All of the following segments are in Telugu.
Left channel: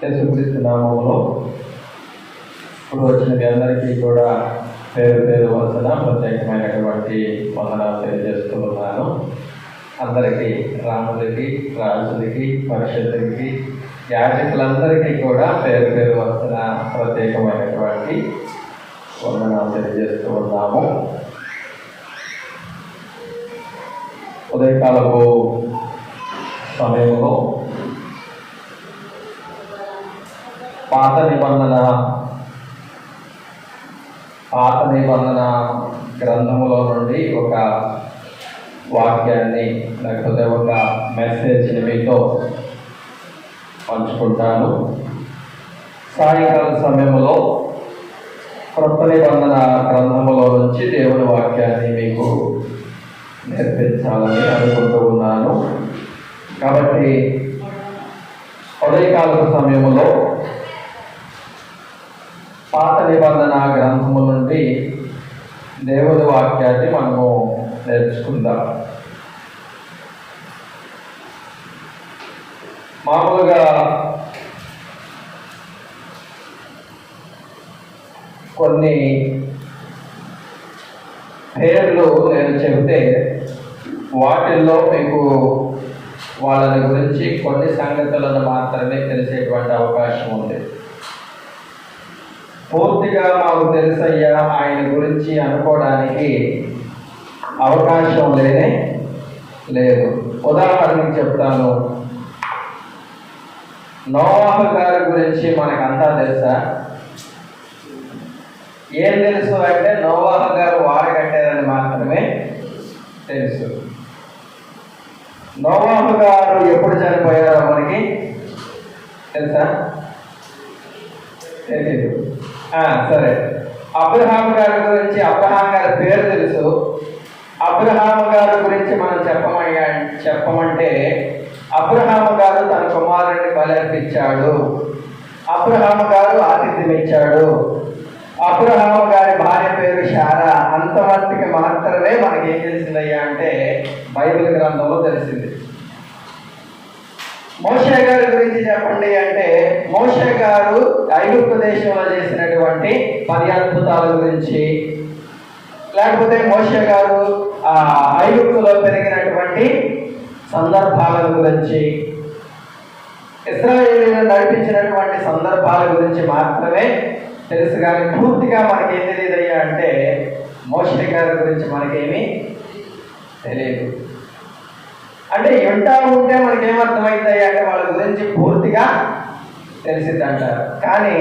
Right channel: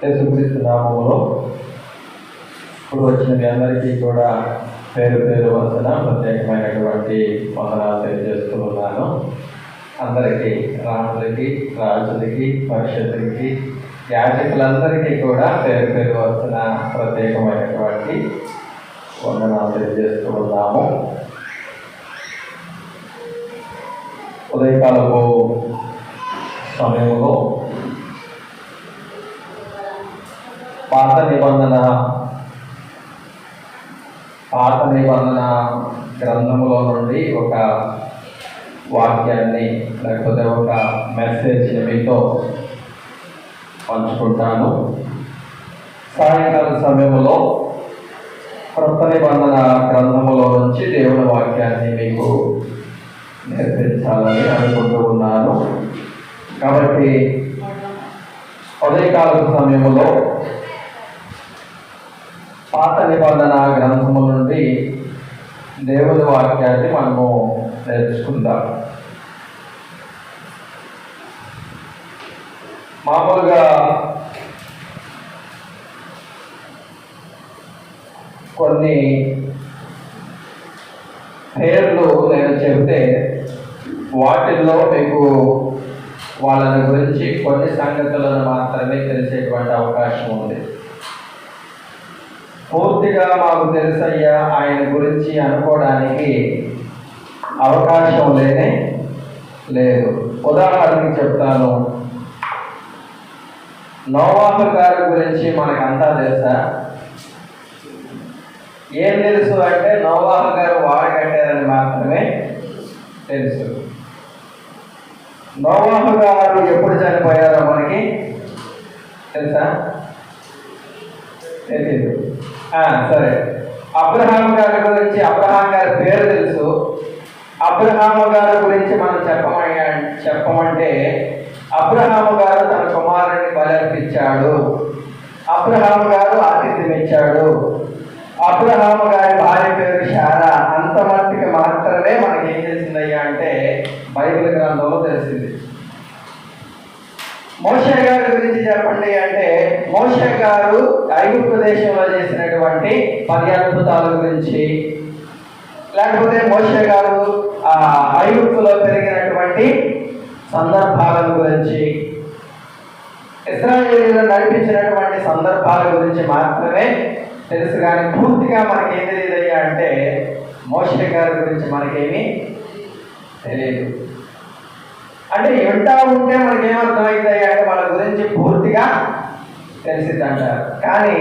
యేసుక్రీస్తు నామములో ఇప్పుడు వచ్చిన మీ అందరికీ కూడా పేరు పేరు వలన ప్రత్యేకమైనటువంటి వందనాలు తెలియజేస్తూ ఉన్నాను. అందరికీ, రాములకి, రాజులకి, పరిషత్తులకి, యాజకులందరికీ కూడా పేరు పేరు వలన ప్రత్యేకమైనటువంటి వందనాలు తెలియజేస్తూ ఉన్నాము. ఉదయకాలపు సమయంలో పాత నిబంధన గ్రంథములో నుండి ఒక వాక్యాన్ని లేకపోతే ఒక మెసేజ్ని మీతో పంచుకుంటాను. సాయంకాల సమయంలో కొత్త నిబంధన గ్రంథములో నుంచి దేవుని వాక్యాన్ని మీకు నేర్పించాలని అనుకుంటూ ఉన్నాను. కాబట్టి ఉదయకాల సమయంలో పాత నిబంధన గ్రంథము నుండి దేవుని వాక్యాన్ని మనము నేర్చుకుందాం. మామూలుగా కొన్ని పేర్లు నేను చెబితే వాటిల్లో మీకు వాళ్ళని గురించి కొన్ని సంగతులను మాత్రమే తెలిసేటువంటి అవకాశం ఉంది. పూర్తిగా మాకు తెలుసయ్యా ఆయన గురించి అనుకోవడానికి అవకాశం లేదు. ఉదాహరణకి చెప్తాను. నోవాహు గారి గురించి మనకంతా తెలుసా? ఏం తెలుసు అంటే నోవాహు గారు వాడు కట్టారని మాత్రమే తెలుసు. నోవాహు గారు ఎప్పుడు చనిపోయారో మనకి తెలుసా? తెలీదు. సరే, అబ్రహాం గారి గురించి, అబ్రహాం గారి పేరు తెలుసు. అబ్రహాము గారి గురించి మనం చెప్పమంటే అబ్రహాము గారు తన కుమారుడిని బలర్పించాడు, అబ్రహాము గారు ఆతిథ్యం ఇచ్చాడు, అబ్రహాము గారి భార్య పేరు శారా. అంతమట్టుకి మాత్రమే మనకి ఏం తెలిసిందయ్యా అంటే బైబిల్ గ్రంథంలో తెలిసింది. మోషే గారి గురించి చెప్పండి అంటే మోషే గారు ఐగుప్తు దేశంలో చేసినటువంటి 10 అద్భుతాల గురించి, లేకపోతే మోషే గారు ఐగుప్తులో పెరిగినటువంటి సందర్భాల గురించి, ఇశ్రాయేలును నడిపించినటువంటి సందర్భాల గురించి మాత్రమే తెలుసు. కానీ పూర్తిగా మనకేం తెలియదయ్యా అంటే మోషే గారి గురించి మనకేమీ తెలియదు. అంటే వింటా ఉంటే మనకేమర్థమవుతాయి అంటే వాళ్ళ గురించి పూర్తిగా తెలిసిద్దంటారు. కానీ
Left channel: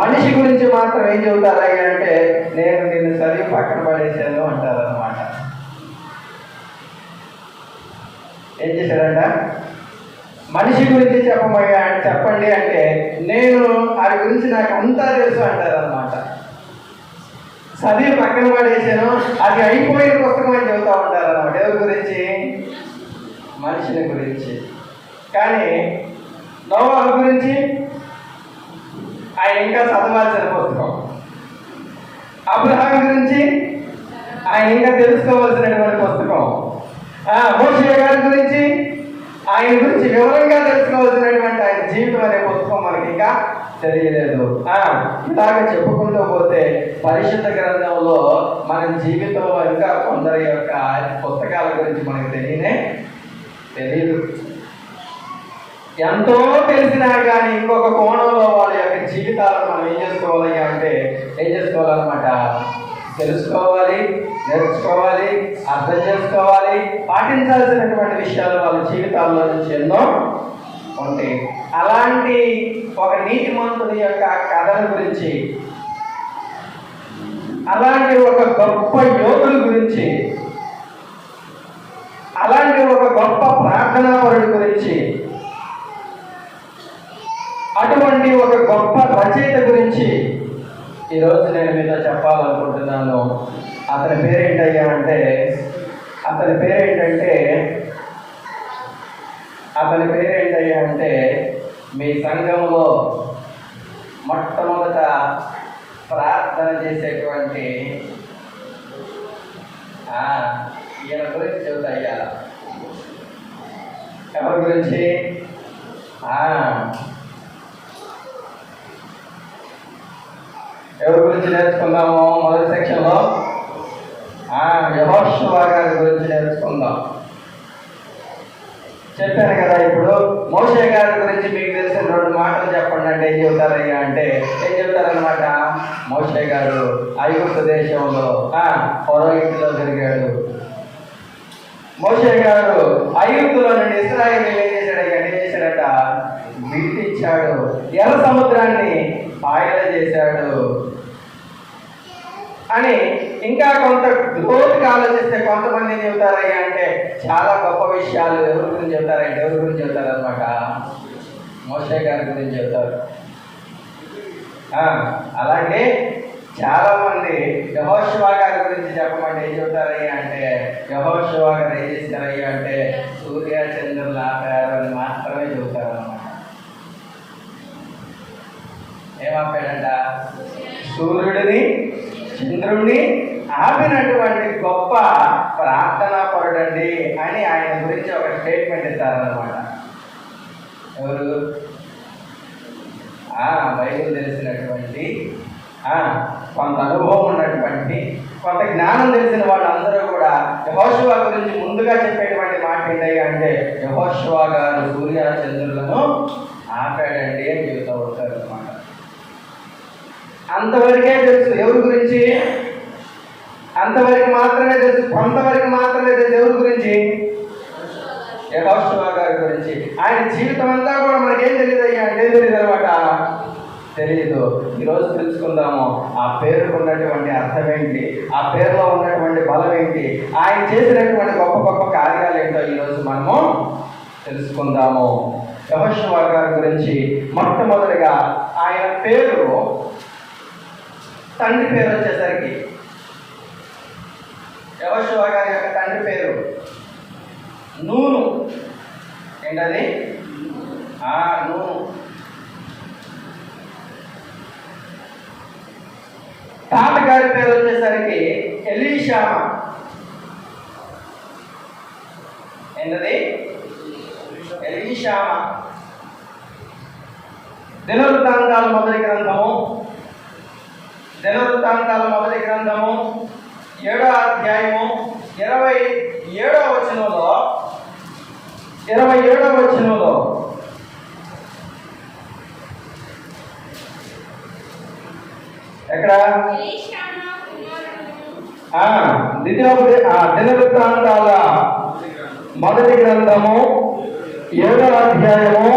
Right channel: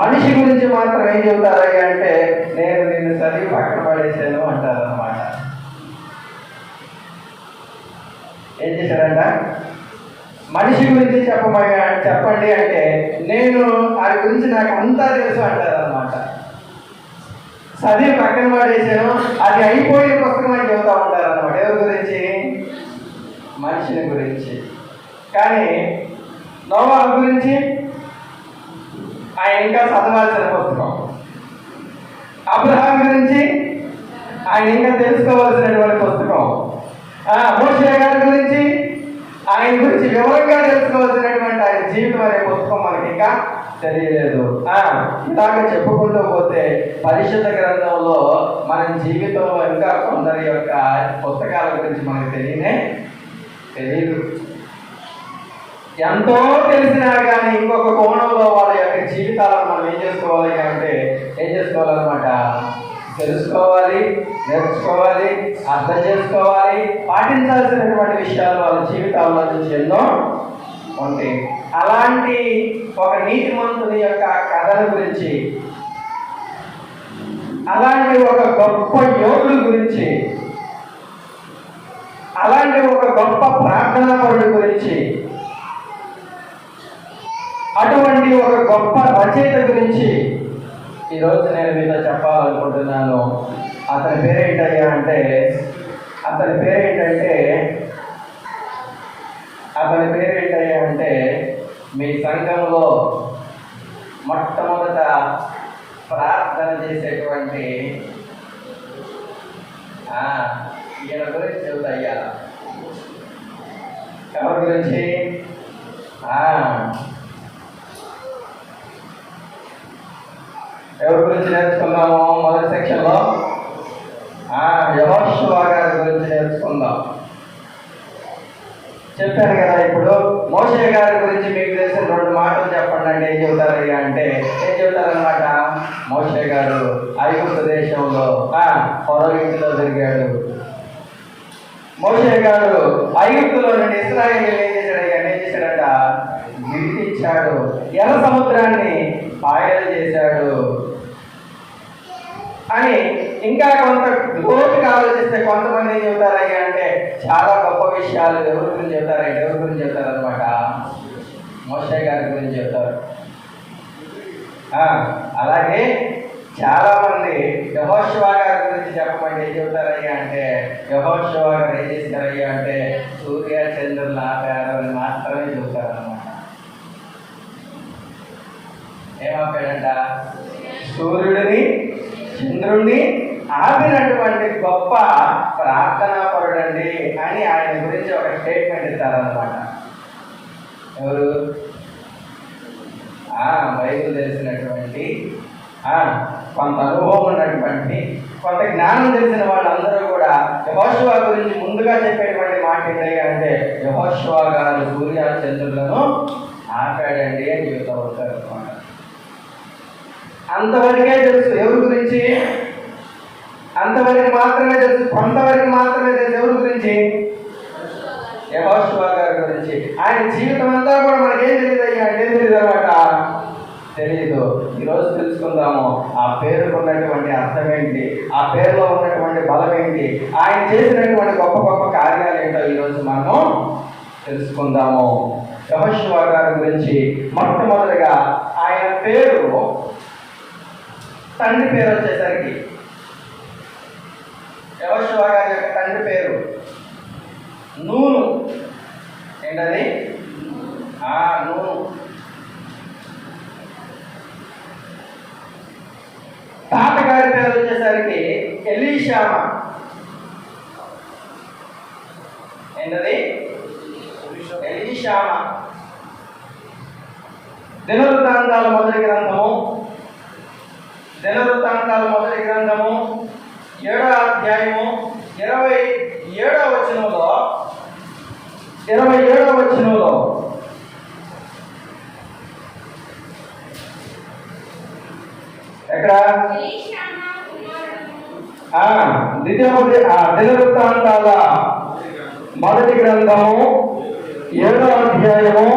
మనిషి గురించి మాత్రం ఏం చెబుతారయ్యా అంటే నేను నిన్ను చదివి పక్కన పడేసాను అంటారు అన్నమాట. ఏం చేశారంట? మనిషి గురించి చెప్పండి అంటే నేను వారి గురించి నాకు అంతా తెలుసు అంటారు అన్నమాట. చదివి పక్కన పడేసాను, అది అయిపోయిన పుస్తకం అని చెబుతూ ఉంటారు అన్నమాట. ఎవరి గురించి? మనిషిని గురించి. కానీ నోవాహు గురించి ఆయన ఇంకా చదవాల్సిన పుస్తకం. అబ్రహాం గురించి ఆయన ఇంకా తెలుసుకోవాల్సినటువంటి పుస్తకం. మోషే గారి గురించి ఆయన గురించి వివరంగా తెలుసుకోవాల్సినటువంటి ఆయన జీవితం అనే పుస్తకం మనకి ఇంకా తెలియలేదు. ఇలాగ చెప్పుకుంటూ పోతే పరిశుద్ధ గ్రంథంలో మన జీవితంలో ఇంకా కొందరి యొక్క పుస్తకాల గురించి మనకు తెలియదు. ఎంతో తెలిసినా కానీ ఇంకొక కోణంలో వాళ్ళ యొక్క జీవితాలను మనం ఏం చేసుకోవాలన్నమాట? తెలుసుకోవాలి, నేర్చుకోవాలి, అర్థం చేసుకోవాలి, పాటించాల్సినటువంటి విషయాలు వాళ్ళ జీవితాల్లో నుంచి ఎన్నో ఉంటాయి. అలాంటి ఒక నీతిమంతుని యొక్క కథల గురించి, అలాంటి ఒక గొప్ప యోగుల గురించి, అలాంటి ఒక గొప్ప ప్రార్థనాపరుడి గురించి, అటువంటి ఒక గొప్ప రచయిత గురించి ఈరోజు నేను మీతో చెప్పాలనుకుంటున్నాను. అతని పేరేంటయ్యా అంటే మీ సంఘంలో మొట్టమొదట ప్రార్థన చేసేటువంటి ఈయన గురించి చెబుతాయ్యా. ఎవరి గురించి? ఎవరి గురించి నేర్చుకుందాము మొదటి సెక్షన్లో? యెహోషువ గారి గురించి నేర్చుకుందాం. చెప్పాను కదా. ఇప్పుడు మోషే గారి గురించి మీకు తెలిసిన 2 మాటలు చెప్పండి అంటే ఏం చెబుతారయ్యా అంటే ఏం చెబుతారనమాట? మోషే గారు ఐగుప్తు దేశంలో ఫరో ఇంటిలో తిరిగాడు. మోషే గారు ఐగుప్తులో నుండి ఇశ్రాయేలీయులను ఏం చేశాడట? విడిపించాడు. ఎర్ర సముద్రాన్ని పాయలు చేశాడు అని ఇంకా కొంత లోతుగా ఆలోచిస్తే కొంతమంది ఏం చెబుతారయ్యా అంటే చాలా గొప్ప విషయాలు ఎవరి గురించి చెబుతారంటే ఎవరి గురించి చెబుతారనమాట? మోషే గారి గురించి చెబుతారు. అలాగే చాలా మంది యెహోషువ గారి గురించి చెప్పమంటే ఏం చెబుతారయ్యా అంటే యెహోషువ గారు ఏం చేస్తారయ్యా అంటే సూర్య చంద్రుల ఆకారాన్ని మాత్రమే చెబుతారన్నమాట. ఏమాపాడంట? సూర్యుడిని చంద్రుడిని ఆపినటువంటి గొప్ప ప్రార్థనా పరుడండి అని ఆయన గురించి ఒక స్టేట్మెంట్ ఇస్తారన్నమాట. ఎవరు? బైబిల్ తెలిసినటువంటి కొంత అనుభవం ఉన్నటువంటి కొంత జ్ఞానం తెలిసిన వాళ్ళందరూ కూడా యెహోషువ గురించి ముందుగా చెప్పేటువంటి మాట ఏంటి అంటే యెహోషువ గారు సూర్య చంద్రులను ఆపాడండి అని చెబుతూ ఉంటారు అన్నమాట. అంతవరకే తెలుసు ఎవరి గురించి? అంతవరకు మాత్రమే తెలుసు, కొంతవరకు మాత్రమే తెలుసు. ఎవరి గురించి? యెహోషువ గారి గురించి. ఆయన జీవితం అంతా కూడా మనకేం తెలియదు అయ్యా అంటే ఏం తెలియదు అనమాట. తెలియదు. ఈరోజు తెలుసుకుందాము ఆ పేరుకు ఉన్నటువంటి అర్థం ఏంటి, ఆ పేరులో ఉన్నటువంటి బలం ఏంటి, ఆయన చేసినటువంటి గొప్ప గొప్ప కార్యాలు ఏంటో ఈరోజు మనము తెలుసుకుందాము. యెహోషువ గారి గురించి మొట్టమొదటిగా ఆయన పేరు, తండ్రి పేరు వచ్చేసరికి యెహోషువ గారి యొక్క తండ్రి పేరు నూను. ఏంటది? నూను. తాతగారి పేరు వచ్చేసరికి ఎలీషామా. ఏంటది? ఎలీషామా. దినవృత్తాంతాల మొదటి గ్రంథము 7వ అధ్యాయము 27వ వచనంలో ఎక్కడ? దినవృత్తాంతాల మొదటి గ్రంథము 7వ అధ్యాయము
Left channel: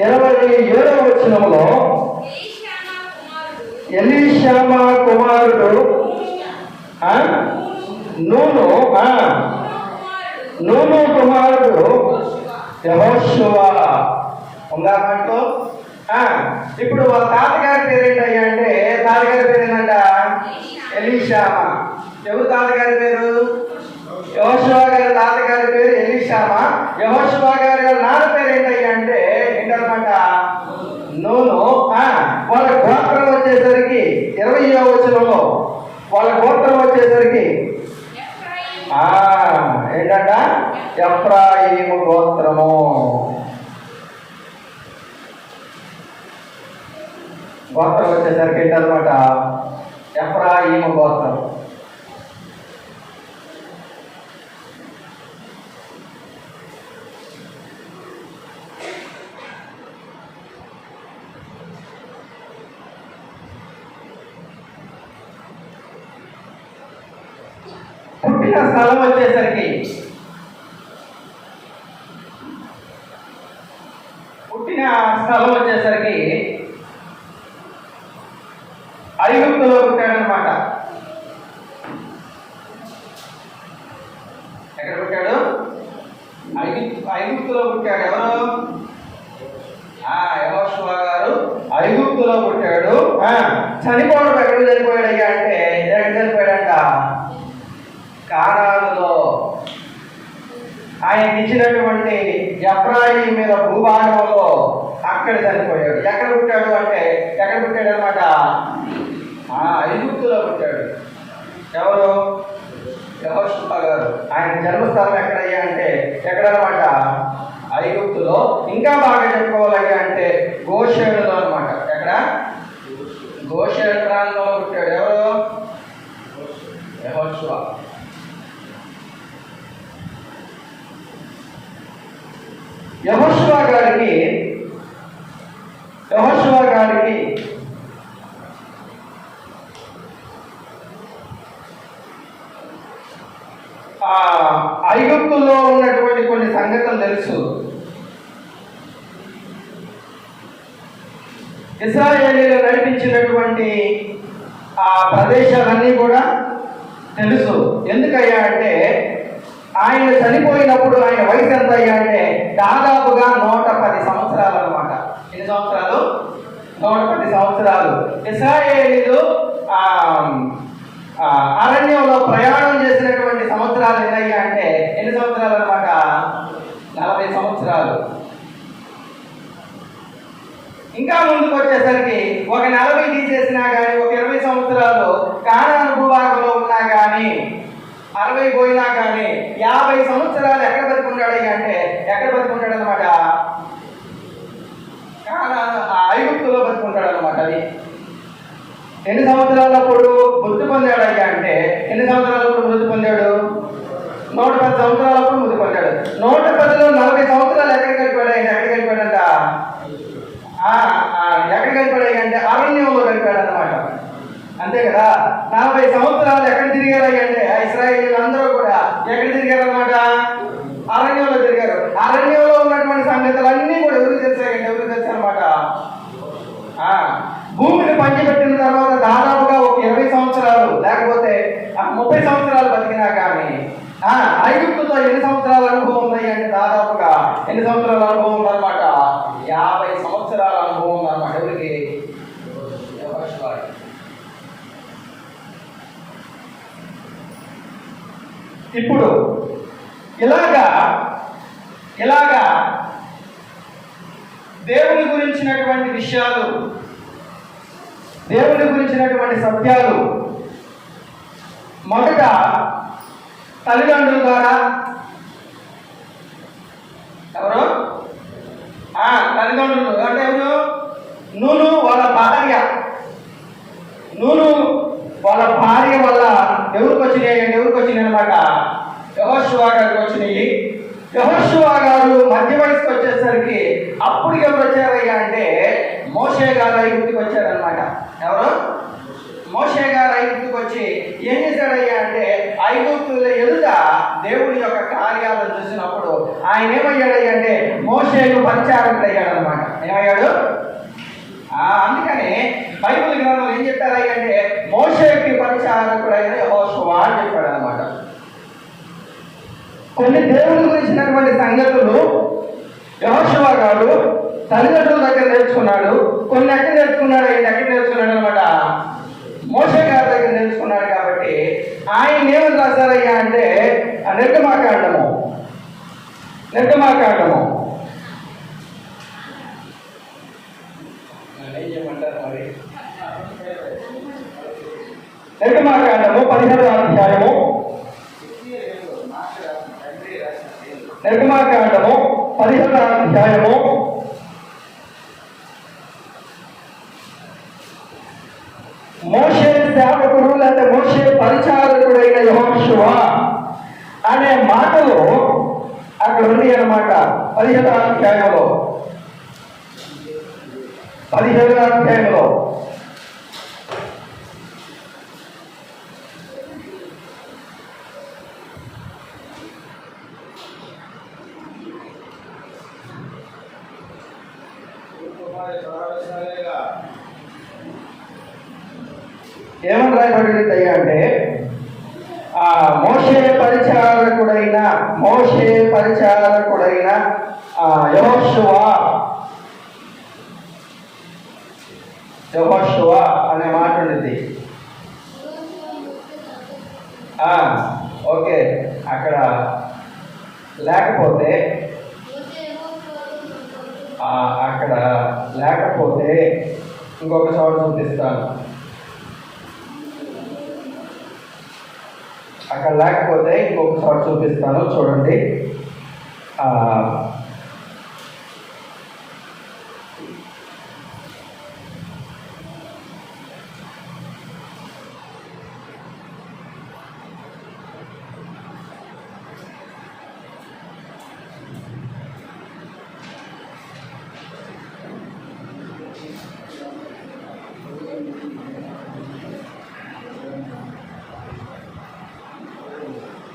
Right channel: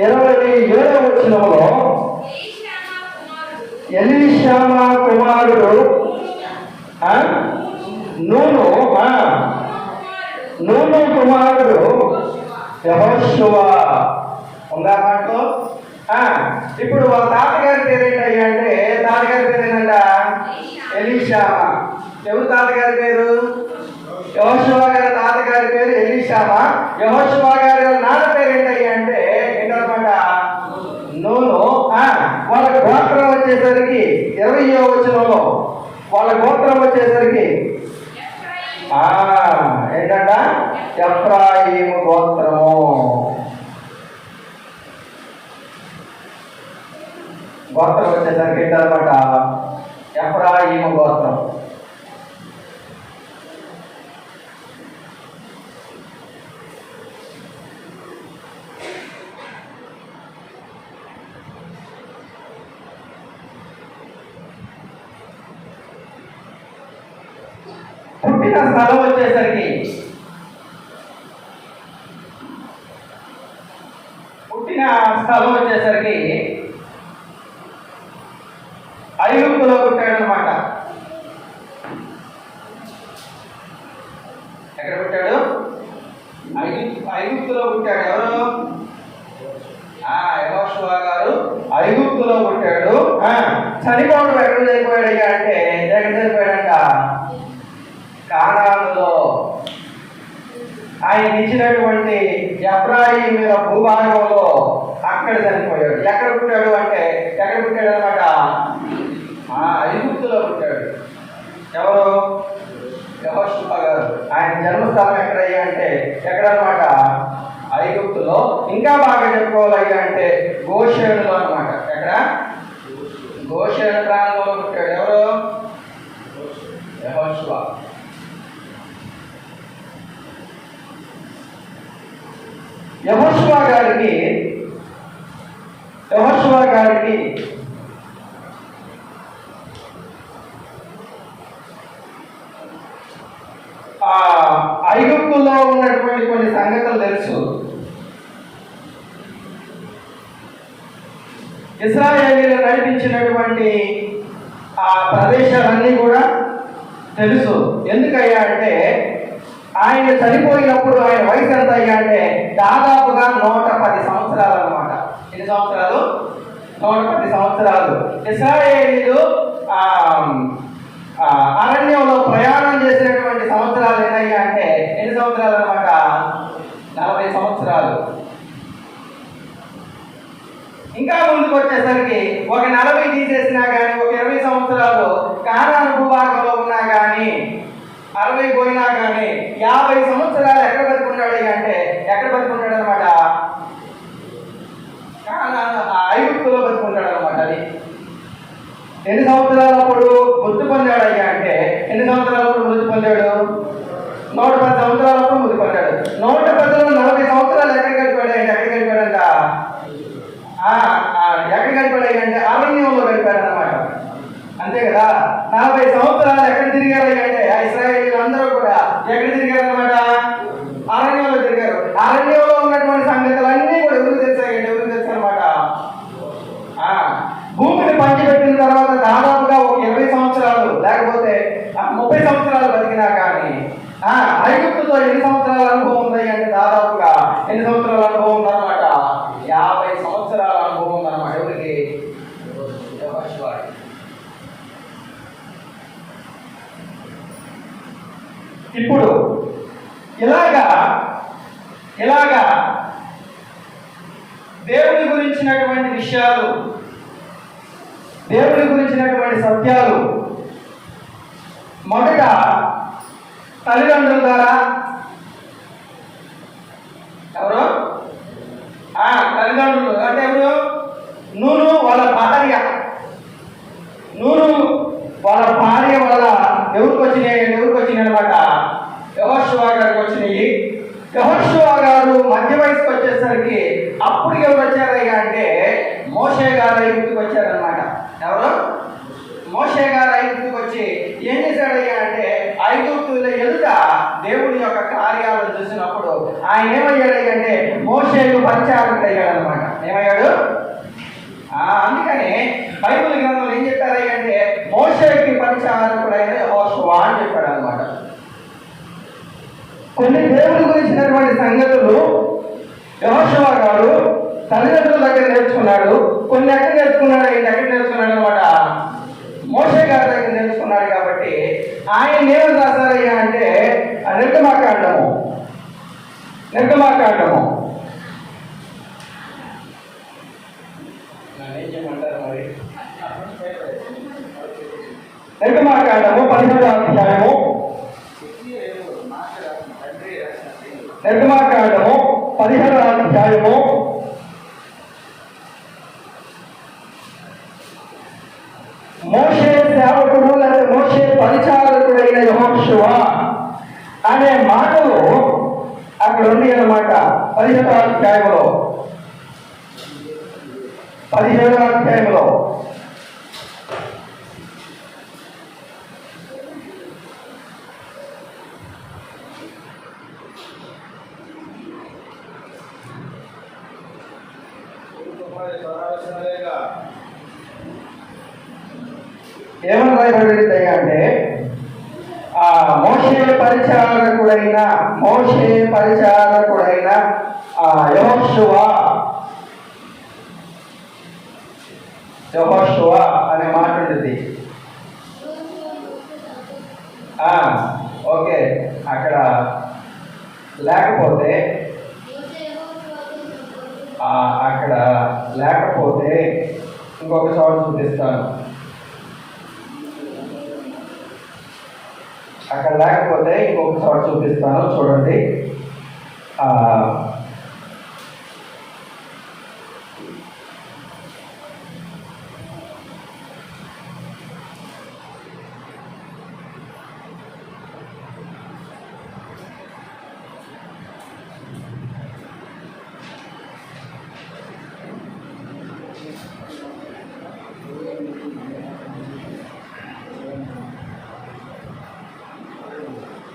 27వ వచనంలో ఎలీషామా కుమారుడు నూను కుమారుడు యెహోషువ ఉందా మాటలో? ఇప్పుడు వాళ్ళ తాతగారి పేరు ఏంటయ్యా అంటే తాతగారి పేరు ఏంటంట? ఎలీషామా. ఎవరు తాతగారి పేరు? యెహోషువ గారి తాతగారి పేరు ఎలీషామా. యెహోషువ గారి నాన్న పేరు ఏంటయ్యా అంటే ఏంటన్నమాట? నూను. వాళ్ళ గోత్రం వచ్చేసరికి 20వ వచనంలో వాళ్ళ గోత్రం వచ్చేసరికి ఏంటంట? ఎఫ్రాయిము గోత్రము. గోత్రం వచ్చేసరికి ఏంటన్నమాట? ఎఫ్రాయిము గోత్రం. పుట్టిన స్థలం వచ్చేసరికి ఐగుప్తులో పుట్టాడనమాట. ఎక్కడ పుట్టాడు? ఐగుప్తులో పుట్టాడు. ఎవరు? యెహోషువ గారు ఐగుప్తులో పుట్టాడు. చనిపోవడం ఎక్కడ చనిపోయాడయ్యా అంటే ఎక్కడ చనిపోయాడంట? కానానులో. ఆయనకి ఇచ్చినటువంటి ఎఫ్రాయిము మీద భూభాగంలో అక్కడ చనిపోయాడు. ఎక్కడ పుట్టాడు అంటే ఎక్కడ పుట్టాడు అనమాట? ఐగుప్తులో పుట్టాడు. ఎవరు? యెహోషువ గారు. ఆయన జన్మస్థానం ఎక్కడయ్యా అంటే ఎక్కడనమాట? ఐగుప్తులో. ఇంకా బాగా చెప్పుకోవాలయ్యా అంటే గోషేనులో అనమాట. ఎక్కడ? గోషేను ప్రాంతంలో పుట్టాడు. ఎవరు? యెహోషువ. యెహోషువ గారికి ఐగుప్తులో ఉన్నటువంటి కొన్ని సంగతులు తెలుసు. ఇశ్రాయేలీయులు నడిపించినటువంటి ఆ ప్రదేశాలన్నీ కూడా తెలుసు. ఎందుకయ్యా అంటే ఆయన చనిపోయినప్పుడు ఆయన వయసు ఎంత అయ్యా అంటే దాదాపుగా 110 సంవత్సరాలు అన్నమాట. ఎన్ని సంవత్సరాలు? 110 సంవత్సరాలు. ఇశ్రాయేలీయులు అరణ్యంలో ప్రయాణం చేసినటువంటి సంవత్సరాలు ఏదయ్యా అంటే ఎన్ని సంవత్సరాలు అన్నమాట? 40 సంవత్సరాలు. ఇంకా ముందుకు వచ్చేసరికి ఒక 40 తీసేసినా కానీ, ఒక 20 సంవత్సరాలు కానాను భూభాగంలో ఉన్నా కానీ, 60 పోయినా కానీ 50 సంవత్సరాలు ఎక్కడ బతుకుంటాడు అంటే ఎక్కడ బతుకుంటాడు అనమాట? ఐగుప్తులో బతుకుంటాడు అనమాట. అది ఎన్ని సంవత్సరాలప్పుడు మృతి పొందాడయ్యా అంటే ఎన్ని సంవత్సరాలప్పుడు మృతి పొందాడు? 110 సంవత్సరాలప్పుడు మృతి పొందాడు. 110లో 40 సంవత్సరాలు ఎక్కడ గడిపాడంటే ఎక్కడ గడిపాడంట? ఎక్కడ గడిపాడంటే అరణ్యంలో గడిపాడు అనమాట. అంతే కదా. 40 సంవత్సరాలు ఎక్కడ తిరిగారు అంటే ఇశ్రాయేలీయులు అందరూ కూడా ఎక్కడ తిరిగారు అనమాట? అరణ్యంలో తిరిగారు. అరణ్యంలో ఉన్నటువంటి సంగతులన్నీ కూడా ఎవరు తెలుసాయండి? ఎవరు తెలుసు అనమాట? భూమిని పంచిపెట్టిన తర్వాత దాదాపుగా ఒక 20 సంవత్సరాలు లేకపోతే 30 సంవత్సరాలు బతికినా కానీ ఐగుప్తుతో ఎన్ని సంవత్సరాల అనుభవం ఉన్నాయి అంటే దాదాపుగా ఎన్ని సంవత్సరాల అనుభవం ఉందన్నమాట? 50 సంవత్సరాల అనుభవం ఉందన్నమాట. ఎవరికి? ఇప్పుడు ఇలాగా దేవుని గురించినటువంటి విషయాలు, దేవుని గురించినటువంటి సత్యాలు మొదట తల్లిదండ్రుల ద్వారా, ఎవరు? తల్లిదండ్రులు అంటే ఎవరు? నూను వాళ్ళ భార్య వల్ల ఎవరికి వచ్చినాయి అనమాట? యెహోషువ గారికి వచ్చినాయి. యెహోషువ గారు మధ్య వయసుకు వచ్చేసరికి అప్పుడు ఎవరు వచ్చారయ్యా అంటే మోషే గారు ఐగుప్తుకు వచ్చారనమాట. ఎవరు? మోషే గారు ఐగుప్తుకు వచ్చి ఏం చేశాడయ్యా అంటే ఐగుప్తుల ఎదుట దేవుడి యొక్క కార్యాలను చూసినప్పుడు ఆయన ఏమయ్యాడయ్యా అంటే మోషేకు పరిచారకుడు అయ్యాడనమాట. ఏమయ్యాడు? అందుకని బైబిల్ గ్రంథంలో ఏం చెప్పారయ్యా అంటే మోషేకి పరిచారకుడైన యెహోషువ అని చెప్పాడు అనమాట. కొన్ని దేవుడి గురించినటువంటి సంగతులు యెహోషువ గారు తల్లిదండ్రుల దగ్గర నేర్చుకున్నాడు. కొన్ని ఎక్కడ నేర్చుకున్నాడు అనమాట? మోషే గారి దగ్గర నేర్చుకున్నాడు. కాబట్టి ఆయన ఏమి రాశారయ్యా అంటే నిర్గమాకాండము నిర్గమాకాండము 15వ అధ్యాయము. నిర్గమాకాండము 15వ అధ్యాయము మోషే సేవకుడు లేదా మోషే పరిచారకుడైన యెహోషువ అనే మాటలు అక్కడ ఉంది అన్నమాట. 15వ అధ్యాయంలో ఏమని రాయబడింది అంటే మోషే పరిచారకుడైన యెహోషువ అనే మాట ఉంటుంది. ఓకే, అక్కడ లేకపోతే ఇంకొక చోట చూపిస్తాను. అక్కడ లేకపోతే ఇంకొక చోట చూపిస్తాను, చూడండి.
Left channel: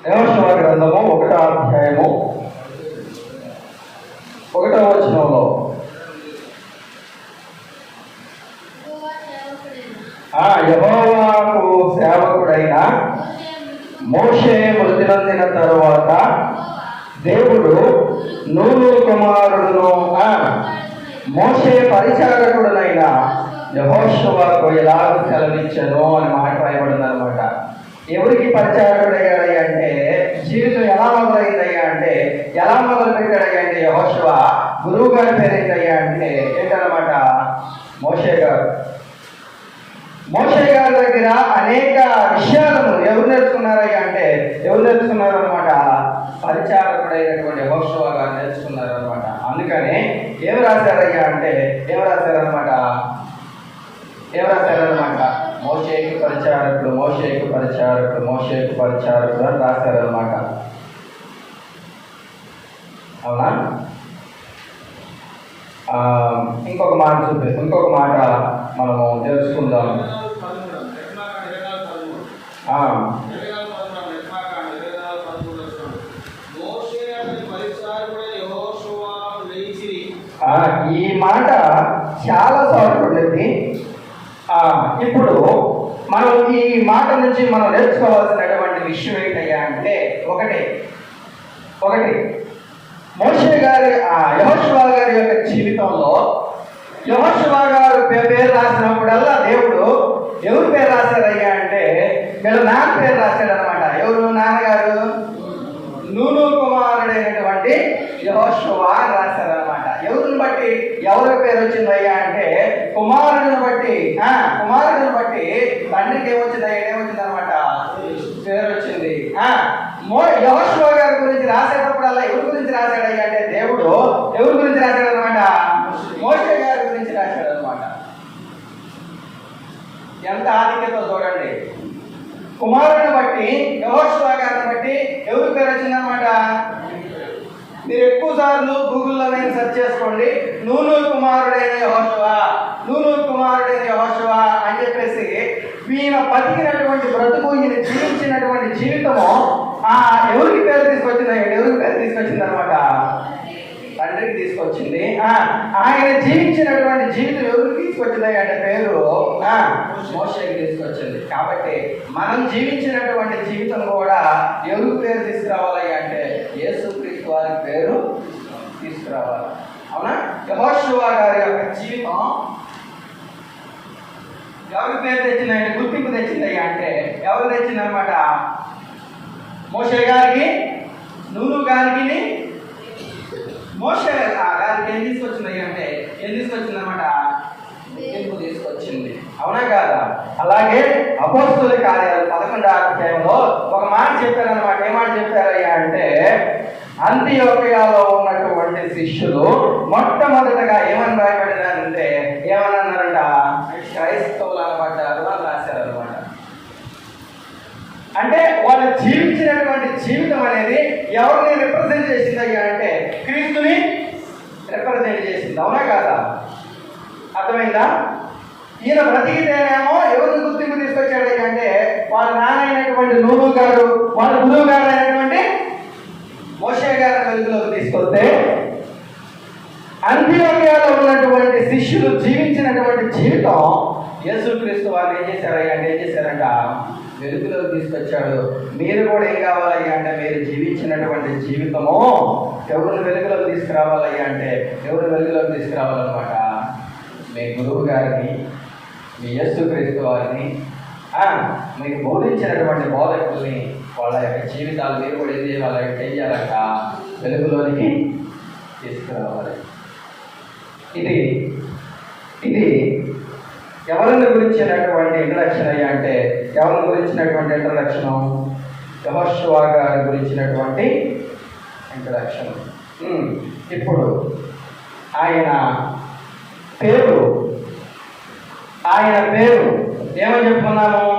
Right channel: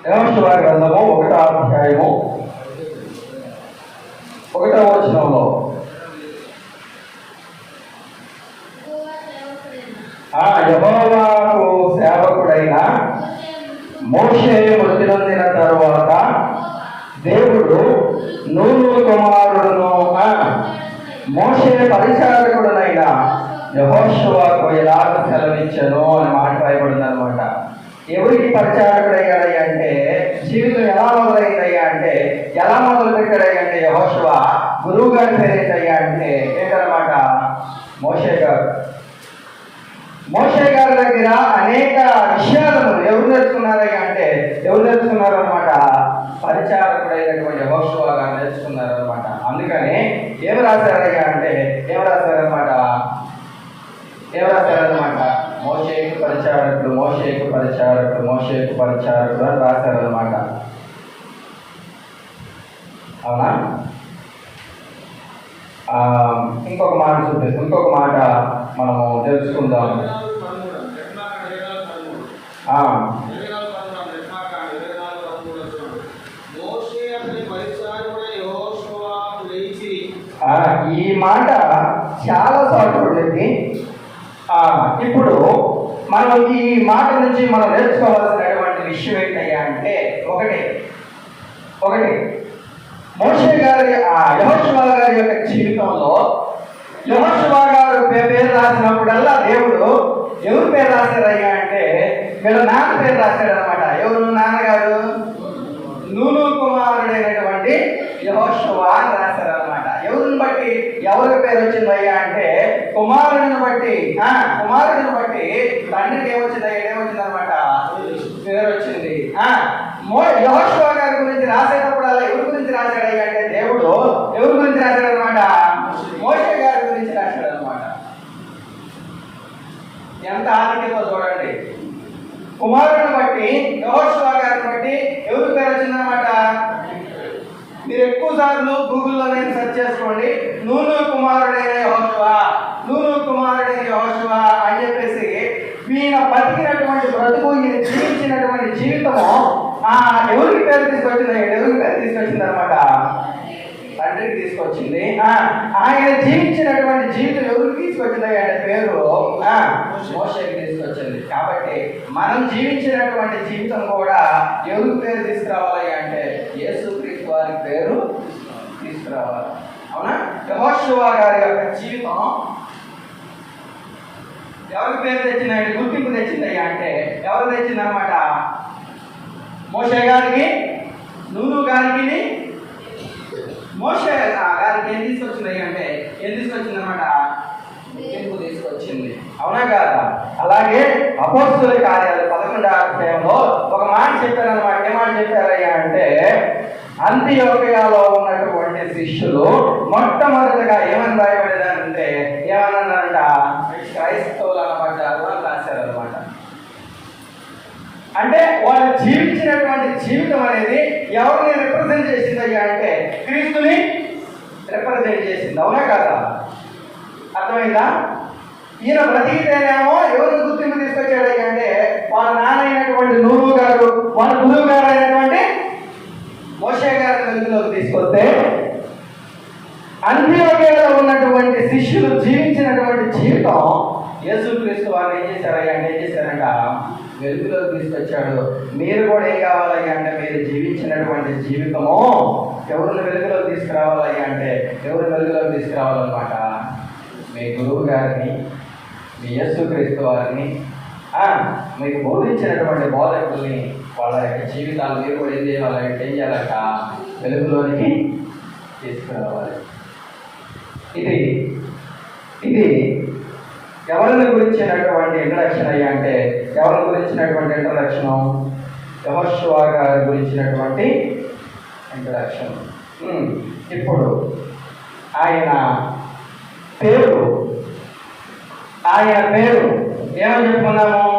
యెహోషువ గ్రంథము 1వ అధ్యాయము 1వ వచనంలో యెహోవాకు సేవకుడైన మోషే మృతి నొందిన తరువాత దేవుడు నూను కుమారుడును మోషే పరిచారకుడునైన యెహోషువకు ఎలాగ సెలవిచ్చెను అని మాట రాయబడింది అనమాట. ఎవరికి పరిచారకుడయ్యాడు అంటే, జీవితం ఎలా మొదలైందయ్యా అంటే, ఎలా మొదలు పెట్టాడయ్యా అంటే, యెహోషువ గురువు గారి పేరు ఏంటయ్యా అంటే ఏంటన్నమాట, మోషే గారు. మోషే గారి దగ్గర అనేక విషయాలను ఎవరు నేర్చుకున్నారయ్యా అంటే, ఎవరు నేర్చుకున్నారు అనమాట, పరిచారకుడైనటువంటి యెహోషువ గారు నేర్చుకున్నారు అనమాట. అందుకని ఏం రాశారయ్యా అంటే, ఏం రాశారనమాట మోషేకు పరిచారకుడు, మోషేకు పరిచారకుడు, మోషేకు పరిచారకుడు అని రాశారనమాట. అవునా? ఇంకొక మాట చూపిస్తాం, ఇంకొక మాట మనము తెలుసుకుందాం. ఈ మాట చాలా సార్లు ఉంటుంది. ఇప్పుడు మనం ఈ మాట నుంచి మనం నేర్చుకోవాల్సినటువంటి విషయం ఏంటయ్యా అంటే, ఒకటి మోషే గారి యెహోషువ గారి యొక్క జీవితంలో యెహోషువ గారు పేరు రాసినప్పుడల్లా దేవుడు ఎవరి పేరు రాశారయ్యా అంటే, వీళ్ళ నాన్న పేరు రాశాడు అనమాట. ఎవరు నాన్నగారు? నూను కుమారుడైనటువంటి యెహోషువ రాశారనమాట. ఎవరిని బట్టి ఎవరి పేరు వచ్చిందయ్యా అంటే, కుమారుడిని బట్టి తండ్రికి ఏమొచ్చిందనమాట, పేరు వచ్చింది. యెహోషువ గారి గురించి రాసేటప్పుడల్లా ఎవరి గురించి రాశాడయ్యా అంటే, దేవుడు ఎవరి గురించి రాశాడనమాట, మోషే గారి గురించి రాశాడనమాట. ఎంత ఆధిక్యత చూడండి. కుమారుడిని బట్టి, యెహోషువ గారిని బట్టి ఎవరి పేరు వచ్చిందనమాట. మీరు ఎక్కువ సార్లు గూగుల్లో నేను సెర్చ్ చేసుకోండి, నూను కుమారుడైన యెహోషువ, నూను కుమారుడైన యెహోషువ అని చెప్పేసి ఈయన బతికినటువంటి బ్రతుకు, ఈయన జీవించినటువంటి జీవితము ఎవరికి పేరు తీసుకొచ్చింది, ఎవరికి పేరు తీసుకొచ్చింది అనమాట, తండ్రికి తీసుకొచ్చింది. ఆయన జీవించినటువంటి జీవితం ఎవరికి తీసుకొచ్చింది అంటే పేరు మోషేకి తీసుకొచ్చింది. కాబట్టి మనం జీవించినటువంటి జీవితం కూడా ఎవరికి పేరు తీసుకురావాలి అంటే, యేసుక్రీస్తు వారి పేరు తీసుకురావాలి. అవునా? యెహోషువ గారి యొక్క జీవితం ఎవరికి పేరు తెచ్చిందంటే, గుర్తింపు తెచ్చిందయ్యా అంటే ఎవరు తెచ్చిందనమాట, మోషే గారికి, నూను గారికి, మోషే గారికి ఏం తీసుకొచ్చింది అంటే, ఏం తీసుకొచ్చిందనమాట, గుర్తింపు తీసుకొచ్చింది. అవునా కాదా? అలాగే అపోస్తలుల కార్యాలు 11వ అధ్యాయంలో ఒక మాట చెప్పారన్నమాట. ఏ మాట చెప్పారయ్యా అంటే, అంతియోకియాలో ఉన్నటువంటి శిష్యులు మొట్టమొదటగా ఏమని రాయబడినారంటే, ఏమన్నారంట, క్రైస్తవులు అనమాట అని రాశారనమాట. అంటే వాళ్ళు జీవించినటువంటి జీవితం అనేది ఎవరిని రిప్రజెంట్ చేసిందయ్యా అంటే, క్రీస్తుని రిప్రజెంట్ చేసింది. అవునా కాదా? అర్థమైందా? ఈయన బ్రతికితేనేమో ఎవరిని గుర్తింపు తీసుకొచ్చాడు అంటే, వాళ్ళ నాన్న అయినటువంటి నూను గారు, వాళ్ళ గురువు గారు అయినటువంటి మోషే గారి వెలుగులోకి తీసుకొస్తే, అంత్యోదయాలో ఉన్నటువంటి శిష్యులు జీవించినటువంటి జీవితం యేసుక్రీస్తు వారిని ఏం చేశారంట, వెలుగులోకి తీసుకొచ్చాడు. మీరు కూడా ఏం కావాలి అంటే, మీరు జీవించినటువంటి జీవితము ఎవరిని వెలుగులోకి తీసుకురావాలి అంటే, ఎవరు వెలుగులోకి తీసుకురావాలన్నమాట, మీ గురువు గారిని, మీ యేసుక్రీస్తు వారిని, మీకు బోధించినటువంటి బోధకుల్ని, వాళ్ళ యొక్క జీవితాలు మీరు కూడా ఏం చేయాలి, ఏం చేయాలంట, వెలుగులోనికి తీసుకురావాలి. ఇది ఎవరిని గురించినటువంటి ఇంట్రడక్షన్ అయ్యా అంటే, ఎవరిని గురించినటువంటి ఇంట్రడక్షన్, యెహోషువ గారి గురించినటువంటి ఇంట్రడక్షన్. ఇప్పుడు ఆయన పేరు ఏమని చెప్పుకున్నాము,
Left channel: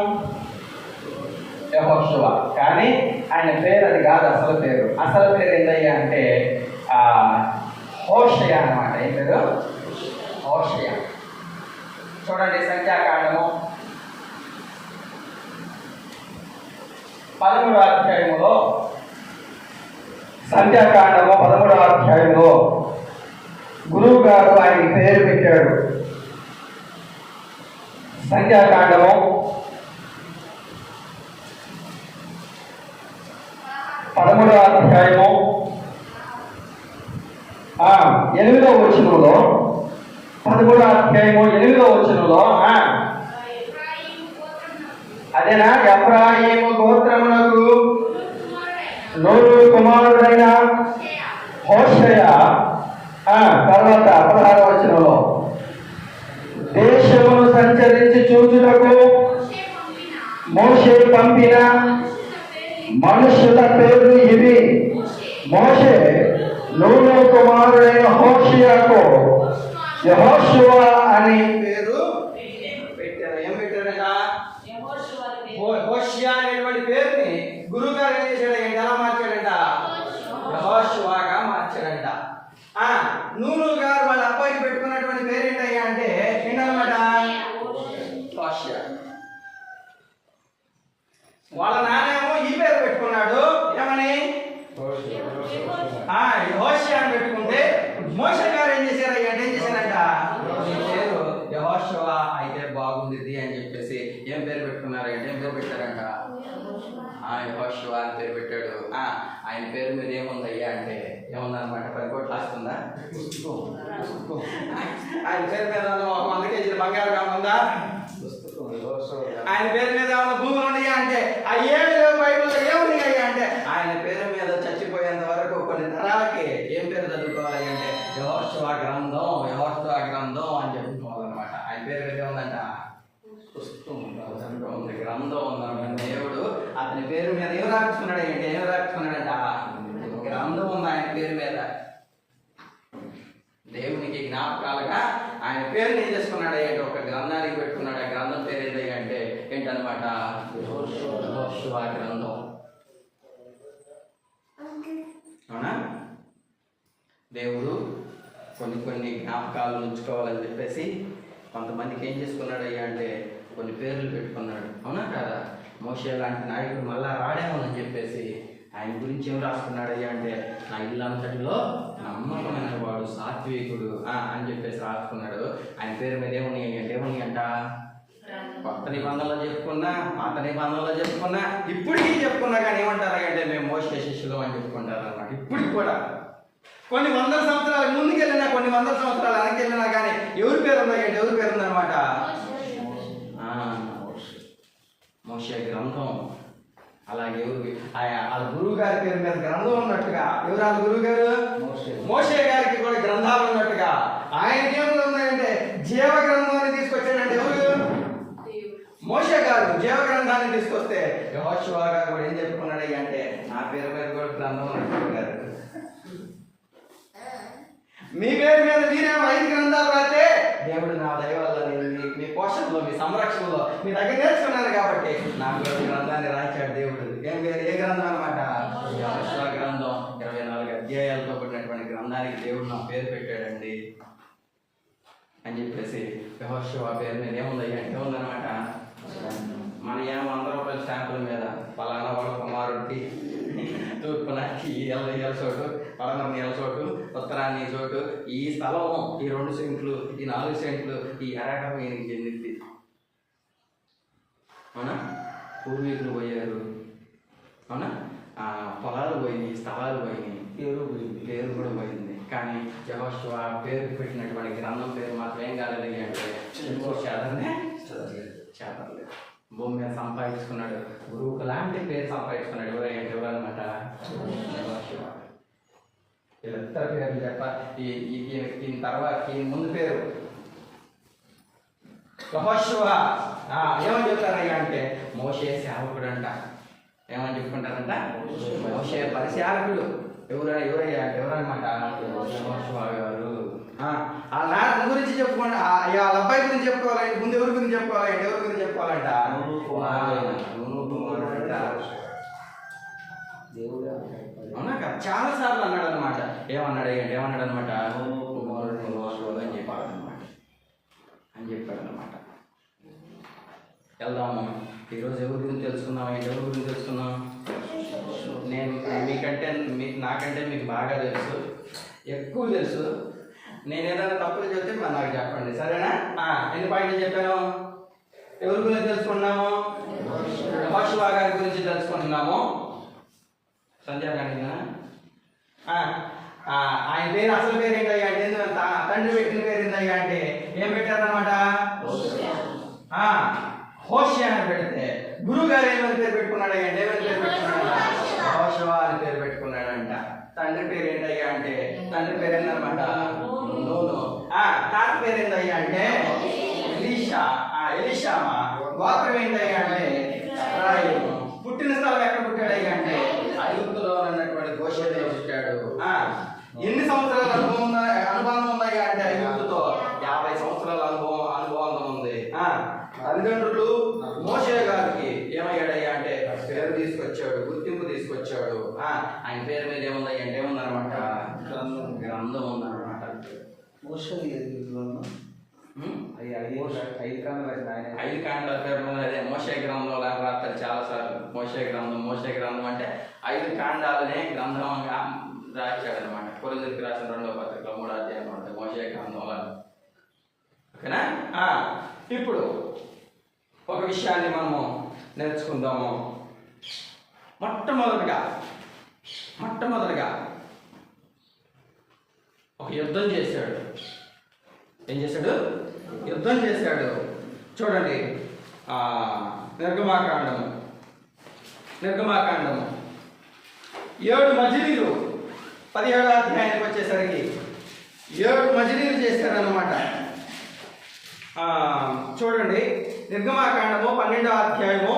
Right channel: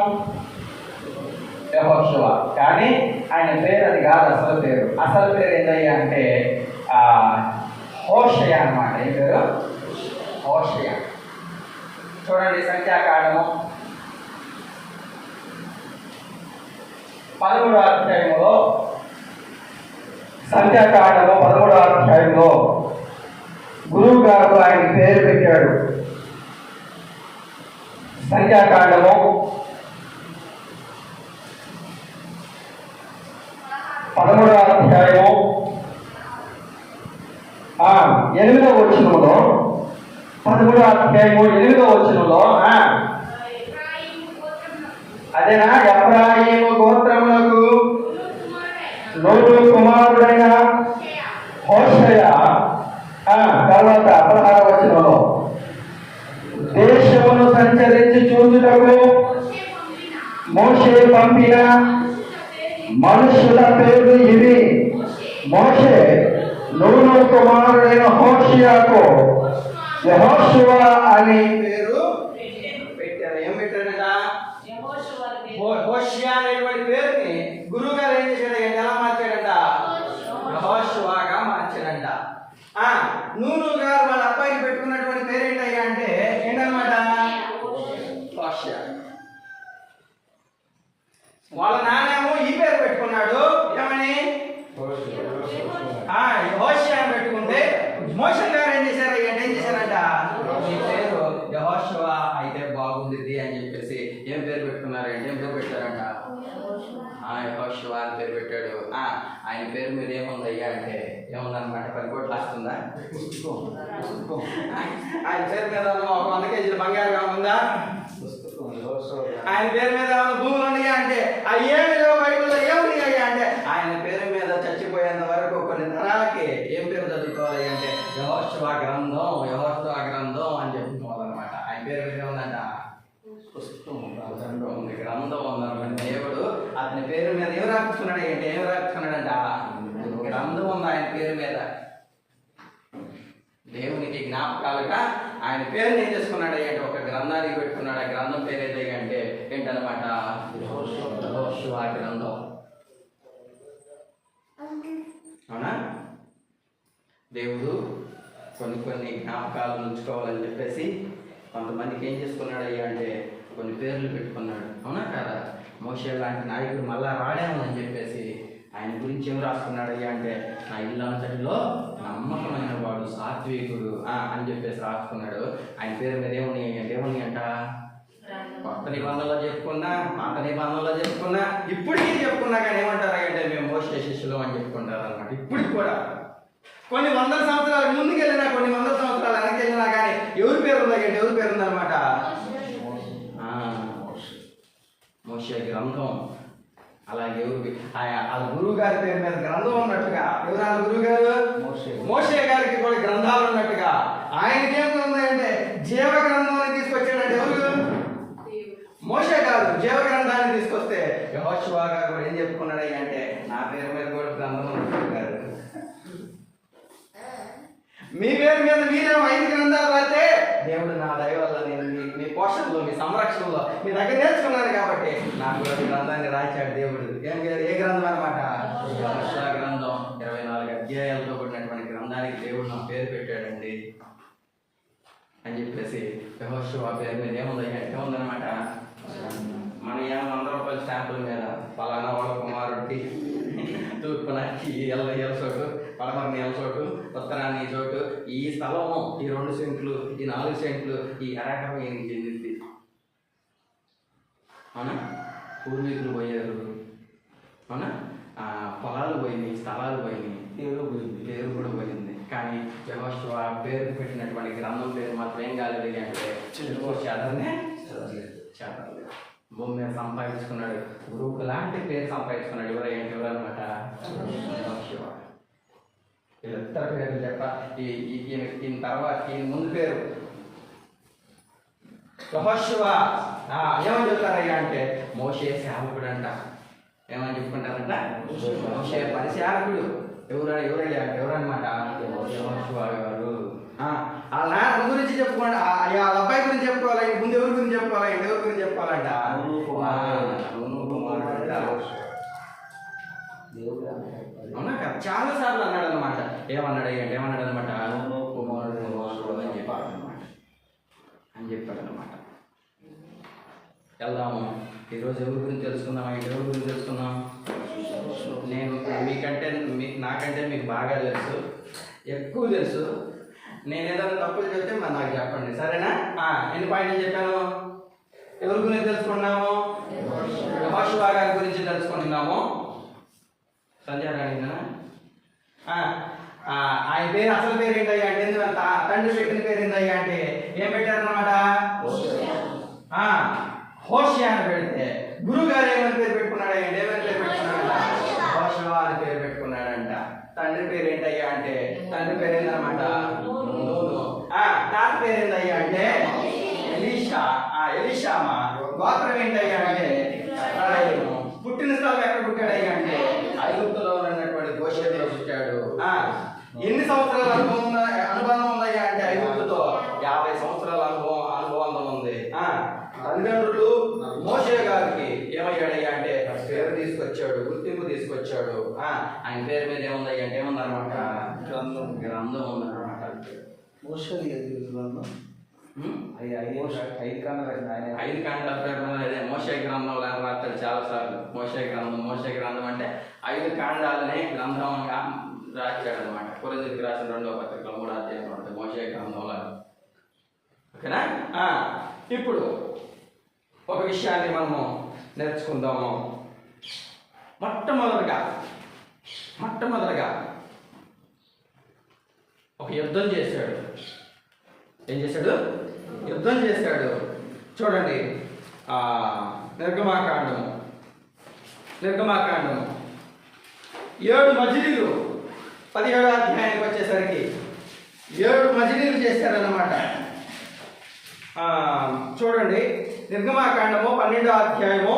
యెహోషువ. కానీ ఆయన పేరు అది కాదు, అసలు పేరు ఏంటయ్యా అంటే హోషేయ అన్నమాట. ఏం పేరు? హోషేయ. చూడండి, సంఖ్యాకాండము 13వ అధ్యాయంలో, సంఖ్యాకాండము 13వ అధ్యాయంలో గురువు గారు ఆయన పేరు పెట్టాడు. సంఖ్యాకాండము 13వ అధ్యాయము 8వ వచనంలో, 13వ అధ్యాయము 8వ వచనంలో అదేనా, ఎఫ్రాయిము గోత్రమునకు నూను కుమారుడైన హోషేయ. తర్వాత 16వ వచనంలో, దేశమును సంచరించి చూచుటకు మోషే పంపిన మనుషుల పేర్లు ఇవి. మోషే నూను కుమారుడైన హోషేయకు యెహోషువ అని పేరు పెట్టారు. ఏం పెట్టారట? హోషేయ అనేటువంటి పేరుని గురువు గారు ఏం చేశాడంటే ఎలా మార్చాడంట? యెహోషువగా మార్చాడంట. నూను గారు వాళ్ళ అబ్బాయికి పెట్టుకున్నటువంటి పేరు ఏంటయ్యా అంటే ఏంటన్నమాట? హోషేయ. వాళ్ళ నాన్నేమో ఈ పేరు పెట్టుకున్నాడు, ఏమని? యెహోషువ అని పెట్టుకుంటే మోషే గారు ఏం చేశారయ్యా అంటే ఏం చేశారంట? ఈ పేరు యెహోషువ అయితే బాగుంది అని చెప్పేసి ఏం పేరు పెట్టుకున్నారు అంటే ఏం పేరు పెట్టారంట? యెహోషువ అని పేరు పెట్టాడు. ఆయన పేరు మీద ఏముందయ్యా అంటే ఏముందన్నమాట? 10 కోట్లు వస్తుందా? ఆయన పేరు మీద 100 కేజీలు బంగారం ఉందా? ఆయన పేరు మీద ఏమన్నా భూములు ఉన్నాయా అంటే అయ్యేళ్ళు బైబిల్లో ఏమున్నాయ్యా అంటే ఆయన పేరు మీద చచ్చిపోయేంత వరకు కొన్ని తరాలకి ఏం పేరు చదువుకోవాలి అంటే యెహోషువ గ్రంథం, యెహోషువ గ్రంథం అని చెప్పుకోవాలన్నమాట. ఆయన పేరు మీద ఏముందంట? ఉంది, గ్రంథం ఉందన్నమాట. దేవుడు అతని పేరు మీద ఏం రాసుకున్నాడు అంటే ఏం రాసుకున్నాడంట? గ్రంథం ఉంది ఆయన పేరు మీద. దేవునికి జ్ఞాపకాలుగా ఆయన పేరుని ఏం చేసుకున్నాడు అంటే ఒక గ్రంథానికి పెట్టుకున్నాడు. ఆ గ్రంథం పేరు ఏదే అంటే ఏంటన్నమాట? యెహోషువ గ్రంథం. అవునా? దేవుడు కొన్ని జ్ఞాపకాలు ఉంచుకోవాలని చెప్పేసి కొంతమందికి ఏం చేసుకున్నాడు అంటే కొన్ని పేర్లు పెట్టుకున్నాడు. అవునా కాదా? మోషే లాంటి నాయకుడు మళ్ళా రాడేమో అని చెప్పేసి ఆయన గురించి ఏం రాసుకున్నాడు అంటే నా ఇల్లు అంతటిలో నమ్మకమైన వాడు, సాత్వికుడు అని చెప్పేసి రాసుకున్నాడు. ఆయన పేరు మీద ఏమున్నాయి అంటే ఏమున్నాయి అంట? కొత్త నిబంధనలో చెప్పుకున్నా, పాత నిబంధనలో చెప్పుకున్నా, ఇప్పటికీ చెప్పుకున్నా కానీ ఏమంటారా అంటే మేము మోషే శిష్యులు అని చెప్పుకుంటారు అన్నమాట. ఇప్పటికి కూడా కొన్ని వందల సంవత్సరాల ముందుకెళ్ళినా, కొన్ని వందల సంవత్సరాలు వెనకెళ్ళినా కానీ ఎవరి పేరు ఉన్నాయి అంటే ఎవరి పేరు ఉందన్నమాట? మోషే గ్రంథం. అలాగే వాళ్ళ గురువు గారి పేరు మీద గ్రంథం ఉన్నట్టుగా, ఎవరు వాళ్ళ గురువు గారు? మోషే గారికి కూడా గ్రంథాలు ఉన్నట్టుగా ఆయనకి ఏం ఉన్నాయంటే జీవ గ్రంథాన్ని తీసుకొచ్చాడంటే ఎవరు? మోషే గారు జీవ గ్రంథాన్ని తీసుకొస్తే యెహోషువ గారు కూడా ఏం చెప్పుకున్నాడు అంటే నా పేరు మీద కూడా గ్రంథం ఉన్నట్టుగా మీ పేరు మీద మీరే 5 గ్రంథాలు రాస్తే దేవుడు నా దయ వల్ల నేను మీ పోషణలో, మీ సంరక్షణలో మీ దగ్గర నేర్చుకున్నాను కాబట్టి నాకు గ్రంథాన్ని రాశాడు దేవుడు. ఏ గ్రంథం అనమాట? యెహోషువ గ్రంథం. 24 అధ్యాయాలతో కూడినటువంటి గ్రంథానికి దేవుడు నా పేరు పెట్టాడండి అని చెప్పేసి యెహోషువ పేరు మీద ఏముందన్నమాట? మన ఏమో 100 రూపాయల స్టాంపుల మీద పలానా వాళ్ళ కుమారుడికి తూర్పున ఈ ఎల్ల చోటు, పడమరని చోటు, ఉత్తరాన్ని చోటు, ఈ స్థలము ఈ 2 సెంట్లు, ఈ 4 సెంట్లు, ఈ ఎకరం ఈయనకి చెందింది. అవునా? పూర్వీకులు పోయారు. అవునా? పొలాలు పోయినాయి, స్థలాలు పోయినాయి, పేరు కూడా పోయింది. కానీ యెహోషువ పేరు పెట్టినటువంటి గ్రంథం పేరు మాత్రం ఏం కాలేదు అంటే చేతలేదు. భూమి మీద సంపాదించుకున్నాడు. గురువుకు లాంటి పేరు సంపాదించుకున్నాడు. ఎవరన్నమాట? యెహోషువ. వీళ్ళిద్దరు పేర్లు చెప్ప ఈయన తర్వాత ఈయన ముందు పేరు యెహోషువ. ఏమని చెప్తారయ్యా అంటే మోషే సేవకుడు అంట. ఏమని చెప్పుకుంటారంట? మోషే పరిచారకుడు. ఎవరయ్యా అంటే ఎవరన్నమాట? యెహోషువ గారు. వాళ్ళ నాన్న గురించి చెప్పుకోండి, వాళ్ళ అబ్బాయి గురించి చెప్పుకోవాలి. ముందు ఎవరి గురించి చెప్పుకోవాలి అంటే ఎవరి గురించి చెప్పుకోవాలంట? అవునా కదా? చాలా సార్లు అన్నాడు అనమాట. ఏమన్నాడు అనమాట? అని చెప్పాడు అనమాట. వెళ్దాము. ఈరోజు ఎవరి గురించి తెలుసుకుందాం? ఎవరి గురించి తెలుసుకుందాం? నేను మీకంటే నాకంటే మీకు బాగా తెలుసు, ఎక్కువ తెలుసు. నేను ఏదైనా తప్పులు చెప్తే మరి నాకు చెప్పండి, సరేనా? ఎన్ని పాయింట్లు చెప్పాను? ఎవరి గురించి తెలుసుకున్నాము? యెహోషువ గారి గురించి తెలుసుకుంటున్నాము. సంధ్యా గారినా? ఆయన పేరు అసలు పేరు ఏంటయ్యా అంటే, తండ్రి పెట్టిన పేరు ఏంటయ్యా అంటే ఏం పెట్టారన్నమాట? హోషియా అని పెడితే గురువు గారు ఏమైనా పేరు పెట్టుకున్నాడు? ఏమైనా పేరు పెట్టుకున్నాడంట? యెహోషువ అని పేరు పెట్టుకున్నాడంట. తండ్రి పేరు ఏంటయ్యా అంటే, తండ్రి పేరు ఏంటన్నమాట? తాత పేరు ఏంటయ్యా అంటే ఎలీషామా. గోత్రం ఏంటయ్యా అంటే పుట్టిన స్థలం ఎక్కడ పుట్టాడయ్యా అంటే ఐగుప్తులో ఉన్నటువంటి గోషేనులో పుట్టాడు. ఎన్ని సంవత్సరాల అనుబంధం ఉందయ్యా అంటే ఐగుప్తుతో 50 సంవత్సరాల అనుభవం ఉంది. తల్లిదండ్రులు మోషే గారికి ఏమయ్యాడయ్యా అంటే పేరు తీసుకొచ్చాడు, గుర్తింపు తీసుకొచ్చాడు. ఆయన పేరు మీద ఏముందయ్యా అంటే ఏముందన్నమాట? గ్రంథం ఉందన్నమాట. ఐదు కాండాల పేరు అదే మోషే గ్రంథంలో రాస్తాడు చాలాసార్లు. మోషే గ్రంథం అంటే 5 కాండాలనే గ్రంథంగా రాశాడు అనమాట. కొరింథీయులకు రాసిన 2వ పత్రిక 3వ అధ్యాయం ఉంటుంది మోషే గ్రంథంలో. ఓకేనా? ఇప్పుడు ఒక విషయాన్ని మనము నేర్చుకుందాము. మొట్టమొదటిగా ఒక యుద్ధం చేశాడు. ఏం చేశాడు? యుద్ధం చేశాడు. చూడండి, నిర్గమాకాండము 7 మజిలీలు 17వ అధ్యాయానికి వచ్చేసరికి 7 మజిలీలు చేశారన్నమాట. చూడండి, నిర్గమాకాండము 12వ అధ్యాయము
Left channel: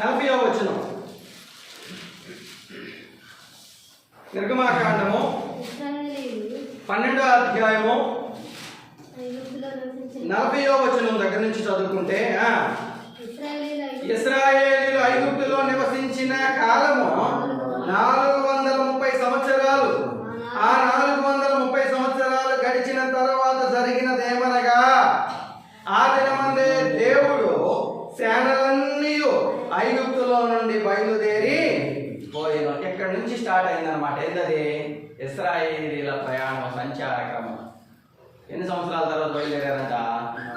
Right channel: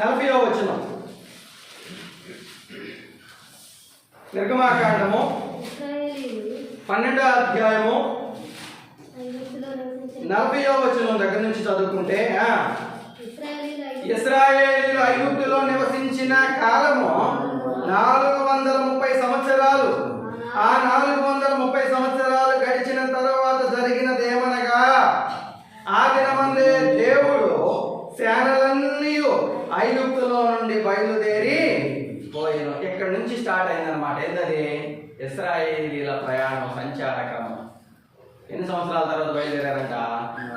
40వ వచనం. నిర్గమాకాండము 12వ అధ్యాయము 40వ వచనం దగ్గర నుంచి చదువుకుంటే, ఇశ్రాయేలీయులు ఐగుప్తులో నివసించిన కాలము 430 సంవత్సరాలు. ఆ 430 సంవత్సరాలు గడిచిన తర్వాత జరిగినదేమనగా, ఆ దినమందే దేవుడు సేనలన్నీ ఐగుప్తులో నుండి బయలుదేరి పోయిన. ఇక్కడ నుంచి స్టార్ట్ అయిందనమాట. ఏంటది? ఇశ్రాయేలీయుల ప్రయాణం, సంచార క్రమం. ఎన్ని సంవత్సరాల తర్వాత బయలుదేరారంట?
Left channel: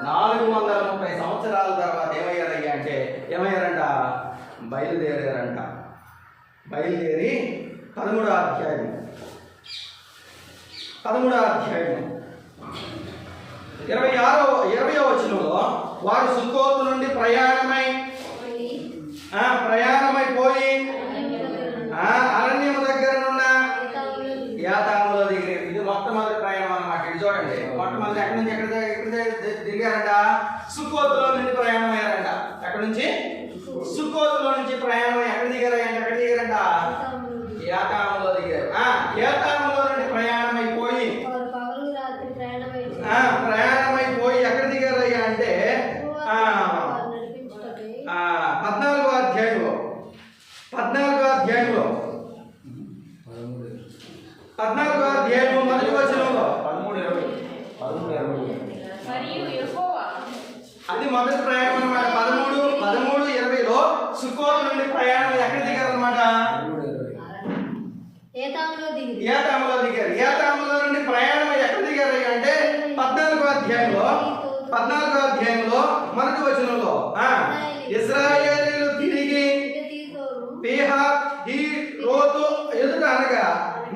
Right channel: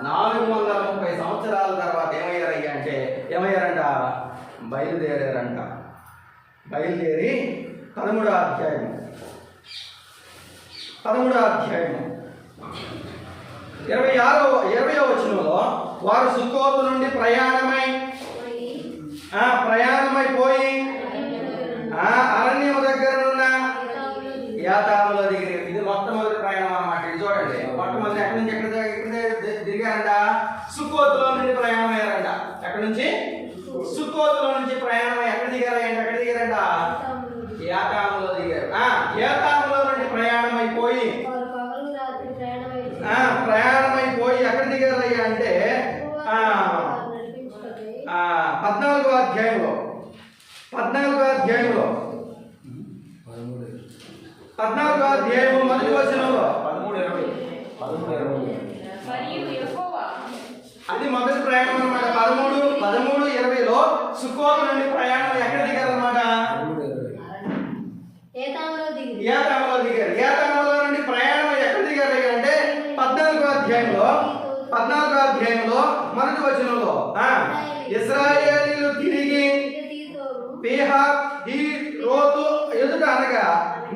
430 సంవత్సరాల తర్వాత ఏమయ్యారంట? బయలుదేరి 13వ అధ్యాయం 20వ వచనంలో, వారు సుక్కోతు నుండి ప్రయాణమై పోయి అరణ్యము దగ్గరనున్న యాతాములో దిగిరి. ఇది మొట్టమొదటి ప్రయాణం అన్నమాట. ఇది చూడండి, మొట్టమొదటి ఎక్కడి నుంచి ఎక్కడ దిగారంట? సుక్కోతులో నుండి ప్రయాణం అయ్యారంట. ఎక్కడి నుంచి? సుక్కోతులో నుంచి ప్రయాణం ఎక్కడ దిగారంట? యాతాములో దిగారు. యాతాములో నుండి ప్రయాణమైపోయి ఎక్కడ దిగారయ్యా అంటే 14వ అధ్యాయంలో 14వ అధ్యాయము మొదటి వచనంలో, అది మొదటి ప్రయాణం అనమాట. 13:20లో సుక్కోతు నుండి ప్రయాణం ఎక్కడ దిగారనమాట? ఏతాములో దిగారు. ఏతాములో నుండి ప్రయాణం ఎక్కడ దిగారు అంటే 14వ అధ్యాయంలో మొదటి వచనంలో, ఇశ్రాయేలీయులు తిరిగి పీహహీరోతు ఎదుట అనగా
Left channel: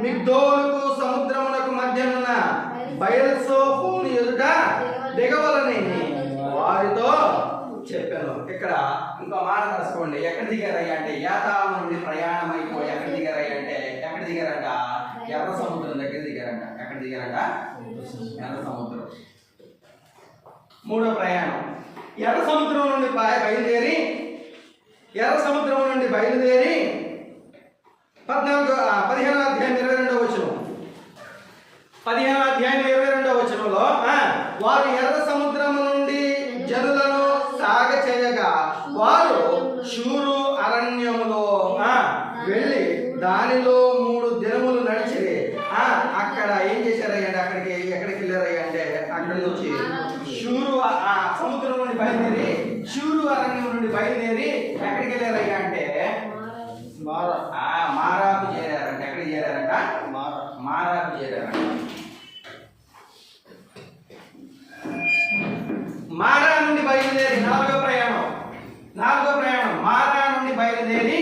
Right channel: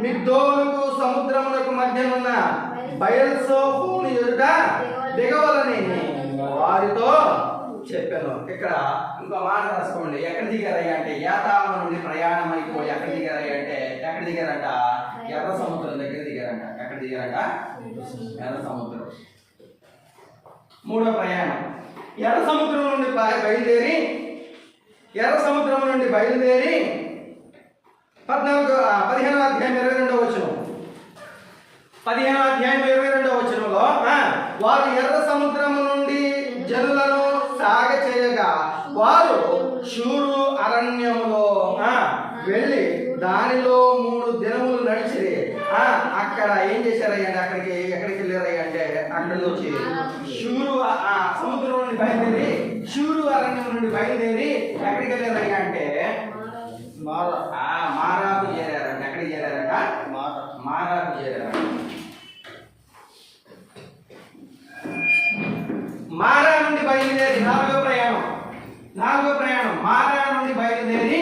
మిగ్దోలుకు సముద్రమునకు మధ్యనున్న బయల్సోఫోను ఎదుట దిగవలని వారితో చెప్పాను. ఇక్కడ ఇంకో మాట రాసుకోండి. ఎక్కడ దిగారయ్యా అంటే యాతాము నుండి ప్రయాణం అయిపోయి ఎక్కడ దిగారంట? ఎర్ర సముద్రం దగ్గర దిగారంట. ఎక్కడ దిగారంట? ఎర్ర సముద్రం. 3వ ప్రయాణం ఎర్ర సముద్రం నుండి బయలుదేరి 15వ అధ్యాయం 22వ వచనం. 15వ అధ్యాయం 22వ వచనంలో, వారు ఎర్ర సముద్రము నుండి జనులను సాగచేయగా వారు షూరు అరణ్యములో వెళ్ళి దానిలో 3 దినములు నడిచిరి. అక్కడ ఏం చేశారయ్య అంటే ఎక్కడికి వెళ్ళారయ్య అంటే అక్కడ నుంచి షూరు సముద్రం నుండి బయలుదేరి షూరు అరణ్యం నుండి బయలుదేరి ఎక్కడికి వెళ్ళారయ్య అంటే మారాకు చేరారంట. ఎక్కడికి చేరారంట? మారాకు చేరారంట. మారా నుండి బయలుదేరి నాలుగో ప్రయాణం మారా నుండి బయలుదేరి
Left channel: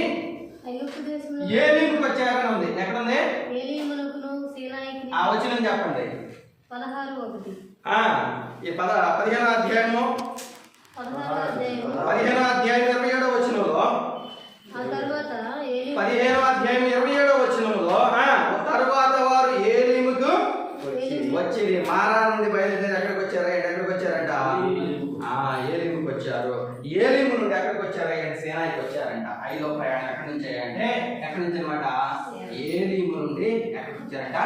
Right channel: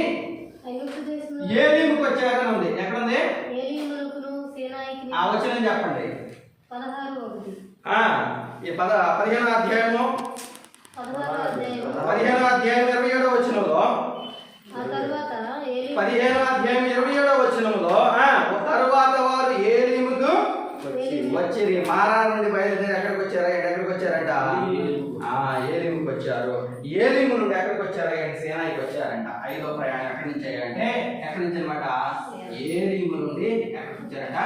ఏలీముకు వచ్చారని ఉంది. ఎక్కడుంది ఆ వచనం చెప్పండి. ఈ 15వ అధ్యాయము 27వ వచనంలో 15వ అధ్యాయం 27వ వచనంలో తరువాత వారు ఏలీముకు వచ్చిరి. మారా నుండి బయలుదేరి ఎక్కడికి వచ్చారంట? ఏలీముకు వచ్చారు. ఏలీము నుండి ఎక్కడికి వచ్చారంటే సేనాయికి వచ్చారంట. 5వ ప్రయాణం ఎక్కడి నుంచి అంటే ఎక్కడి నుంచి అనమాట? ఏలీము నుండి ఎక్కడికి వచ్చారంట?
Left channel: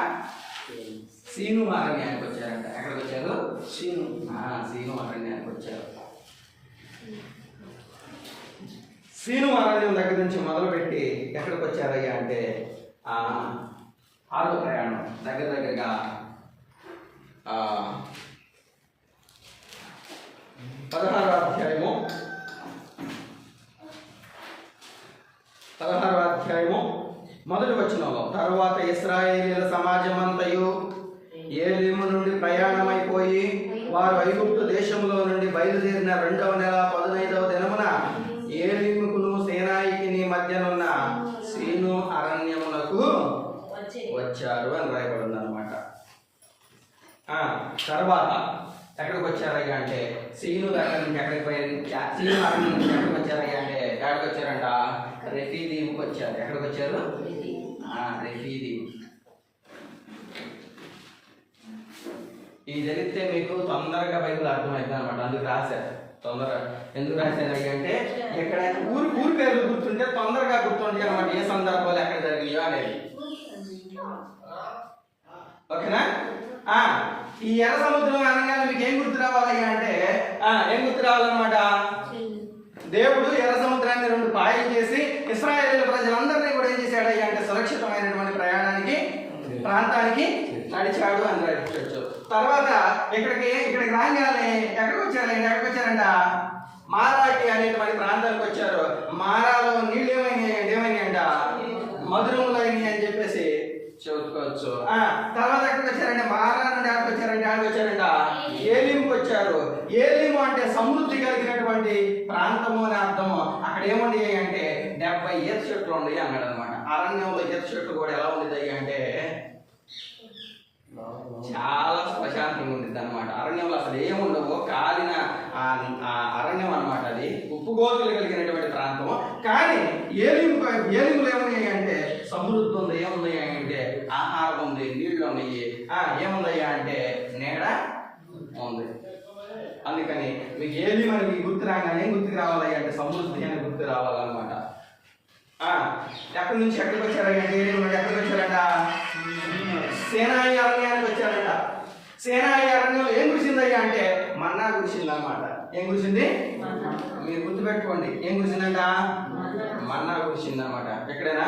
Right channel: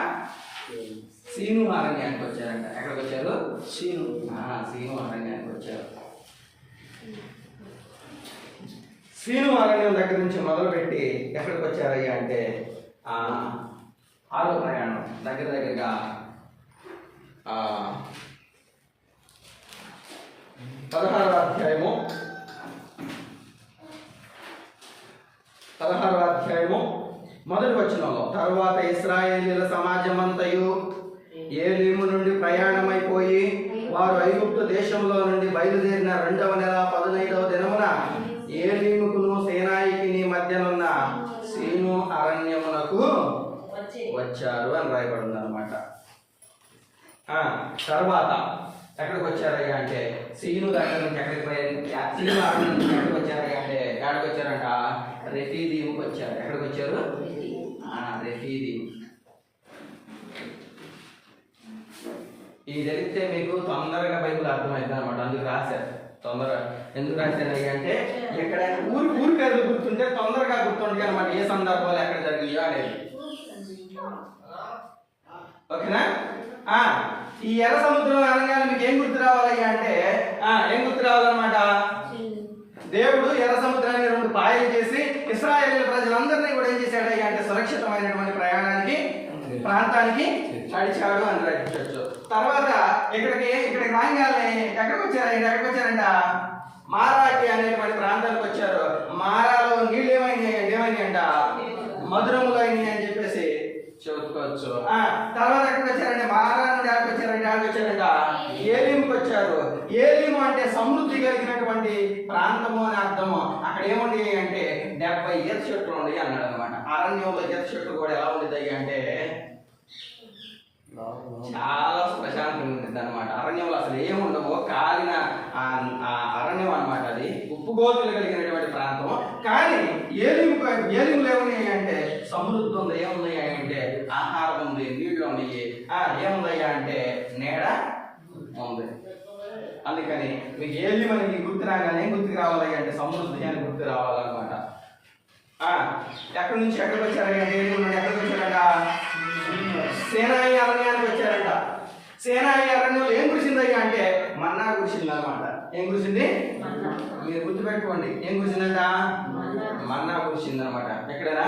సీను అరణ్యానికి వచ్చారంట. ఎక్కడికి వచ్చారు? సీను అరణ్యానికి వచ్చారు. సీను అరణ్యం దగ్గర నుంచి మొదలుపెట్టి ఎక్కడికి వచ్చారయ్యా అంటే 6వ ప్రయాణం దగ్గరగా 16వ అధ్యాయము మొదటి వచనంలో తరువాత ఇశ్రాయేలీయుల సమాజమంతయు ఏలీము నుండి ప్రయాణమైపోయి వారు ఐగుప్తు దేశంలో నుండి బయలుదేరిన 2వ నెల 15వ దినమున ఏలీముకును సేనాయికిని మధ్యనున్న సీను అరణ్యమునకు వచ్చారు అని రాయబడింది అనమాట. తర్వాత ఎక్కడికి వచ్చారయ్యా అంటే సీను దగ్గర నుంచి సీను అరణ్యం నుంచి ఎక్కడికి వచ్చారయ్యా అంటే ఎక్కడికి వచ్చారంట? రెఫీదీముకి వచ్చారు. ఎక్కడికి వచ్చారు? రెఫీదీం. ఇది తెలిస్తే మీకు తొందరగా బైబిల్ అర్థమవుతుంది అనమాట. అందుకు రాశారు తొందరగా. ఎందుకు రాశారయ్యా అంటే ఇక్కడ ఊరి పేర్లు గుర్తుంటే తొందరగా గుర్తుండే అనమాట, ఏ సందర్భాలు ఎక్కడ జరిగాయో అనేది. ఓకేనా? ఈ ఎర్ర సముద్రం అనగానే మీకు ఏం గుర్తు రావాలయ్యా అంటే ఏం గుర్తు రావాలన్నమాట? దేవుడు ఎర్ర సముద్రాన్ని 2 పాయలు చేసి ఇశ్రాయేలు ప్రజలందరినీ కూడా ఏం చేశాడయ్యా అంటే సురక్షితమైనటువంటి ప్రాంతానికి నడిచాడు అని రాయొచ్చు. తర్వాత ఇక్కడికి రాగానే ఎక్కడికి వచ్చారంట? మారాకి అనేటువంటి ప్రాంతానికి వచ్చారు. మారాలో నీళ్ళు ఏమైనాయంట? మధురములు అయినాయి అని చెప్పేసి చెప్పుకోవచ్చు. తర్వాత ఎక్కడికి వచ్చారంటే మారా నుండి ఎక్కడికి వచ్చారంట? ఏలీముకి వచ్చారు. ఏలీము అంటే సమృద్ధి కలిగినటువంటి ప్రాంతము అని అర్థము. అక్కడ ఏముంది అంటే 70 ఈత చెట్లు ఉండయి అన్నాడు అనమాట. అరణ్యంలో ఈత చెట్లు కూడా ఎలా ఉండేది అంటే చాలా ప్రశాంతంగా ఉంటుంది అనమాట. అరణ్యంలో అసలు ఏముండవు, కాలిన అరణ్యం అనమాట. అది ఉప్పుగోతులు కలిగినటువంటి ప్రాంతం. కానీ ఏలిములో ఏమున్నాయి అంటే సమృద్ధి ఉంది. ఏముంది అంటే ఆహారం ఉంది, నీళ్లు ఉన్నాయి. ఏముందయ్యా అంటే నీడ ఉంది. అందుకని మీకు ఏలిము అని మీకు గుర్తు రాగానే గుర్తుకు రావాలయ్యా అంటే సమృద్ధి అని గుర్తు రావాలన్నమాట. ఎక్కడి నుంచి ఎక్కడికి వచ్చారంటే ఏలిము నుండి ఎక్కడికి వచ్చారంట? సేనాయి అరణ్యానికి వచ్చారంట. సేనాయి అరణ్యంలో ఏం కురిసిందయ్యా అంటే మన్నా కురిసింది అనమాట. ఏం కురిసింది? మీరు గుర్తుపెట్టుకోండి. ఏం కురిసిందంట? మన్నా కురిసింది అనమాట. ఎక్కడైనా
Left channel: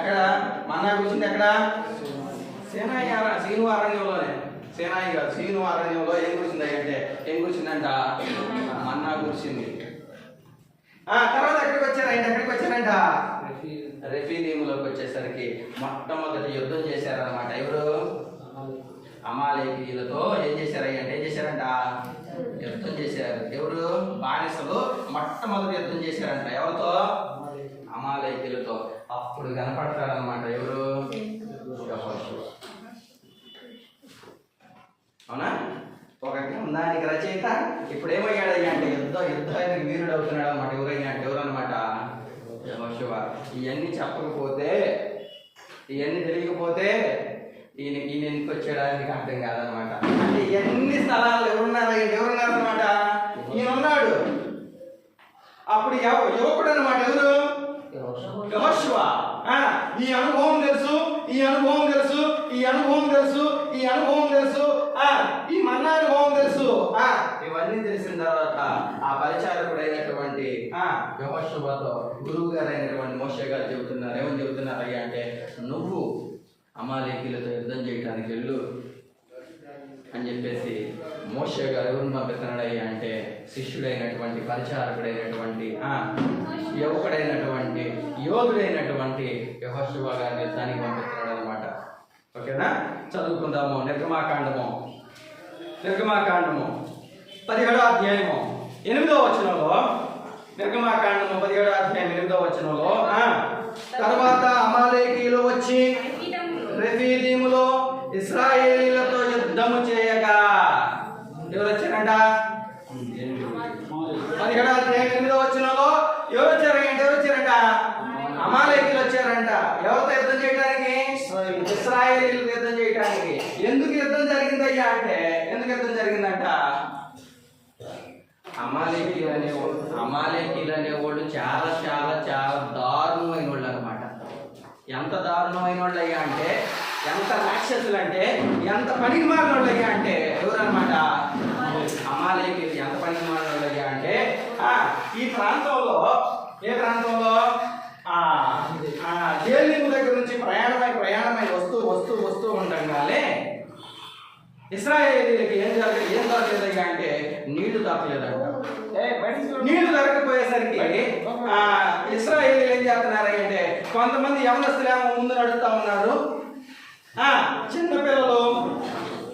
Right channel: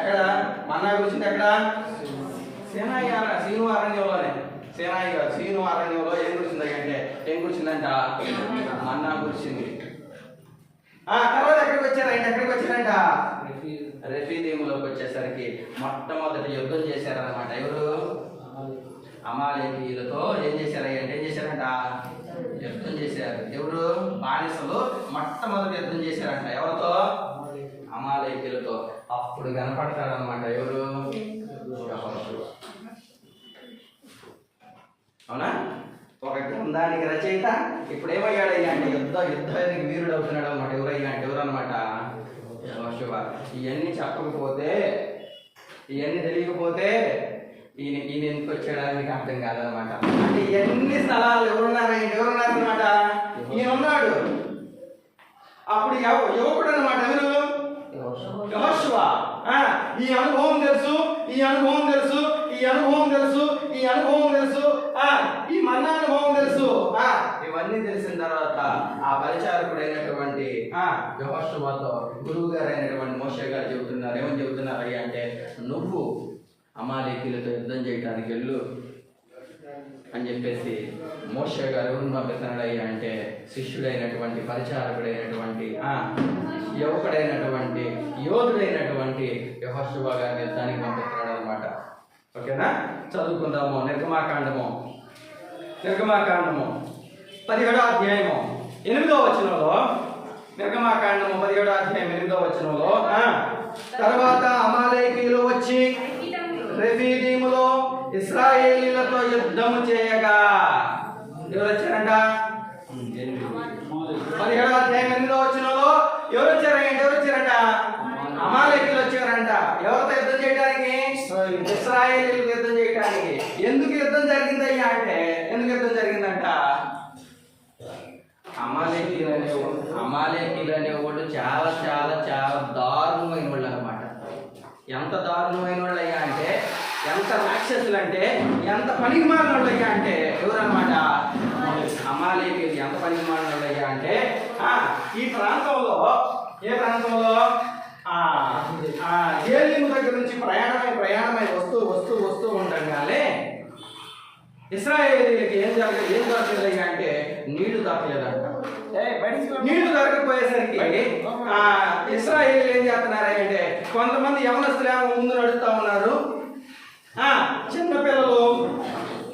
ఎక్కడ మన్నా కురిసింది? ఎక్కడ? సీను అరణ్యంలోనే. సీను అరణ్యంలో ఏం కురిసిందయ్యా అంటే ఏం కురిసిందంట? మన్నా కురిసింది. తర్వాత ఎక్కడికి వచ్చారంట? రెఫీదీములోకి వచ్చేసరికి మొట్టమొదటి యుద్ధం చేశారనమాట. ఎవరు? అమాలేకీయులతో ఏం చేశారంట? యుద్ధం చేశారు. ఎవరు? బానిసలు మొట్టమొదటి యుద్ధం చేశారంట. ఎవరితో? అమాలేకీయులతో. అప్పుడు కనపడతారనమాట. ఎవరు? అవునా? ఒక గ్రంథానికి రచయిత ఇప్పుడు ఏమయ్యాడయ్యా అంటే యుద్ధానికి వీరుడు అవుతున్నాడు అనమాట. ఎవరయ్యా అంటే ఎవరన్నమాట? యెహోషువ. ఇవన్నీ చెప్పకపోతే, ఇవన్నీ తెలియకపోతే ఈయన ఎందుకు వచ్చాడానికి అర్థం కాదనమాట. అంటే ఎన్ని స్థలాలు ఎవరున్నారనమాట? ఈయన ఉన్నాడు. అప్పుడు యువకుడు అనమాట. ఎవరు? యెహోషువ. ఈ అనుభవం తెలుసు, ఈ మన్నా అనుభవం తెలుసు. ఇవన్నీ తెలిసిన తర్వాత ఆ పరిచారకుడైనటువంటి యెహోషువతో గురువు గారు అయినటువంటి మోషే గారు చెబుతున్నారు. ఏమని చెబుతున్నారు అయ్యా అంటే నువ్వు అమాలేకీలతో యుద్ధం చేయడానికి వెళ్ళు అని చెప్పేసి మోషే గారు ఎవరిని పంపిస్తున్నాడయ్యా అంటే శిష్యుడైనటువంటి పరిచారకుడైనటువంటి యువకుడైనటువంటి యోధుడైనటువంటి యెహోషువ గారిని యుద్ధానికి పంపిస్తున్నాడు అనమాట. ఓకేనా, చదువుకుందాము. నిర్గమాకాండము 17వ అధ్యాయము 8వ వచనంలో, నిర్గమాకాండము 17వ అధ్యాయం 8వ వచనంలో, తర్వాత అమాలేకీయులు వచ్చి రెఫీదీములో ఇశ్రాయేలీలతో యుద్ధము చేయగా, ఎవరు వచ్చారంట? 17వ అధ్యాయం 8వ వచనంలో ఎవరు వచ్చారంట? అమాలేకీయులు వచ్చారంట. ఎవరితో యుద్ధం చేయడానికి? ఇశ్రాయేలీయులతో యుద్ధం చేయడానికి. ఎందుకు యుద్ధం జరిగిందయ్యా అంటే, ఎందుకు యుద్ధం జరిగిందంట? అమాలేకీయులు అనేవాళ్ళు చాలా చాలా చాలా దారుణమైన వాళ్ళు అనమాట. ఎంత దారుణమైన వాళ్ళు అయ్యా అంటే, ఎంత రాక్షసులు అంటే, ఎంత పనికి మాలిన వాళ్ళు అయ్యా అంటే ఎవరన్నమాట? అమాలేకీయులు. ఎంత పనికి మాలిన వాళ్ళు అయ్యా అంటే, ఈ ప్రాంతంలో, ఏ ప్రాంతంలో? జేలిము దగ్గర నుంచి ప్రయాణమై వస్తూ ఉండగానే ఇశ్రాయేలీయులకి ఏం దొరకలేదయ్యా అంటే నీళ్లు దొరకలేదంట. నీళ్లు దొరకపోయేసరికి ఇశ్రాయేలీయులు ఏం చేస్తున్నారయ్య అంటే, కొంతమంది యవనస్తులేమో ముందు నడుస్తూ ఉన్నారు. చిన్నపిల్లలు,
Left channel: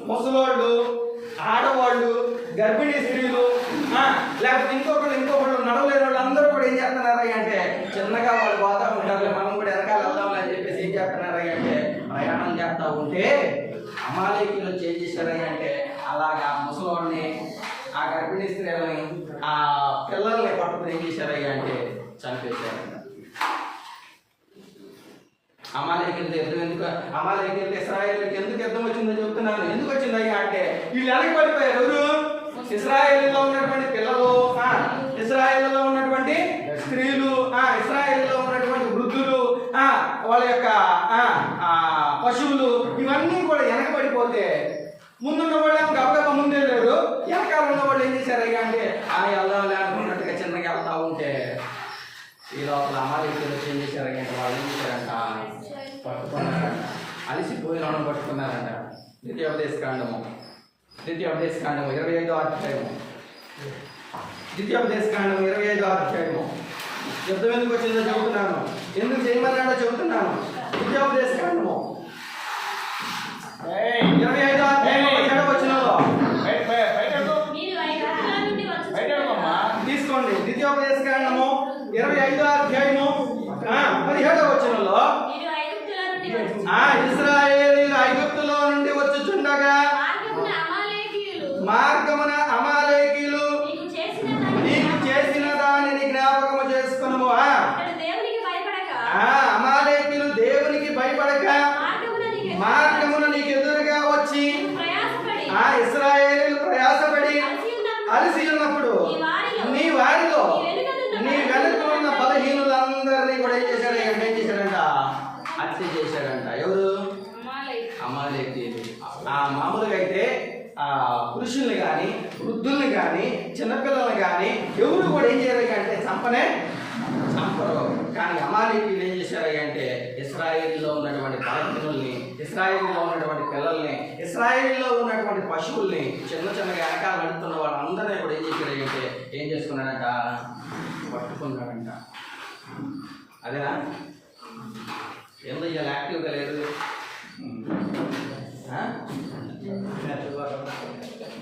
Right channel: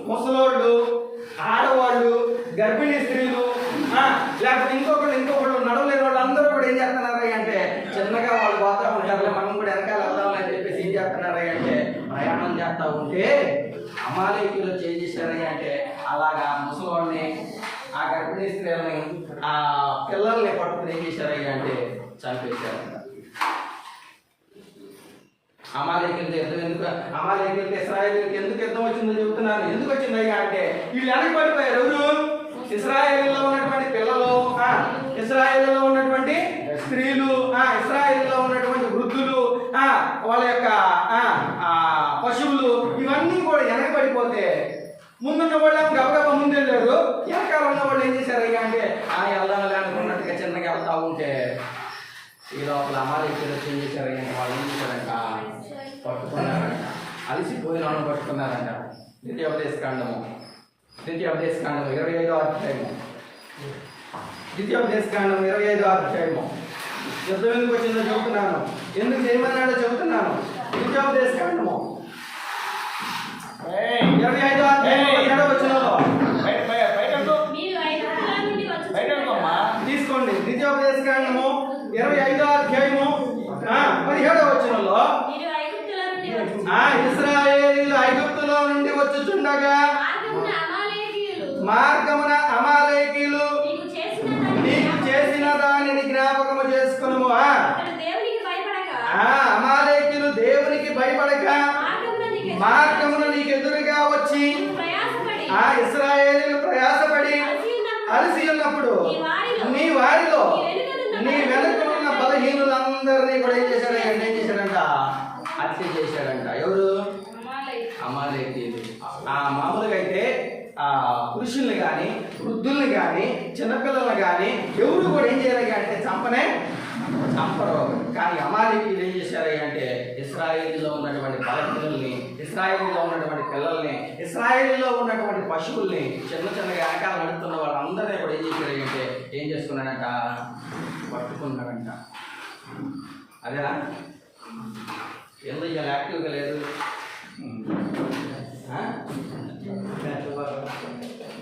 ముసలోళ్ళు, ఆడవాళ్ళు, గర్భిణీ స్త్రీలు, లేకపోతే ఇంకొకళ్ళు నడవలేని వాళ్ళు అందరూ కూడా ఏం చేస్తున్నారయ్య అంటే, చిన్నగా వాళ్ళు పోతా ఉంటారు, మనం కూడా వెనకాల వెళ్దాం అని చెప్పేసి ఏం చేస్తున్నారయ్య అంటే ప్రయాణం చేస్తూ ఉంటే అమాలేకీయులు ఏం చేశారయ్య అంటే, అలాగా ముసలోళ్ళని, ఆ గర్భిణీ స్త్రీలని, ఆ పిల్లల్ని పట్టుకుని ఏం చేశారయ్య అంటే చంపేశారు. అమాలేకీయులతో ఇశ్రాయేలీయులకి ఎందుకు యుద్ధం వచ్చిందో చెబుతున్నాను. ఎందుకు వచ్చిందయ్యా అంటే, వీళ్ళు వెనకబడిపోయారు. ఎవరు? ఇశ్రాయేలీలో ఉన్నటువంటి పిల్లలు, ఇశ్రాయేలీలో ఉన్నటువంటి స్త్రీలు, ఇశ్రాయేలీలో ఉన్నటువంటి వృద్ధులు, వాళ్ళ యొక్క పశువులు, ఇవన్నీ కూడా వెనకబడిపోతే ముందున్న వాళ్ళు గబగబా ముందెళ్ళారు. వెనకాల ఉన్న వాళ్ళు ఏం చేశారయ్యా అంటే, వెళ్దాంలే అనుకున్నట్టుగా చిన్నగా వెళ్తా ఉంటే ఈ లోపల అమాలేకీయులు ఏం చేశారయ్యా అంటే, వాళ్ళు ఏం చేశారంట, పట్టుకున్నారంట. అలిసిపోయిన వాళ్ళని పట్టుకున్నారంట. ద్వితీయోపదేశకాండము 25వ అధ్యాయము. ద్వితీయోపదేశకాండము 25వ అధ్యాయము. యుద్ధం ఎందుకు వచ్చిందో చెబుతున్నాను, ఎందుకు చేయమన్నాడో చెబుతున్నాను. ద్వితీయోపదేశకాండము 25వ అధ్యాయం 17వ వచనంలో తీసుకోండి. ద్వితీయోపదేశకాండము 25వ అధ్యాయము 17వ వచనంలో, ఇశ్రాయేలీయులు ఐగుప్తులో నుండి వచ్చుచుండగా మార్గమున అమాలేకీయులు నీకు చేసిన దానిని జ్ఞాపకము చేసుకును. అమాలేకీయులు దేవునికి భయపడక మార్గమున నీకు ఎదురుగా వచ్చి ఇశ్రాయేలీయులు ప్రయాసపడి అలసి ఉన్నప్పుడు నీ వారిలో నీ వెనుక ఉన్న బలహీనులందరినీ కూడా ఏం చేశాడంట? హత్య చేశాడంట. ఎవరు? అమాలేకీయులు. మామూలుగా అయితే పురుషుల్ని కానీ, వృద్ధుల్ని కానీ, చిన్నపిల్లల్ని కానీ ఎవరు కూడా ఏం చేయాలి అంటే చంపరు. కానీ అమాలేకీయులు ఏం చేశారు అంటే, ఇశ్రాయేలులో ఉన్నటువంటి బలహీనుల్ని, ఇశ్రాయేలులో ఉన్నటువంటి పిల్లల్ని, ఇశ్రాయేలులో ఉన్నటువంటి పశువుల్ని, చిన్నగా వెనకాల నడుస్తున్న వాళ్ళందరినీ కూడా ఏం చేశారు అంటే, ఏం చేసుకున్నాడంట? పట్టుకున్నాడంట. అదేనా? ఎందుకు ఇవాళ యాక్టివ్గా లేడు?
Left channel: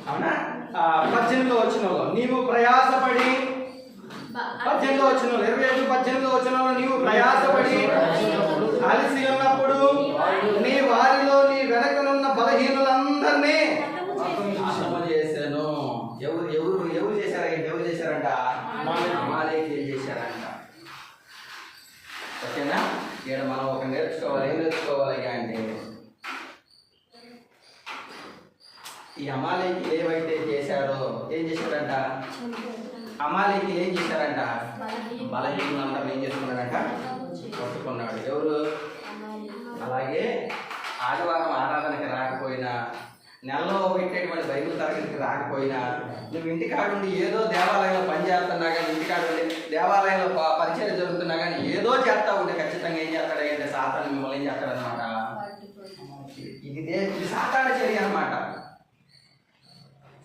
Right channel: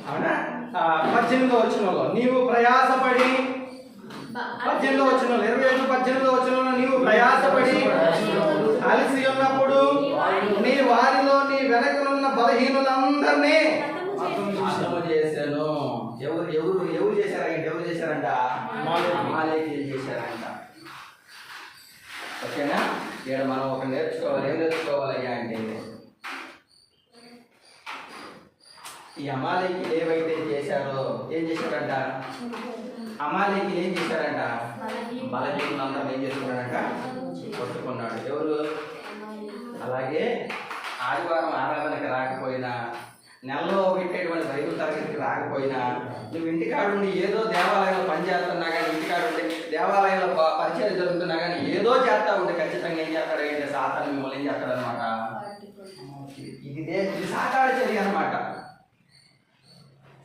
అవునా? 18వ వచనంలో నీవు ప్రయాసపడి, 18వ వచనంలో 21-18వ వచనంలో నీవు ప్రయాసపడి అలసి ఉన్నప్పుడు నీ వారిలో నీ వెనకనున్న బలహీనులందరినీ నాశనము చేశాను. ఎవరు చేశారంట? అమాలేకీయులు చేశారంట. ఓకేనా? ఇక్కడ మనం ఒక నేర్చుకోవాలి. ఏం నేర్చుకోవాలి అంటే, ఈ అమాలేకీయులు ఏవైతే చేశారో ఏం చేశారంట? అమాలేకీయులు ఏం చేశారంట? బలహీనులందరూ ఏం చేసుకున్నారంట? పట్టుకున్నాడు. ఎవరు? అలాగే ఆదివారం ఆరాధనకి రాకపోయినా, నెలలో పెట్టేటువంటి బైబిల్ తరగతికి రాకపోయినా, నువ్వు ఇంటికాడుండి ఏదో దేవాలయంలో పనిచేస్తున్నా కానీ, ఇంటికాడుండి దేవాలయంలో పరిచయం జరుగుతున్నా కానీ ఏదో చేస్తా ఉంటే ఖచ్చితంగా ఏం చేస్తాడు అంటే సాతాను మిమ్మల్ని ఏం చేస్తాడనమాట? ఇది సాతాను చర్య అనమాట.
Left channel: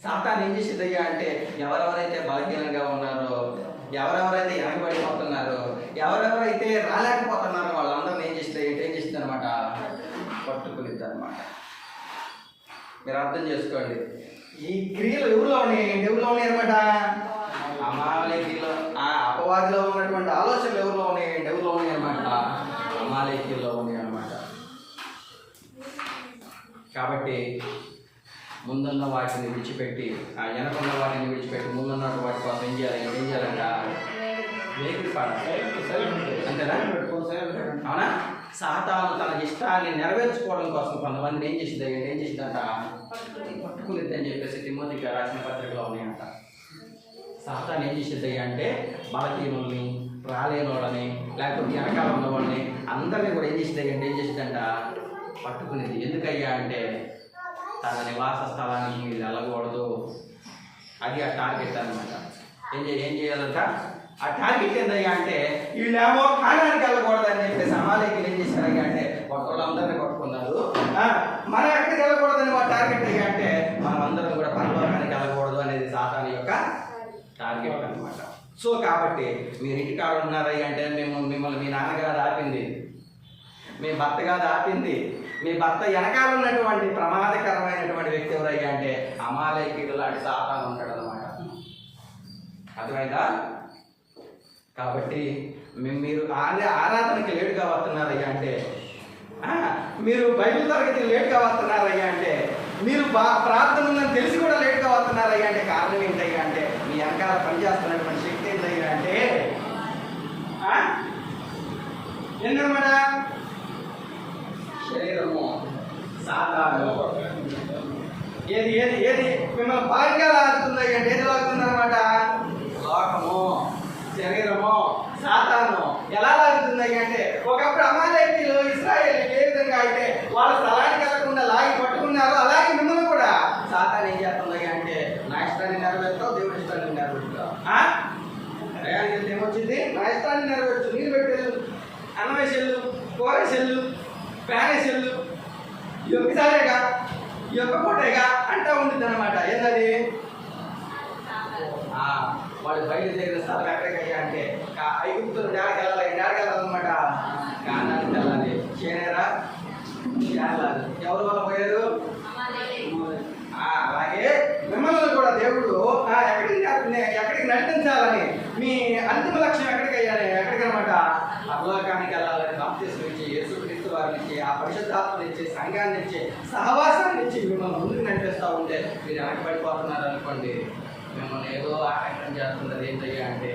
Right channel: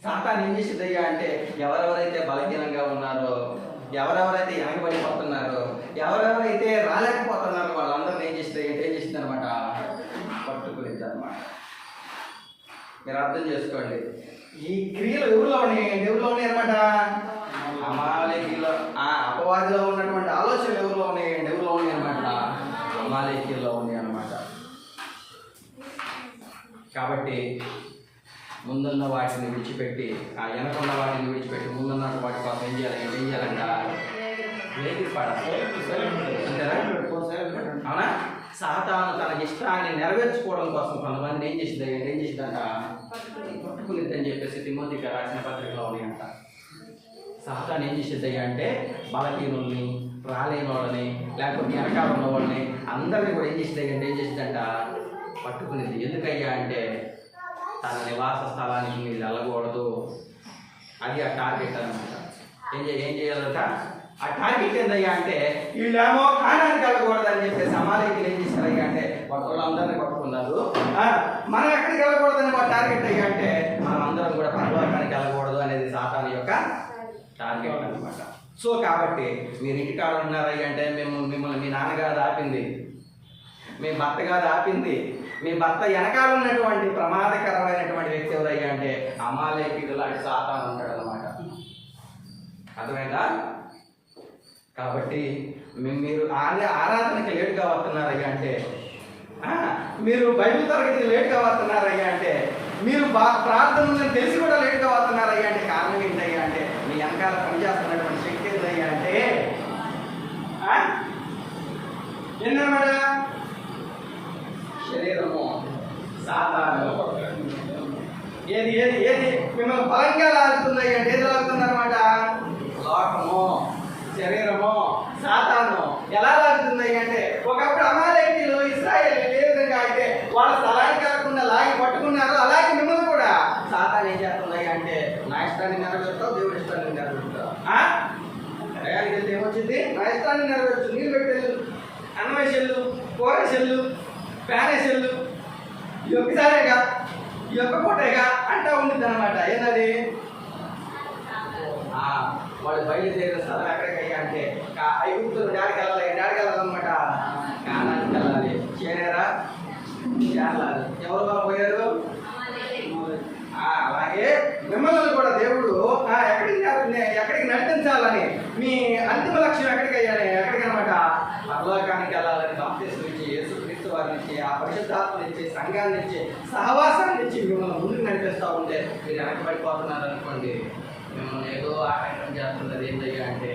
సాతాను ఏం చేసేదయ్యా అంటే ఎవరెవరైతే బలహీనంగా ఉన్నారో, ఎవరెవరైతే వెనకబడిపోతున్నారో, ఎవరెవరైతే రాలేకపోతున్నారో వాళ్ళందరినీ ఏం చేస్తుంది అనమాట, పట్టుకునేది అనమాట. మీరు అర్థం చేసుకోండి. ఈ క్రియలు ఎవరిలో ఉన్నాయి అనమాట, అమాలేకీలో, అపవాదిలో ఉన్నటువంటి ఆలోచనలు ఎవరిలో ఉన్నాయి అనమాట, అమాలేకీలో ఉన్నాయి అనమాట. కాబట్టి ముందున్న వాటిని విడిచిపెట్టి, వెనకున్న వాటిని విడిచిపెట్టి ముందున్న వాటి కోసం ఏం చేయాలంట, వేగిరి పాడాలి. అంతేనా? అవునా? సాతాను తన ఇష్టాన్ని నెరవేర్చుకోవడం కోసం కొంతమందిని ఏం చేసిందంట, పట్టుకునిద్ది అని చెప్పేసి తిమోతికి రాసిన పత్రికలో ఉన్నాయంట. సాతాను ఏం చేసేది అంటే బలహీనుల్ని, రాలేని వాళ్ళని, లేకపోతే వెనకాల ఉన్న వాళ్ళని అందరినీ కూడా ఏం చేసిద్దంట పట్టుకునేది. ఎందుకయ్యా అంటే తన నివాస స్థలానికి మీరు వెళ్ళకూడదు, అది ఆ టార్గెట్ అనమాట. ఏం చేయాలంట, ఆ టార్గెట్ ఏందయ్యా అంటే వీళ్ళేమో కాణానికి వెళ్ళకూడదు అని చెప్పేసి అమాలేకీలు ఏం చేశారయ్యా అంటే వాళ్ళందరినీ కొట్టుకున్నారు. మనం ఎక్కడికి వెళ్ళకూడదని వాళ్ళ టార్గెట్ అయ్యా అంటే మనం అందరం కూడా పరలోకానికి వెళ్ళకూడదు అనేది సాతాను యొక్క టార్గెట్ అనమాట. సో కాబట్టి మీరు ఇంటికాడ ఉన్నారయ్యా అంటే మిమ్మల్ని మీ నాన్నగారు ఆపింది, మీ భర్తగా ఆపింది, మీ భర్త వెనకాల ఉన్నటువంటి ప్రమాదకరమైనటువంటి వ్యక్తి ఎవరయ్యా అంటే అమాలేకీయుడు లాంటి సాతాను ఉంటాడు అనమాట. అర్థమైందా? కాబట్టి మీరు ఆరాధనకి లేటుగా వస్తున్నారయ్యా అంటే, మీరు బైబిల్ తరగతికి లేటుగా వస్తున్నారయ్యా అంటే, మీరు ప్రార్థన ఉందని తెలిసి కూడా లేటుగా వస్తున్నారయ్యా అంటే కారణం ఏంటయ్యా అంటే మీ వెనకాల పనిచేస్తున్నటువంటి శక్తి ఏంటయ్యా అంటే ఏంటన్నమాట, శరీరము, సాతాను. ఏది మిమ్మల్ని బలంగా లాగుతుందయ్యా అంటే ఏది లాగుతుందన్నమాట, లోకము, శరీరము, సాతాను. ఎలా లాగుతుందయ్యా అంటే ఒకప్పుడు అమాలేకీయులు ఇశ్రాయేలీయులు ఏ విధంగా అయితే వాళ్ళ స్థలానికి వెళ్ళకుండా లాగి పట్టుకున్నారో అలాగే మిమ్మల్ని కూడా సాతాను ఏం చేస్తుందయ్యా అంటే నా ఇష్టాన్ని నెరవేరుతావు, దేవుడి ఇష్టాన్ని నెరవేరుతావు. ప్రయాణికి వెళ్తే ఏమొచ్చింది, నా ఇష్టాన్ని నెరవేర్చు, నీళ్ళు పెట్టేళ్ళు, అన్నం వేసేళ్ళు, కూర వేసేళ్ళు, ఫ్యాన్ వేసేళ్ళు, ఈ ఒక్కసారేగా, ఈ ఒక్క పూటేగా అంటా ఉంటుంది అనమాట. ఏంటది, వాళ్ళు బయలుదేరిన స్థలం ఎక్కడికయ్యా అంటే ఐగుప్తులు డాడికి వెళ్ళాలన్నమాట, కానానికి వెళ్ళాలి. చేనేరా చేయాలి. ఎవరు వల్ల పోయారు, అలాగే మిమ్మల్ని కూడా దేవుడు ఎక్కడికి నడిపించాలని, మీ అంతిమ లక్ష్యం ఎక్కడికనమాట పరలోకానికి వెళ్ళాలని బాప్తిస్మం ఇచ్చి, యేసుక్రీస్తు వారిని ఇచ్చి, ఆ పరిశుద్ధాత్మని ఇచ్చి, సంఘాన్ని ఇచ్చి, సహవాసాన్ని ఇచ్చి మిమ్మల్ని ముందుకు నడిపిస్తూ ఉంటే మీరు వెనకబడిపోతున్నారు అనుకోండి, మిమ్మల్ని ఏదో ఆటంకం చేస్తున్నది ఏంటయ్యా అంటే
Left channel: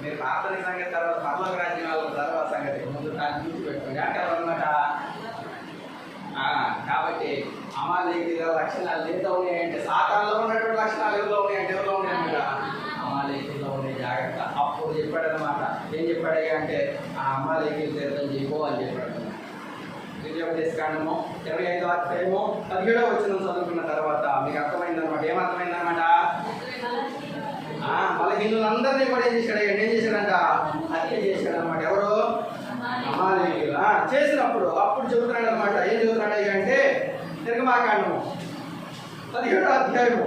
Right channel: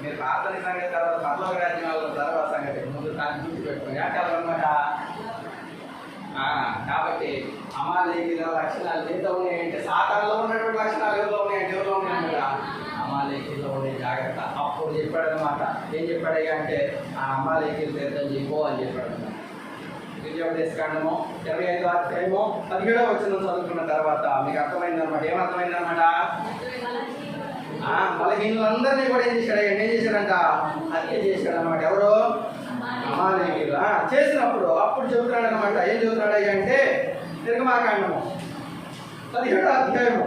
మీరు ప్రార్థన సంగతి తర్వాత పరలోక రాజ్యాల తర్వాత సంగతి ముందు దాన్ని చూసి పెట్టుకోండి అంటారనమాట. కాబట్టి అమాలేకీయుల లక్షణాలు ఏదో ఉన్నాయంటే సాతానులో ఉన్నటువంటి లక్షణాలు ఎవరిలో ఉన్నాయన్నమాట, అమాలేకీయులో ఉన్నాయి. జాగ్రత్త. అప్పుడు చెప్పాడనమాట, ఏం చెప్పాడయ్యా అంటే ఆ అమాలేకీయులు తీర్థం చేయకో అని చెప్పాడు. కాండము 25వ అధ్యాయము 17వ వచనం చదువుకున్న తర్వాత మీకు అర్థమైందనమాట. ఏమర్థమైందనమాట, బలహీనులందరినీ కూడా ఏం చేశాడంట, హత్య చేశాడనమాట. ఎవరు, అమాలేకీయులు. చేసినప్పుడు అప్పుడు చెబుతున్నాడు అనమాట. ఏం చెబుతున్నాడు అంటే నిర్గమాకాండము 17వ అధ్యాయము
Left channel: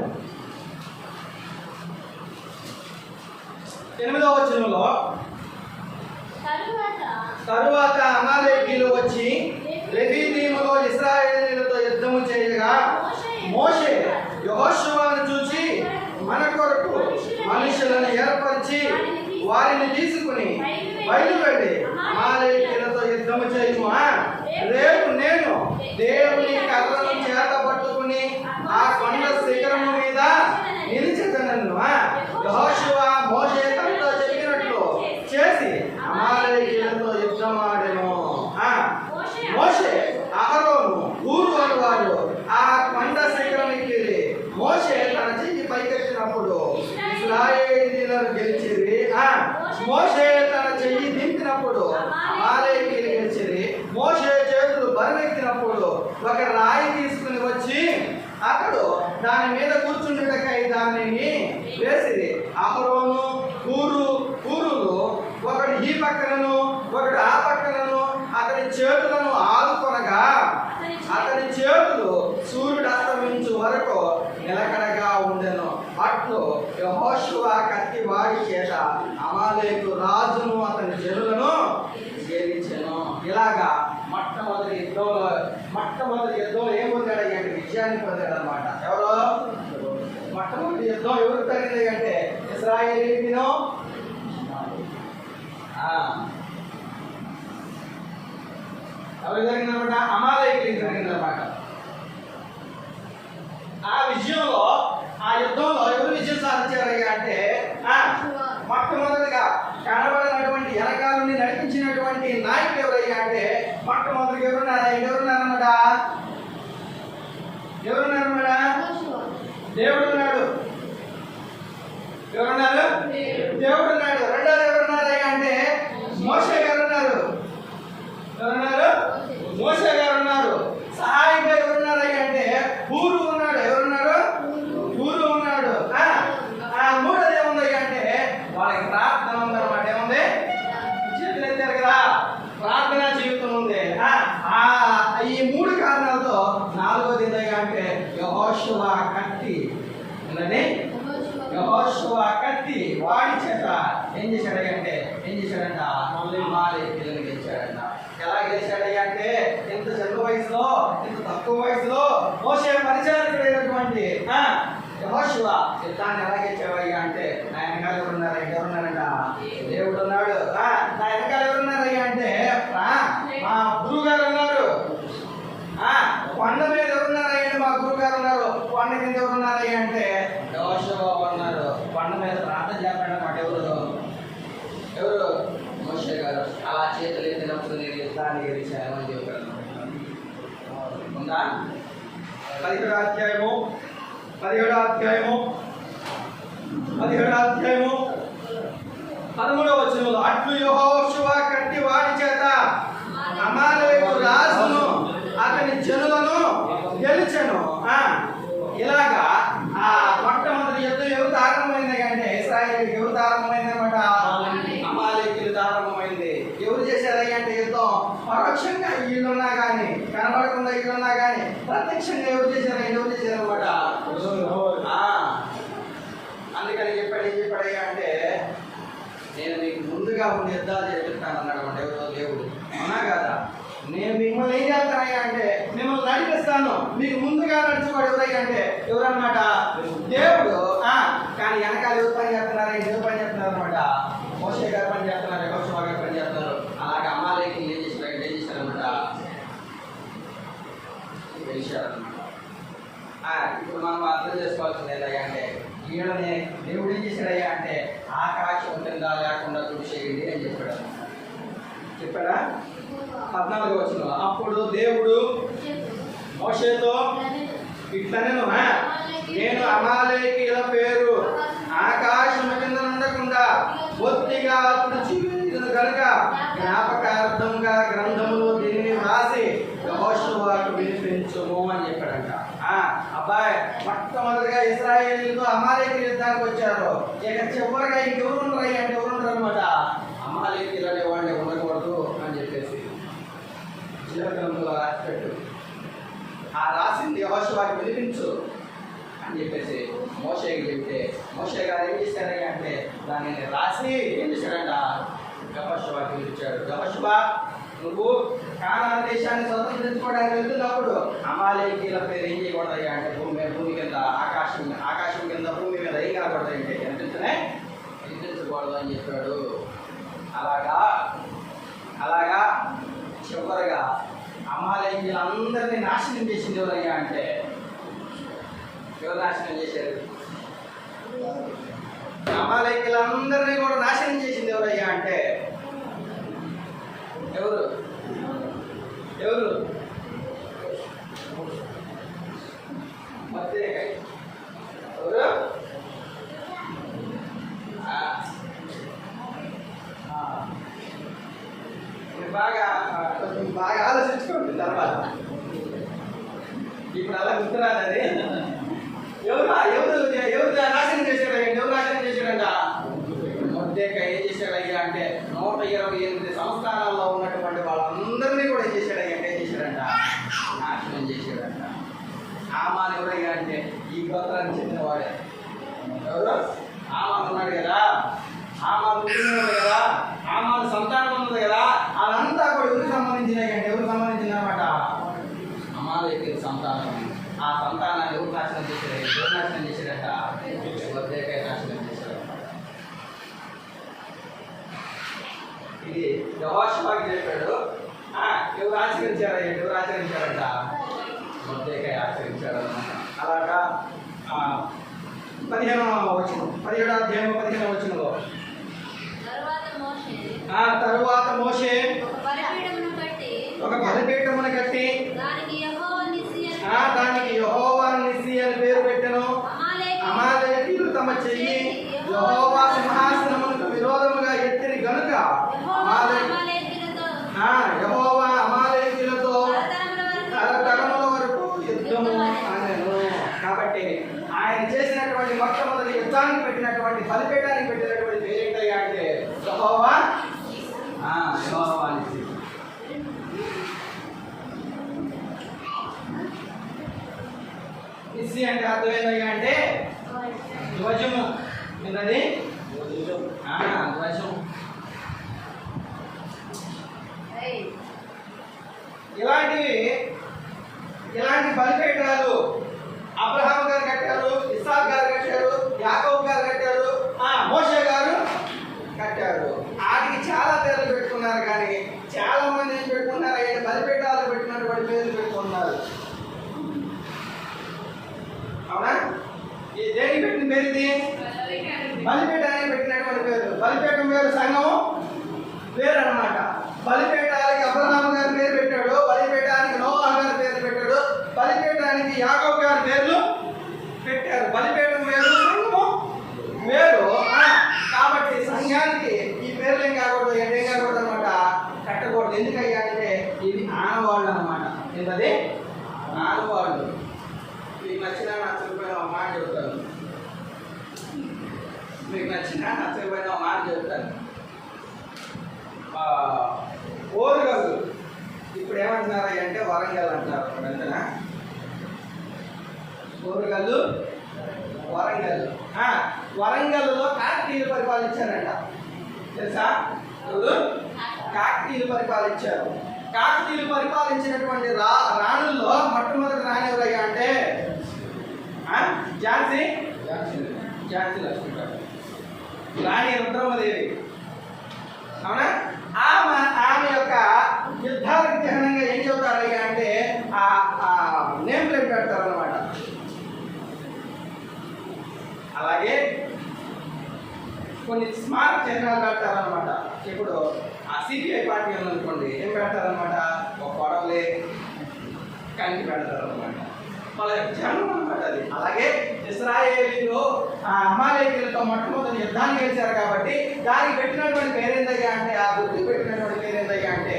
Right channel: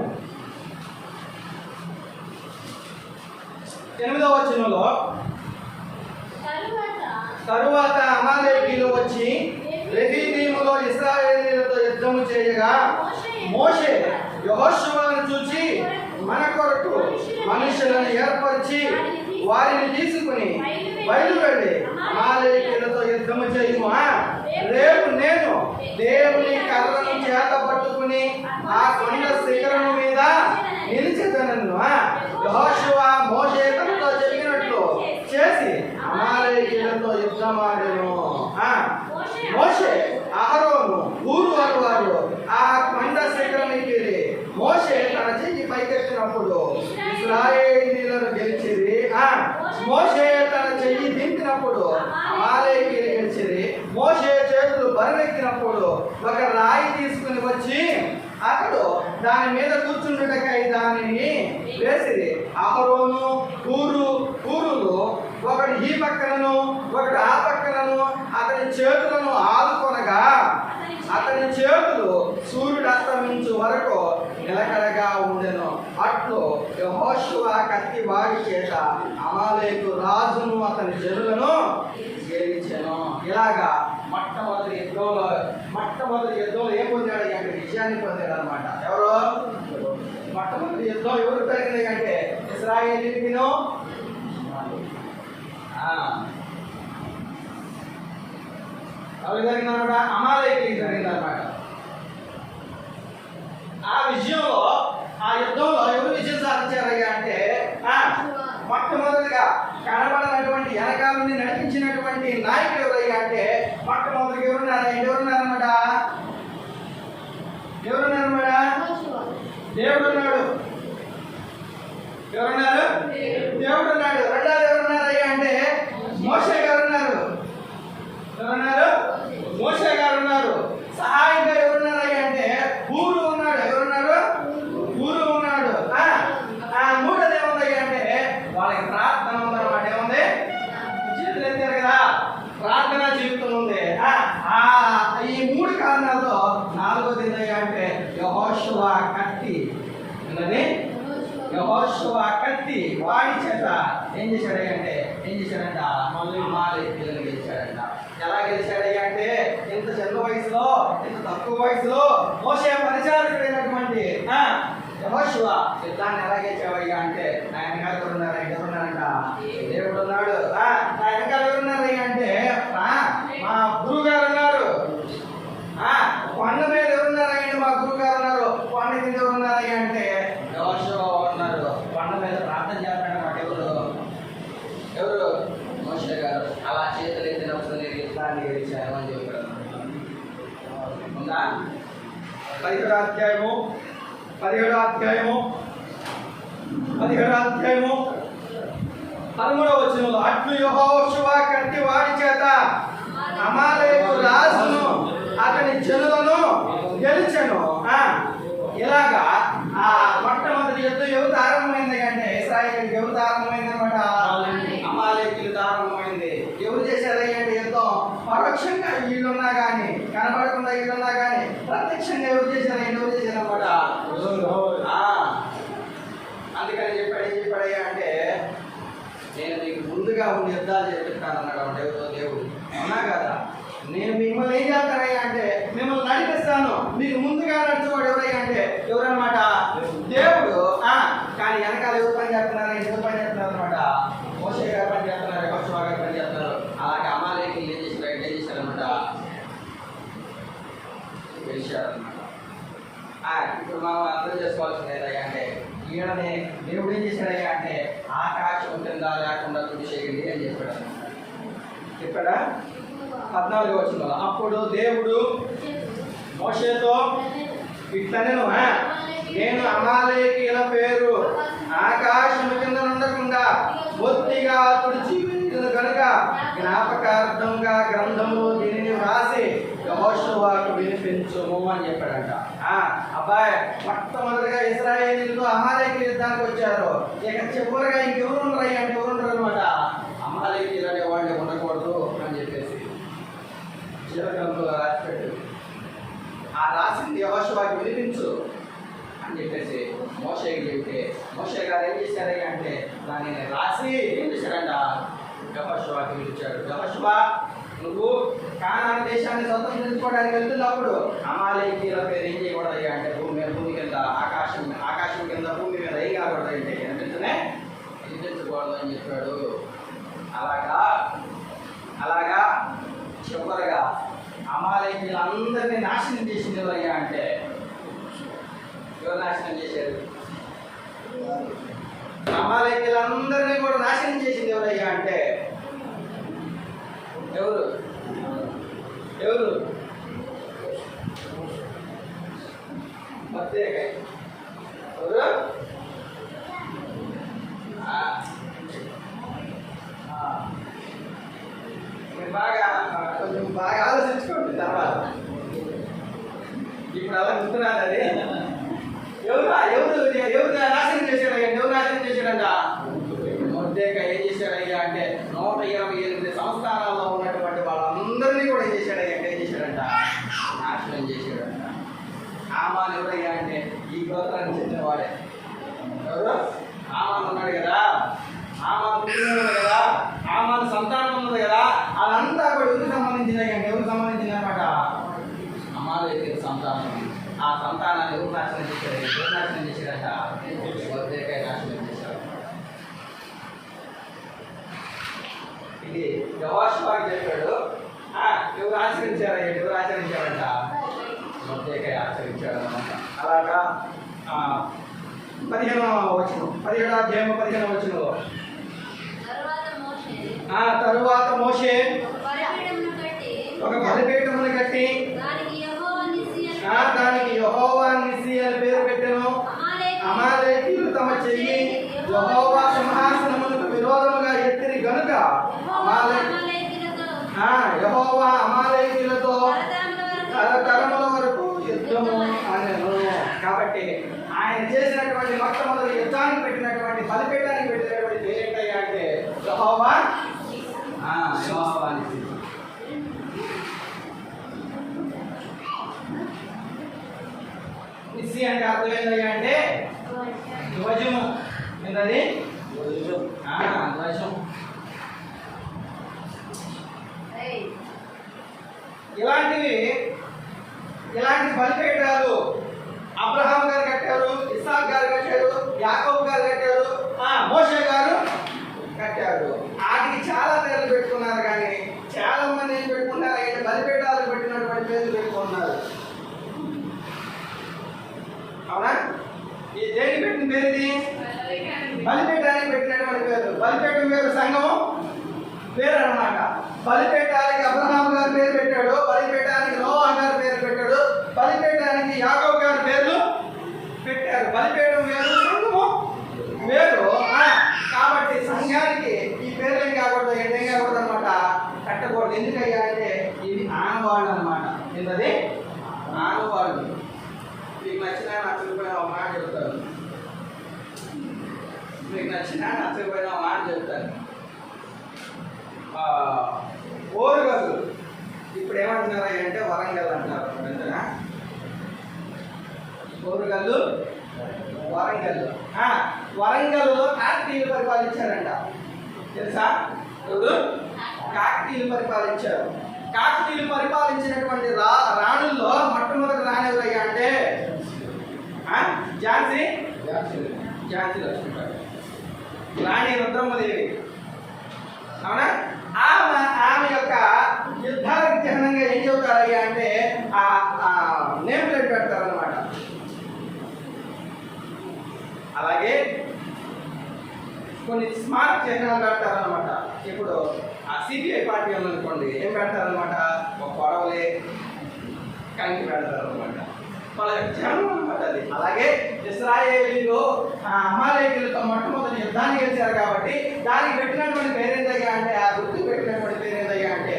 8వ వచనంలో, తరువాత అమాలేకీయులు వచ్చి రెఫీదీములో ఇశ్రాయేలీయులతో యుద్ధము చేయగా మోషే యెహోషువను చూచి మన కొరకు మనుషులను ఏర్పరిచి వారిని తీసుకుని బయలువెళ్ళి అమాలేకీయులతో యుద్ధము చేయము. రేపు నేను దేవుని కర్రను చేత పట్టుకుని ఆ కొండ శిఖరము మీద నిలిచెదనను. యెహోషువ మోషే తనతో చెప్పినట్లు చేసి అమాలేకీయులతో యుద్ధమాడెను. మోషే, అహరోను, హూరు అనువారు ఆ కొండ శిఖరానికి మోషే తన చెయ్యి పైకెత్తినప్పుడు ఇశ్రాయేలీయులను గెలిచిరి. మోషే తన చెయ్యి దింపినప్పుడు అమాలేకీయులు గెలిచిరి. మోషే చేతులు బరువెక్కినప్పుడు ఒక రాయి తీసుకుని వచ్చి అతడు దాని మీద కూర్చుండుటకై దానిని వేసిరి. అహరోను, హూరులు ఒకడు ఈ పక్కనను ఒకడు ఆ పక్కనను అతని చేతులను ఆదుకొనగా అతని చేతులు సూర్యుడు అస్తమించు వరకు నిలకడగా ఉండెను. అట్లు యెహోషువ కత్తి వాడి చేత అమాలేకు రాజును అతని జనులను గెలిచెను. ఇలాగా మొట్టమొదటి యుద్ధంలో ఏం పొందాడు అంటే విజయాన్ని పొందాడు అనమాట. ఎవరు మొట్టమొదటి యుద్ధం ఎవరు జరిగింది అంటే ఇశ్రాయేలీయులను ఎవరు జరిగిందనమాట? అమాలేకీయులకు జరిగిందనమాట. ఆ విజయంలో ఆ యుద్ధంలో ఎవరు విజయం సాధించారయ్యా అంటే మొట్టమొదటిగా కనబడినటువంటి వెనకాలని నడిపించినటువంటి నాయకుడు ఎవరయ్యా అంటే మొట్టమొదటిగా ఎవరున్నారన్నమాట? దేవుడు ఉన్నాడు. ఎవరున్నారు? దేవుడు ఉన్నాడు. రెండోది ఎవరున్నారయ్యా అంటే మోషే గారు ఉన్నారు. ఎవరున్నారు? మోషే గారు ఉన్నారు. సహాయంగా ఎవరున్నారయ్యా అంటే హూరు ఉన్నాడు. ఎవరున్నారు? హూరు ఉన్నాడు. మూడోది ఏముందయ్యా అంటే వాళ్ళకి ప్రార్థన ఉందన్నమాట. ఏముంది? చేతులు ఎత్తారు కదా, ప్రార్థనా జీవితం ఉంది. ఈ మూడు కారణాలతో నాలుగోది ఏందయ్యా అంటే యెహోషువ కత్తి ఉందని, యెహోషువ కత్తి వాడి చేత ఏం చేశాడంట అమాలేకీయులను గెలిచాడంట. ఎలా గెలిచాడయ్యా అంటే ఇంత చిన్న వయసులో, ఇంత తక్కువ వయసులో మోషే పరిచారకుడైనటువంటి యెహోషువ యుద్ధాన్ని ఎలా గెలిచావయ్యా అంటే నా వెనకాల ఎవరున్నారంట? దేవుడు ఉన్నాడు. నా వెనకాల ఎవరున్నారయ్యా అంటే మా గురువు గారు ఉన్నారు. కొండ మీద ఎవరున్నారయ్యా? మా గురువు గారు ఉన్నారు. కొండ కింద ఎవరున్నారయ్యా అంటే యెహోషువ ఉన్నారు. కొండ మీద ప్రార్థన చేస్తాడన్నమాట. ఎవరు? మోషే గారు. అలా చేతులు ఎత్తినప్పుడు నేను యుద్ధాన్ని గెలిచాను అని చెప్పాడు. 17వ అధ్యాయము 13వ వచనంలో అట్లు యెహోషువ కత్తి వాడి చేత అమాలేకు రాజును అతని జనులను గెలిచెను. ఇలాగా ఆ మొట్టమొదటి యుద్ధం ఎవరు ఆరంభమైంది అంటే ఇశ్రాయేలుకి ఎవరు ఆరంభమైంది అనమాట? అమాలేకీయులతో ఆరంభమైంది. ఎవరు చేశారయ్యా అంటే యుద్ధం పరోక్షంగా వీళ్ళున్నా కానీ, కనబడకుండా వీళ్ళున్నా కానీ ప్రత్యక్షంగా ఎవరు చేశారన్నమాట? అందుకని ఏం చెప్పాడయ్యా అంటే నేను మీకు ముందుగా ఉండి యుద్ధాలు చేపిస్తాను అన్నాడు అన్నమాట. ఎవరో దేవుడు. అవునా కదా? నేను మిమ్మల్ని ఏం చేస్తానయ్యా అంటే మిమ్మల్ని నడిపిస్తాను. మీకు ముందుగా నడిచేవాడు ఎవరయ్యా అంటే ఎవరన్నమాట? దేవుడు. కానీ వెనకాల ఎవరు పని చేస్తున్నారు? ఎవరు పని చేస్తున్నారు అనమాట? మోషే గారు పని చేస్తున్నారు, యెహోషువ గారు పని చేస్తున్నారు. అలాగే అమాలేకీయులు ఏం చేశారన్నమాట? గెలిచారన్నమాట. ఇప్పుడు మనం అర్థం చేసుకోవాల్సింది ఏంటయ్యా అంటే ఈయననే దేవుడు ఏం చేశాడయ్యా అంటే ఆకాశం కింద లేకుండా చూసేయండి అని చెప్పాడా? 14వ వచనంలో అప్పుడు దేవుడు మోషేతో ఇట్లనెను, నేను అమాలేకీయుల పేరు ఆకాశం కింద ఉండకుండా బొత్తిగా తుడిచివేయుదును కనుక జ్ఞాపకార్థంగా గ్రంథములో దీనిని వ్రాసి యెహోషువకు వినిపించుము అని చెప్పాడంట. అబ్బాయి మొట్టమొదటిగా ఇశ్రాయేలీయులతో అమాలేకీయుల యుద్ధానికి వచ్చారు. ఇక చివరిగా ఇంకెవరు ఉండరు అంటే ఎవరు ఉండరు అనమాట? అమాలేకీయులు అనే వాళ్ళు ఉండకూడదు అని చెప్పేసి జీవగ్రంథంలో రాసిపెట్టు. రాసింది యెహోషువకు వినిపించు అని చెప్పేసి మోషేకి చెప్తే మోషే గారు ఏం చేశారయ్యా అంటే దాన్ని రాసి ఏం చేశాడంట? యెహోషువకు వినిపించాడు. యెహోషువ, నువ్వు కానాను దేశాన్ని స్వతంత్రించుకోవడానికి వెళ్తున్నప్పుడు అమాలేకీయుల పేరు ఏం చేయకూడదయ్యా అంటే భూమి కింద ఆకాశం కింద భూమి మీద ఏం కాకూడదంటే వినిపించకూడదు అని చెప్పాడు. అలాగా చివరిగా అమాలేకీయులందరినీ నాశనం చేసింది ఎవరయ్యా అంటే ఎవరు నాశనం చేశారు? అమాలేకీయులందరినీ కూడా నాశనం చేసింది ఎవరయ్యా అంటే ఎవరు? ఎవరు? కొంచెం బాగా ఆలోచించుకోండి తర్వాత. ఇప్పుడు అలా గుర్తురాదని ఎవరు నాశనం చేశాడంట? మొర్దెకై ఏం చేశాడయ్యా అంటే 128 సంస్థానాల్లో ఉన్నటువంటి వాళ్ళందరినీ ఆమాన్ ఎవరయ్యా అంటే ఈ గోత్రానికి చెందినవాడే. ఎవరు? ఆమాన్ ఉన్నాడు కదా, ఆమాన్ పుట్టినవాడు కదా, ఆమాన్ సంతానం ఉన్నది కదా, అదంతా కూడా ఎవరికి సంబంధించినాయి అంటే ఎవరికి సంబంధించింది అనమాట? అమాలేకీయుల సంతానం. ఆ సంతానాన్ని ఎవరు నాశనం చేశారు? ఎవరు నాశనం చేశారట? మొర్దెకై నాశనం చేశారు. ఇది యెహోషువకి చెప్పాడు. ఎవరు ఆచరించారా? ఎవరు ఆచరించారంట? మొర్దెకై ఆచరించాడు అనమాట. అలాగా 15వ వచనం, 17వ అధ్యాయం 15వ వచనంలో తరువాత మోషే ఒక బలిపీఠమును కట్టి దానికి యెహోవా నిస్సి అని పేరు పెట్టెను. అమాలేకీయులు తమ చెయ్యి యెహోవా సింహాసనమునకు విరోధముగా ఎత్తిరి గనుక యెహోవా అమాలేకీయులతో తరతరముల వరకు యుద్ధము అనెను. కాబట్టి ఆయన చేసినటువంటి మొట్టమొదటి యుద్ధానికి పెట్టినటువంటి బలిపీఠానికి పెట్టినటువంటి పేరు ఏంటయ్యా అంటే యెహోవా నిస్సి. నిస్సి అంటే అర్థం ఏంటయ్యా అంటే ధ్వజము. ఏంటది? ధ్వజం. ఇలాంటి బలిపీఠాలు అబ్రహాం గారు కట్టారు, ఇస్సాక్ గారు కట్టారు, యాకోబు గారు కట్టారు, మోషే గారు కట్టారు. వాటికి చాలా పేర్లు పెట్టుకున్నారు, కానీ చాలా మంది ఏం పెట్టుకున్నారు అంటే బలిపీఠాలు పెట్టినటువంటి పేర్లు పెట్టుకున్నారు. అవునా? ఈ దేనికి పెట్టిన పేరు ఇది? బలిపీఠానికి పెట్టినటువంటి పేరు. బలిపీఠం పేరు సంఘము పేరు అన్నమాట. బలిపీఠానికి అబ్రహాం గారు పేరు పెట్టాడు, బలిపీఠానికి నోవా గారు పేరు పెట్టాడు, బలిపీఠానికి యాకోబు గారు పేర్లు పెట్టారు. బలిపీఠం వేరు, సంఘము వేరు. కాబట్టి సంఘానికి ఈ పేర్లు ఏం కాకూడదు, ఏం కాకూడదు అనమాట, కట్టకూడదు. ఎందుకయ్యా అంటే ఇది ఆనవాళ్ళు అనమాట. ఏంటది? ఆనవాళ్ళు. మీకు నచ్చిన నచ్చకపోయిన ఒక మాట చెప్తాను. మీకు నచ్చిన నచ్చకపోయిన ఒక మాట చెప్తాను. ఓరుగల్లు ఇప్పుడు ఏమంటున్నారు అంటే వరంగల్ అంటారు. వెంటనే ఓరుగల్లు వరంగల్. వరంగల్లో కాకతీయులు పరిపాలించారంట. తెలుసా? కాకతీయులు పరిపాలించారు. కాకతీయులు పరిపాలించినటువంటి రాణుల్లో మొట్టమొదటి రాణి ఎవరయ్యా అంటే ఝాన్సీ లక్ష్మీబాయి, రాణి రుద్రమ్మదేవి. అవునా? ఆమె యొక్క యుద్ధాలకు చిహ్నంగా ఏం చెబుతారయ్యా అంటే నేమ్ ప్లేట్ పెడతారనమాట. అలాగే కొన్ని స్మారక చిహ్నాలు పెడతారనమాట. ఇప్పుడు సిపిఐ పార్టీ ఉందనుకోండి, ఏం పెడతారనమాట? ఒక పడవలే కలిపి పెడతారనమాట. వాళ్ళ జన్మ అనమాట అది. అలాగే ఇశ్రాయేలీలు అమాలేకీయులతో మొట్టమొదటి యుద్ధాన్ని గెలిచారు కాబట్టి దానికి పెట్టినటువంటి పేరేందయ్యా అంటే ఆ గుర్తు పెట్టినటువంటి పేరేందయ్యా అంటే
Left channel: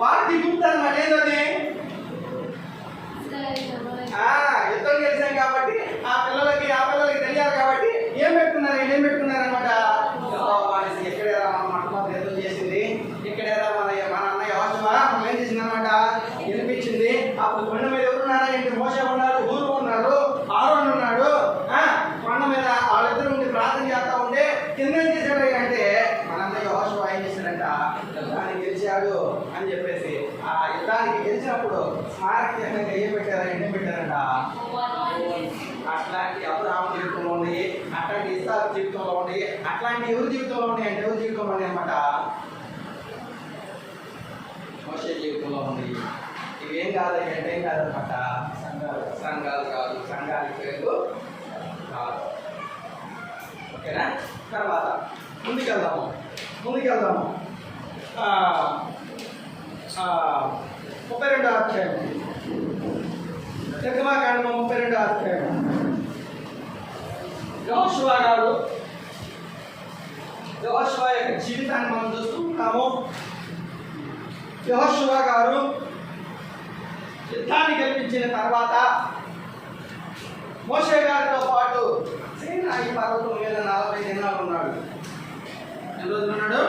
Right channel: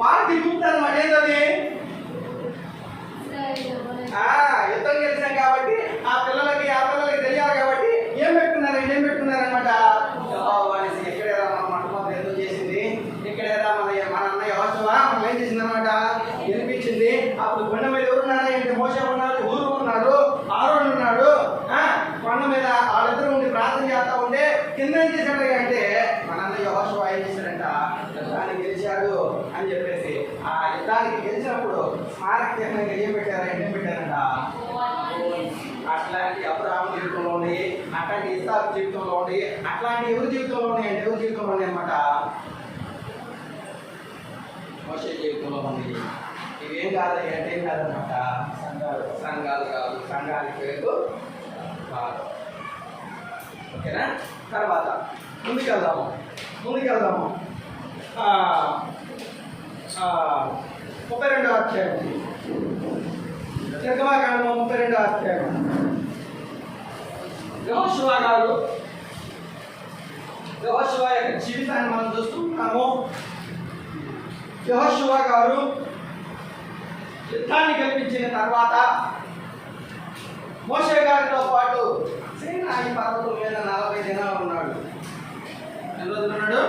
వారికి గుర్తు అనమాట. ఏంటది? యుద్ధం గెలిచాం కాబట్టి ఆ పిల్లలకి తెలియాలి కాబట్టి ఏం పెట్టుకున్నారనమాట? ఎక్కడేరా మన మొట్టమొదటి యుద్ధం చేసింది, ఇక్కడేరా మన అన్న యెహోషువ మనం ఏం చేసింది అనమాట, గెలిపించింది. అప్పుడు కొండ మీద ఎవరున్నారా అంటే మోషే ఉన్నారు, హూరు ఉన్నారు, ఆరోన్ ఉన్నాడు. కొండ మీద వాళ్ళిద్దరు ఉండి ప్రార్థన చేస్తా ఉంటే కింద ఏం చేశాడు అంటే మనంత యెహోషువ ఏం చేశాడంట, యుద్ధానికి గెలిచాడు అని చెప్పేసి ఆ యుద్ధానికి గెలిచినప్పుడు స్మారక చిహ్నంగా ఏం పెట్టారంట? అట్లాంటి అబ్రహాము జీవితంలో ఉంది, అట్లాంటి ఇస్సాకు జీవితంలో ఉంది, అట్లాంటి ఎవరి జీవితంలో ఉన్నాయి అంటే ఎవరి జీవితంలో ఉన్నాయి అన్నమాట? మోషే జీవితంలో ఉంది. ఇవేం కాదు అంటే ఏం కాదనమాట, సంఘాలు కాదు, సంఘానికి పేరు కాదు. ఓకేనా? తర్వాత ముందుకెళ్దాము. 32వ అధ్యాయం, నిర్గమాకాండము 32వ అధ్యాయం. యెహోషువ యొక్క జీవితాన్ని మనం చూస్తున్నాము. యెహోషువ గారు యుద్ధాన్ని గెలిపించిన తర్వాత మోషే గారితో పాటు సీనాయి పర్వతం మీద 40 దినాలు ఉన్నాడు. ఎన్ని రోజులు ఉన్నాడు?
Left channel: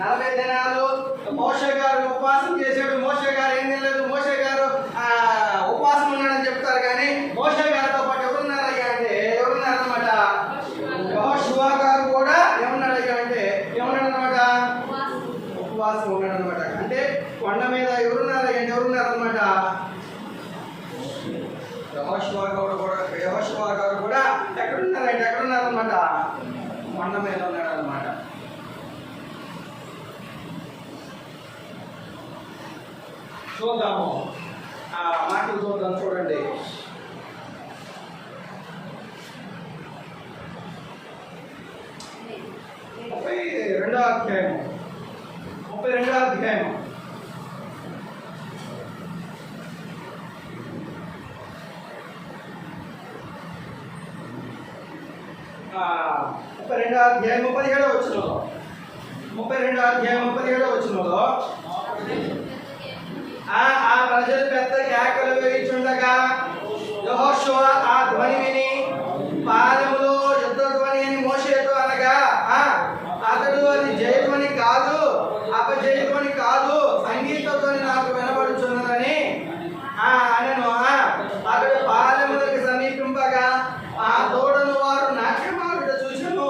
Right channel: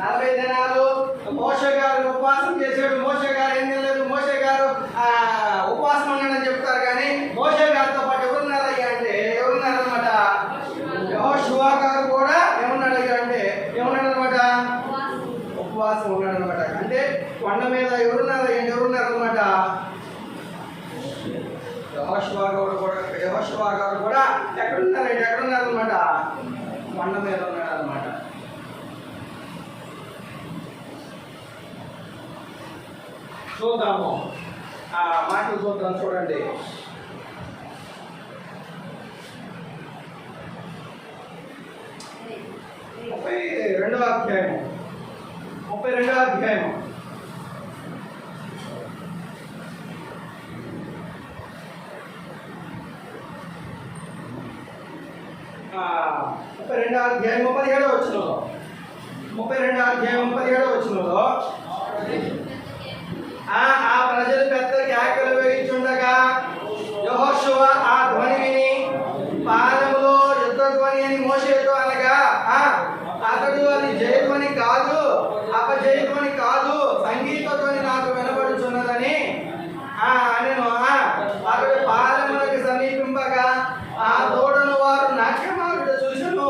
40 దినాలు మోషే గారు ఉపవాసం చేశాడు. మోషే గారు ఏం తినలేదు. మోషే గారు యెహోషువ గారు కూడా ఎక్కడున్నారన్నమాట? కొండ మీద ఉన్నాడన్నమాట. చూద్దాము, ఆ మాటలు చూద్దాం. చూడండి, 32వ అధ్యాయము. రెండో అధ్యాయం 17వ వచనంలో 17వ వచనంలో ఆ ప్రజలు పెద్ద కేకలు వేయుచుండగా యెహోషువ ఆ ధ్వని విని పాలెములో యుద్ధ ధ్వని అని మోషేతో అనగా అతడు అది జయధ్వని కాదు, అపజయధ్వని కాదు, సంగీత ధ్వని నాకు వినబడుచున్నదని అనెను. అతడు పాలెములకు సమీపింపగా ఆ తోడను వారు నాట్యమాడుట చూసెను.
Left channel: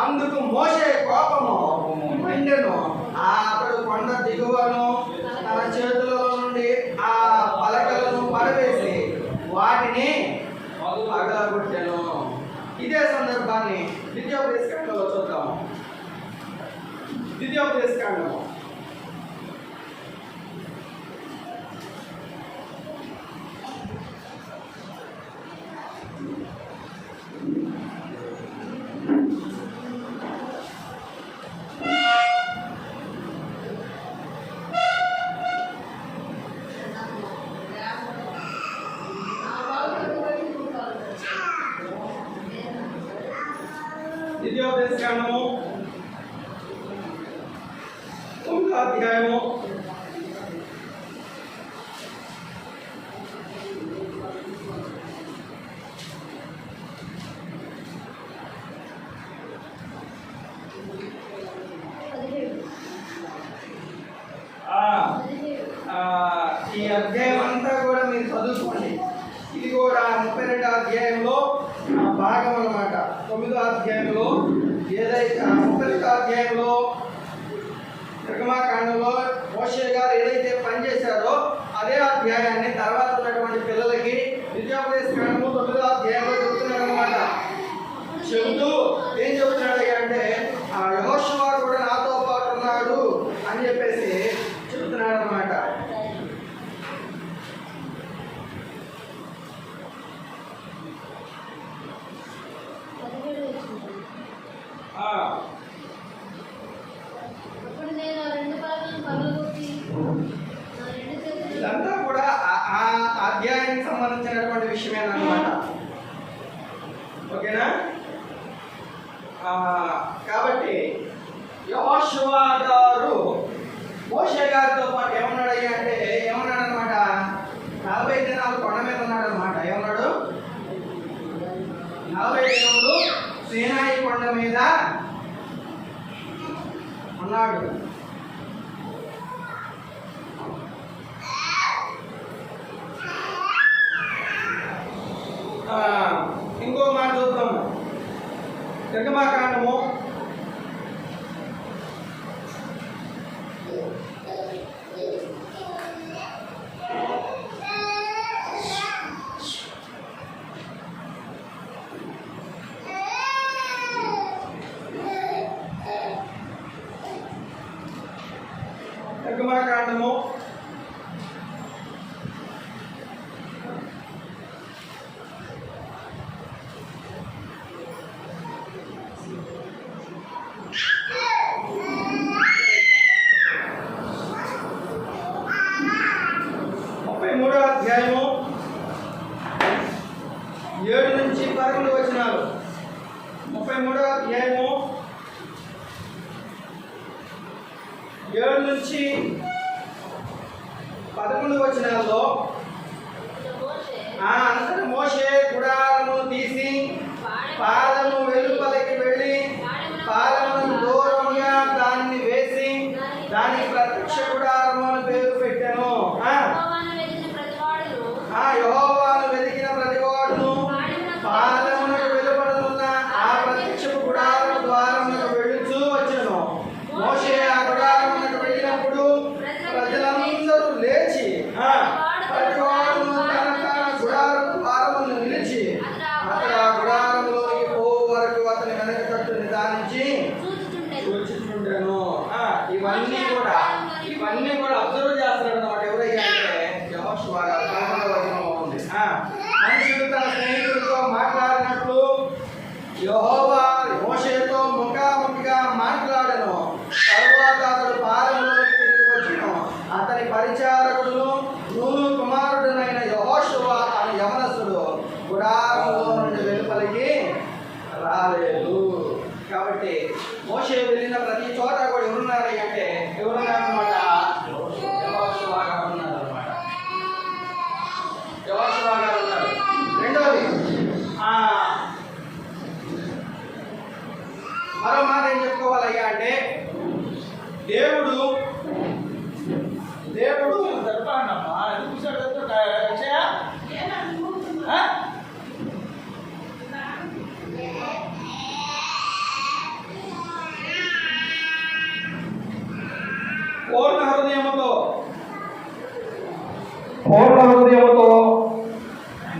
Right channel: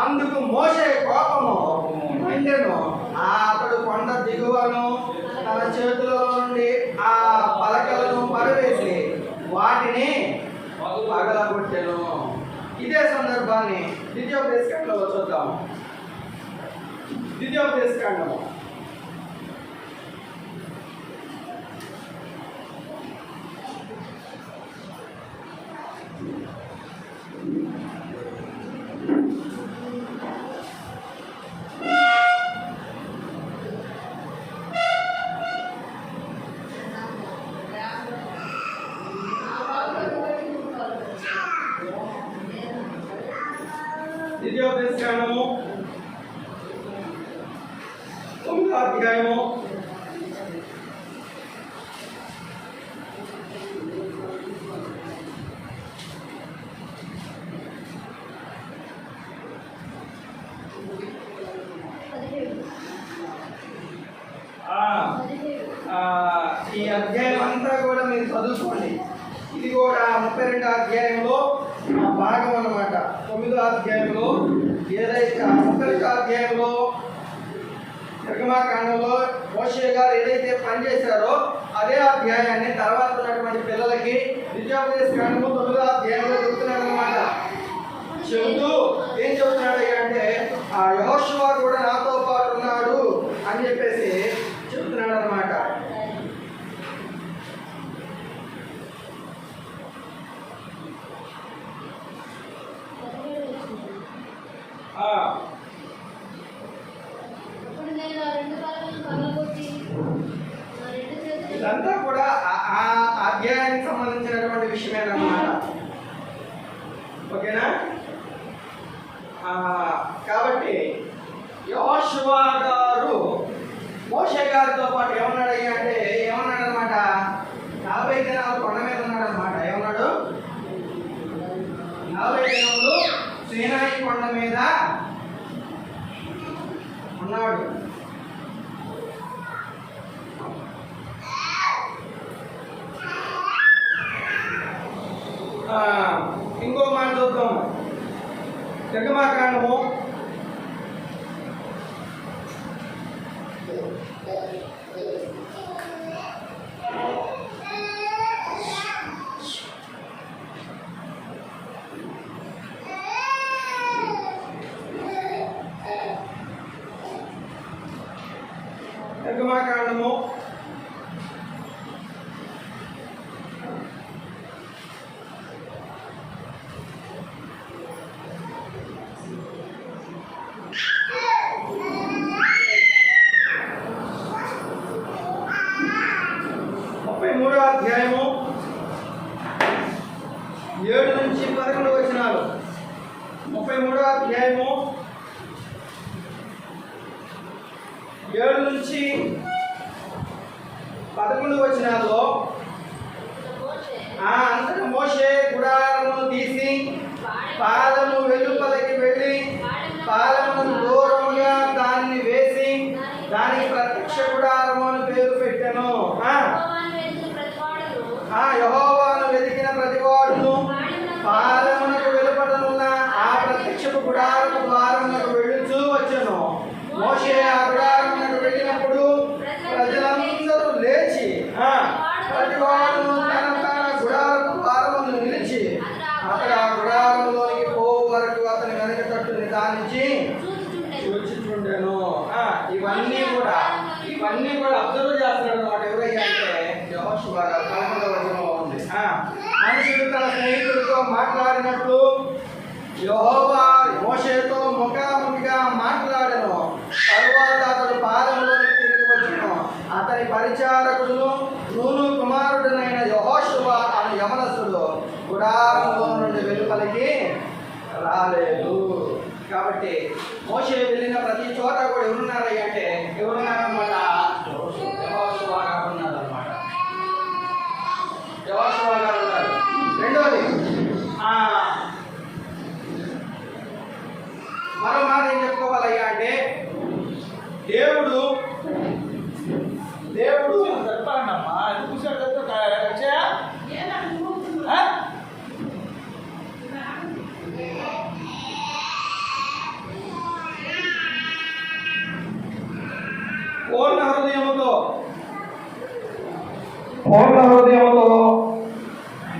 అందుకు మోషే కోపము మండెను. అతడు కొండ దిగువను తన చేతులలో నుండి ఆ పలకలను పడవేసి వాటిని పగలగొట్టెను. ఇదే సందర్భాన్ని ద్వితీయోపదేశకాండంలో చూద్దాము. ద్వితీయోపదేశకాండము 9వ అధ్యాయము 17. ఈ అధ్యాయం అంతా కూడా మీరు చదువుకోండి. ఇది కూడా 32వ అధ్యాయంలో భాగం అన్నమాట. 9వ అధ్యాయంలో ఏదైతే 32వ అధ్యాయంలో నిర్గమాకాండంలో మోషే గారు ఏదైతే పనిచేశారో అదే అధ్యాయాన్ని తర్వాత ఉన్నటువంటి పిల్లలకి ద్వితీయోపదేశకాండము 9వ అధ్యాయంలో చెబుతున్నాడు అనమాట. చెబుతూ ఏం చెబుతున్నాడు అంటే యెహోషువ కూడా నాతో పాటు ఉన్నాడు అని చెప్పేసి చెబుతున్నాడు అనమాట. ఇదంతా కూడా ఆ అధ్యాయానికి సంబంధించినటువంటి విషయమేనమాట. ఓకేనా? కాబట్టి యెహోషువ గారు మోషే గారితో పాటు ఏమన్నాడు అంటే ఏమన్నాడనమాట, 40 దినాలు కొండ మీద ఉన్నాడు అనమాట. ఏమన్నాడు? 40 దినములు సీనాయి కొండ మీద ఉన్నాడు. ఇంకో మాట చూద్దాం. నిర్గమాకాండము 33వ అధ్యాయము 7 నుంచి 11 వచనాలు. 33వ అధ్యాయము 7 నుంచి 11 వచనాల్లో అంతట మోషే గుడారమును తీసి పాలెము వెలుపలకి వెళ్ళి పాలెమును దూరముగా దానిని వేసి దానికి ప్రత్యక్ష గుడారము అని పేరు పెట్టెను. యెహోవాను వెతికిన ప్రతివాడును పాలెమునకు వెలుపడనున్న ఆ ప్రత్యక్షపు గుడారము ద్వారమునకు వెళ్ళుచూ వచ్చెను. మోషే ఆ గుడారమునకు వెళ్ళినప్పుడు ప్రజలందరూ లేచి ప్రతివాడును తన గుడారపు ద్వారం మనుషుడు తన స్నేహితుడితో మాట్లాడినట్లు యెహోవా మోషేతో ముఖాముఖిగా మాట్లాడెను. తరువాత అతడు పాలెంలోకి తిరిగి వచ్చెను. అతని పరిచారకుడు నూను కుమారుడునైన యెహోషువ అనే యవనస్తుడు గుడారంలో నుండి వెలుపలికి రాలేదు. కాబట్టి మోషే వెళ్ళిన ప్రతి చోట కూడా ఎవరున్నారు అంటే ఎవరున్నారన్నమాట? యెహోషువ గారు ఉన్నారన్నమాట. యెహోషువ గారు ఉన్నారు. రెండోది మరో మాట ఏం చెప్పుకోవాలయ్యా అంటే దేవుడు పూర్ణ హృదయముతో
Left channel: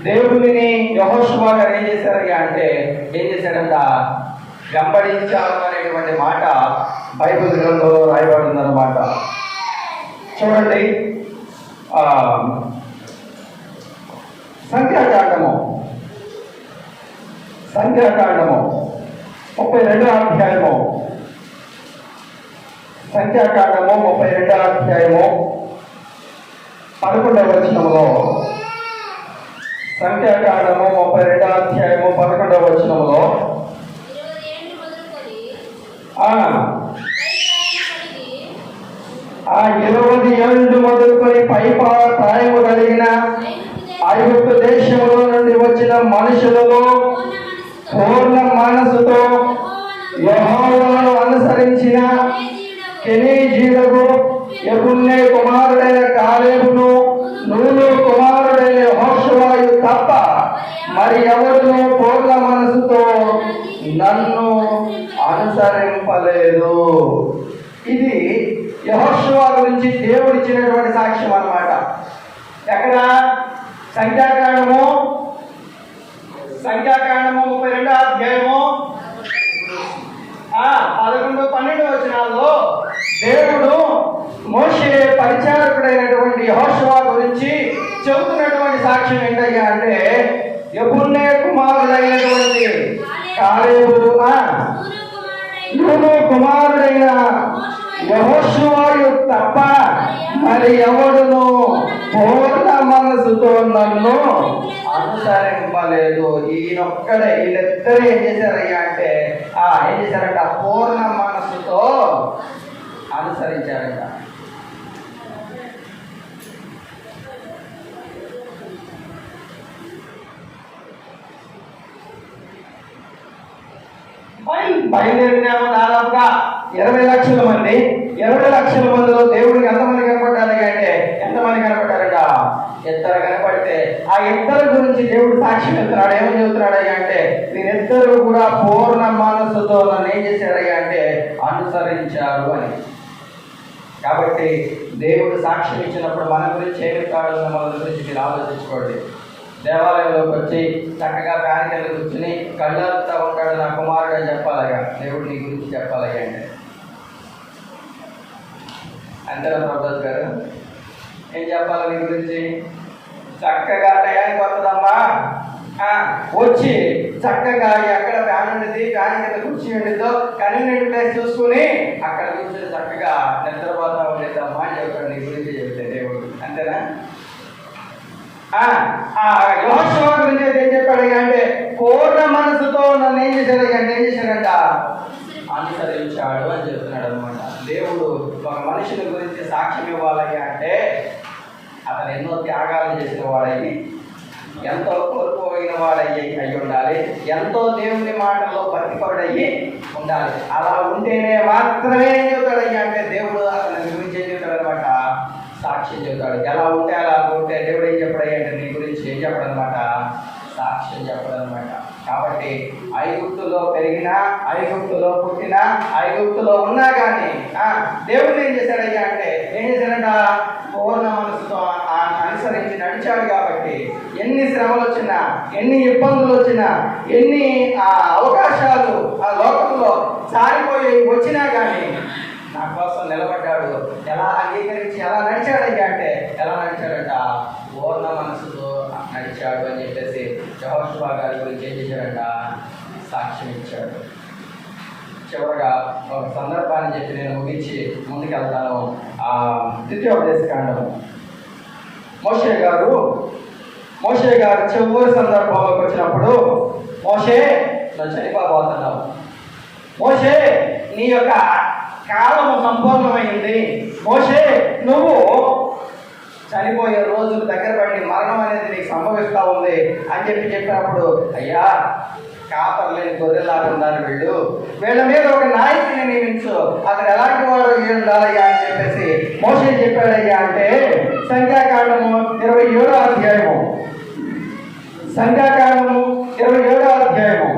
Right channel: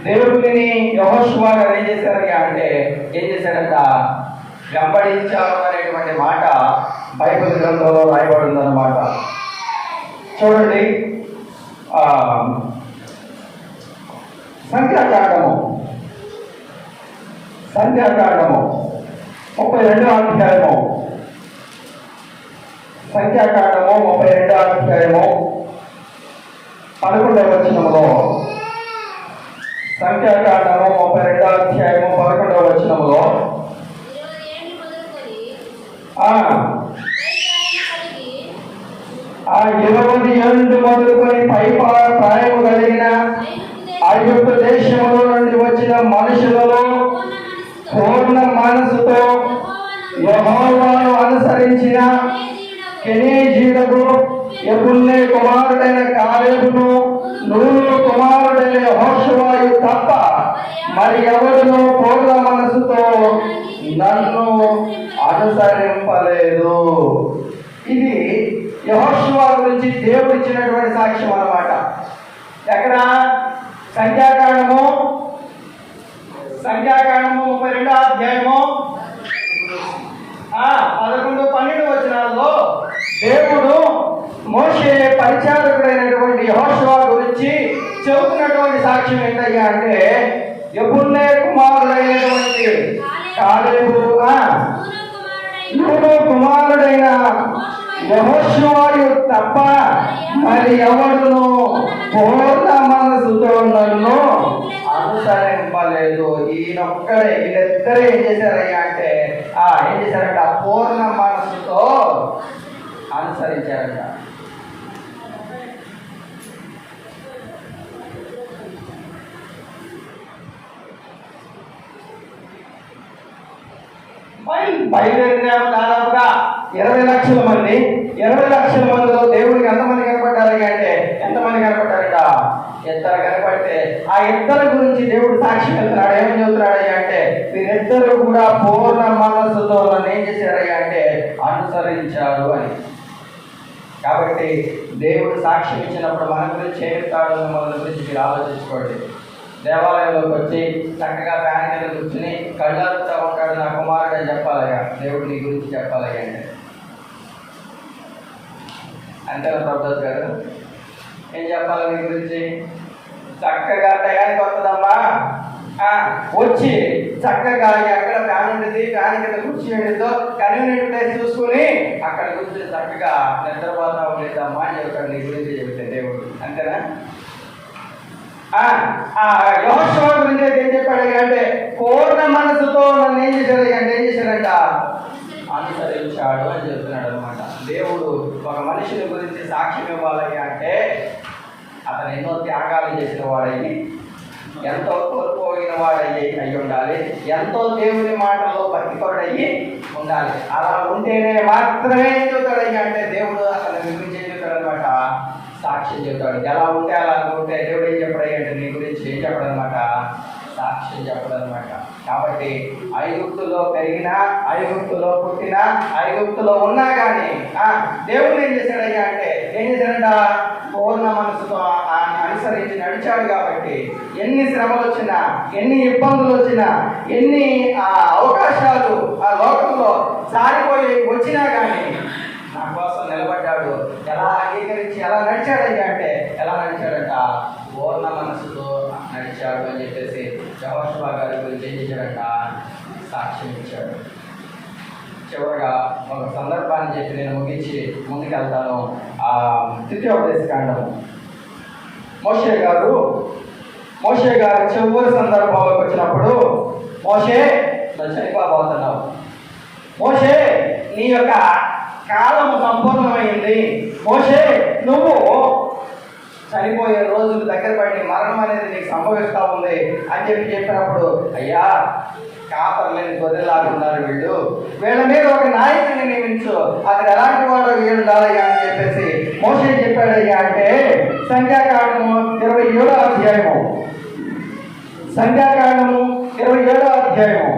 దేవుడిని యెహోషువ గారు ఏం చేశారయ్యా అంటే ఏం చేశాడంట? వెంబడించారు అనేటువంటి మాట బైబిల్ గ్రంథంలో రాయబడింది అన్నమాట. చూడండి, సంఖ్యాకాండము 32వ అధ్యాయము. సంఖ్యాకాండము 32వ అధ్యాయము 11వ వచనములో. సంఖ్యాకాండము 32వ అధ్యాయము 11వ వచనములో 20 ఏళ్ళు మొదలుకొని ప్రాయము కలిగిన ఐగుప్తు దేశంలో నుండి వచ్చిన మనుషులలో పూర్ణ మనసుతో యెహోవాను అనుసరించిన కెనీజీయుడు యెఫున్నె కుమారుడైన కాలేబును నూను కుమారుడైన యెహోషువయు తప్ప మరి ఎవరును పూర్ణ మనసుతో నన్ను అనుసరింపలేదు. ఇది యెహోషువ గురించి దేవుడు ఇచ్చినటువంటి సాక్ష్యం అన్నమాట. ఎక్కడ? సంఖ్యాకాండము 32వ అధ్యాయము 11, 12 వచనాల్లో దేవుడు మోషే పరిచారకుడైనటువంటి యెహోషువ గురించి చెబుతున్నటువంటి సాక్ష్యం ఏంటయ్యా అంటే యెఫున్నె కుమారుడైనటువంటి కాలేబు నూను కుమారుడైన యెహోషువయు తప్ప మరి ఎవడును పూర్ణ మనసుతో నన్ను అనుసరింపలేదు. వీళ్ళిద్దరూ ఏం చేశారయ్యా అంటే ఏం చేశారంట? పూర్ణ మనసుతో అనుసరించారంట. బయలుదేరినాము దాదాపుగా 20 లక్షల మంది. 20 లక్షల మందిలో దేవుడికి ఎంతమంది కనపడ్డారు అంటే ఎంతమంది కనపడ్డారట? ఇద్దరు కనపడితే ఆ ఇద్దరు గురించి దేవుడు సాక్ష్యం వెళ్తున్నాడు. ఏమని చెబుతున్నాడయ్యా అంటే వీరిద్దరు కూడా పూర్ణ మనస్సుతో నన్ను ఏం చేశారయ్యా అంటే అనుసరించారు అని. కాబట్టి దేవుడు సాక్ష్యం ఇచ్చినప్పుడు మన గురించి ఏమి కాదు మన గురించి మీరు ఆలోచించుకోండి. దేవాలయంలోకి వచ్చి చక్కగా ఫ్యాన్ కింద కూర్చుని కళ్ళారుతా ఉంటాడు నా కుమారుడు అని చెప్పాలయ్యా. దేవుడు నీ గురించి చెప్పాలయ్యా అంటే అంతేనా ప్రభుదాస్ గారు? ఏం చెప్పాలి నీ గురించి? చక్కగా టయానికి వస్తుందమ్మా వచ్చి చక్కగా ఎక్కడ ఫ్యాన్ ఉండేది ఫ్యాన్ కింద కుర్చీ ఉండేదో కన్వీనియంట్ ప్లేస్ చూసుకుని అక్కడ కూర్చొని చక్కగా నిద్రపోతా ఉండేదమ్మా అని చెప్తాడు నీ గురించి చెప్తే దేవుడు. అంతేనా? యెహోషువ గురించి ఏం చెప్పాడు అంటే పూర్ణ మనసుతో నన్ను ఏం చేశాడు అంటే ఏం చేశాడంట? అనుసరించాడు అని చెప్తున్నాడు అనమాట. దేవుడు ఒక మనుషుని గురించి సాక్ష్యం ఇవ్వాలి అంటే అతను ఎన్నో త్యాగాలు చేసిన వాడయ్యి ఎంతో కోల్పోయిన వాడయ్యి అయి ఉండాలి. ఎంతో దేవుని మాటలో భక్తిపరుడయ్యి ఉండాలి. అలా ఉంటేనే మాత్రమే ఏం చెబుతాడయ్యా అంటే దేవుడు అతని గురించి ఏం చెప్తాడు అనమాట? సాక్ష్యం చెప్తాడు. ఎలా ఉంటే అలా ఉంటే దేవుడు ఏం చెప్పడయ్యా అంటే నీ గురించి ఏం చెప్పడం అనమాట? సాక్ష్యం చెప్పడం అనమాట. కాబట్టి ఐగుప్తులో పెరిగినా ఐగుప్తులో పుట్టినా ఐగుప్తులో ఉన్నా కానీ దేవుడు ఏం చేశాడయ్యా అంటే ఏం చేశాడంట? పూర్ణ మనసుతో అనుసరించి నడిచాడు. కాబట్టి ఎన్ని శ్రమలు వచ్చినా ఎన్ని ఇబ్బందులు వచ్చినా ఎన్ని అవకాశాలు ఆ లోకంలో జారిపోయి వచ్చినా కానీ నా కోసం నిలబడ్డాడు. ఎలా అంగీకరించి ఎలా నడిచాడయ్యా అంటే ఎలా నడిచాడంట? పూర్ణ మనసుతో నడిచాడు అని చెప్పేసి యెహోషువ గారి గురించి ఏం చేశాడంట? సాక్ష్యం ఇచ్చాడు. చివరగా ఒక సందర్భాన్ని చెప్పి నేను ముగించి ముందుకెళ్తాను. ఆ ద్వితీయోపదేశకాండము మోషే గారు చివరి సందర్భంలోకి వచ్చినప్పుడు, మోషే నువ్వు చనిపోబోతున్నావు, మోషే నీ యొక్క కాలము సంపూర్ణమైంది, మోషే నువ్వు చనిపోయే రోజులు దగ్గర పడి మరణం అనేది నీకు సంభవిస్తూ ఉంది అని చెప్పినప్పుడు, అయ్యా కాపర్లేని గొర్రెలాగా ఉన్నారు వీళ్ళ మీద ఒక నాయకుని నియమించు, అతను ఎలాంటి వాడు ఉండాలయ్యా అని చెప్పేసి మోషే చెప్పాడయ్యా అంటే సంఖ్యాకాండము 27వ అధ్యాయము, సంఖ్యాకాండము 27వ అధ్యాయము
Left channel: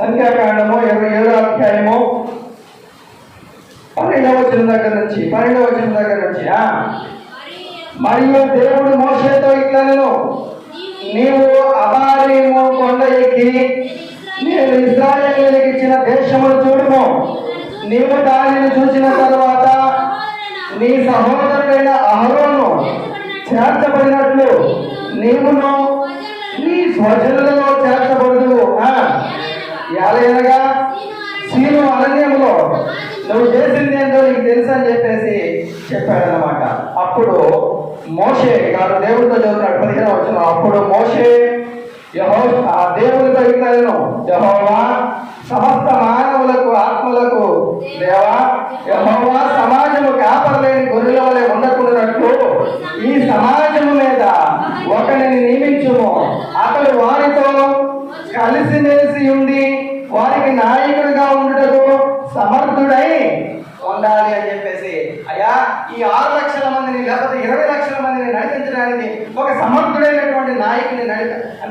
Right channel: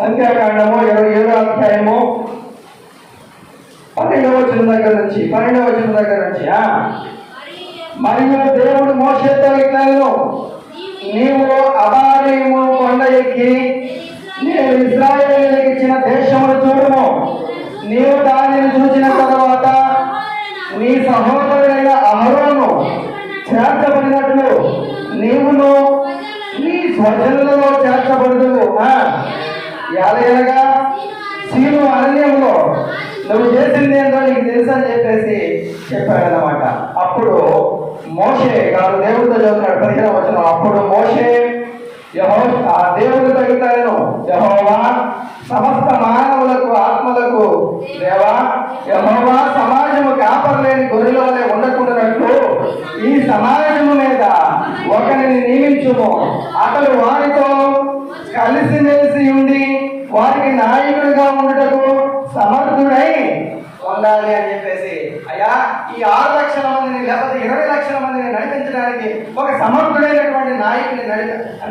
సంఖ్యాకాండము 27వ అధ్యాయము 12వ వచనం దగ్గర నుంచి మరియు దేవుడు మోషేతో ఇట్లనెను, నీవు అబారీము కొండ ఎక్కి నేను ఇశ్రాయేలులకు ఇచ్చిన దేశమును చూడుము. నీవు దానిని చూసిన తర్వాత నీ సహోదరుడైన అహరోను చేర్చబడినట్లు నీవును నీ స్వజనులలో చేర్చబడుదువు. ఎలాగనగా సీను అరణ్యంలో నువ్వు చేసింది ఏంటో నీకు తెలుసు అని చెప్పేసి చెప్పాడనమాట. అప్పుడు మోషే గారు దేవుడితో చదువుతున్నాడు 15వ వచనం. అప్పుడు మోషే దేవుడితో ఇట్లను, యెహోవా సమస్త మానవులకు ఆత్మలకు దేవా, యెహోవా సమాజము కాపర్లేని గొర్రెల వలె ఉండకుండానట్లు ఈ సమాజము మీద ఒకరిని నియమించుము, అతడు వారితో కలిసిమెలిసి ఉండి వారికి నాయకుడిగా ఉండుటకు సమర్థుడై ఉండాలి అని చెప్పేసి, అయ్యా ఈ 6 లక్షల మందిని లేకపోతే 20 లక్షల మందిని నడిపించడానికి ఒక సమర్థుడైనటువంటి నాయకుని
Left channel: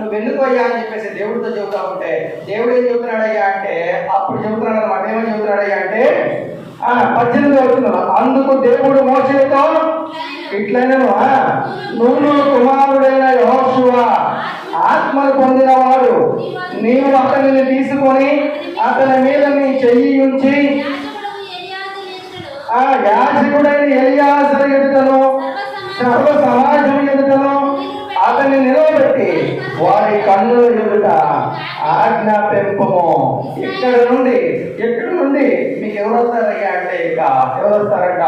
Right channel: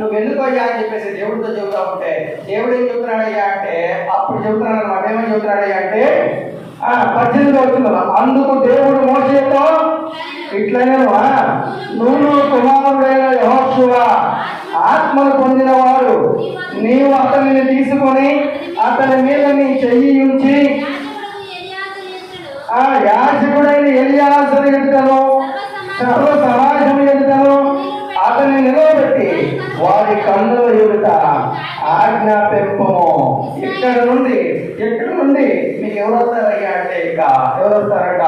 నువ్వు ఎందుకయ్యా అని చెప్పేసి దేవుడితో చెబుతా ఉంటే, దేవుడు ఏం చెబుతున్నాడయ్యా అంటే, అప్పుడు చెబుతున్నాడు అనమాట. ఏమని చెబుతున్నాడయ్యా అంటే 18వ వచనం, అందుకు దేవుడు మోషేతో ఇట్లనెను, నూను కుమారుడైన యెహోషువ ఆత్మను పొందినవాడు, నీవు అతనిని తీసుకొని అతని మీద నీ చెయ్యి ఉంచి యాజకుడైన ఎలియాజరు ఎదుటను సర్వ సమాజం ఎదుటను అతన్ని నిలవబెట్టి వారి కన్నుల ఎదుట ఆజ్ఞాపింపము. ఇక్కడ నుండి మీకు ఎవరు వస్తారయ్యా అంటే, ఇక ఎవరు వస్తారట?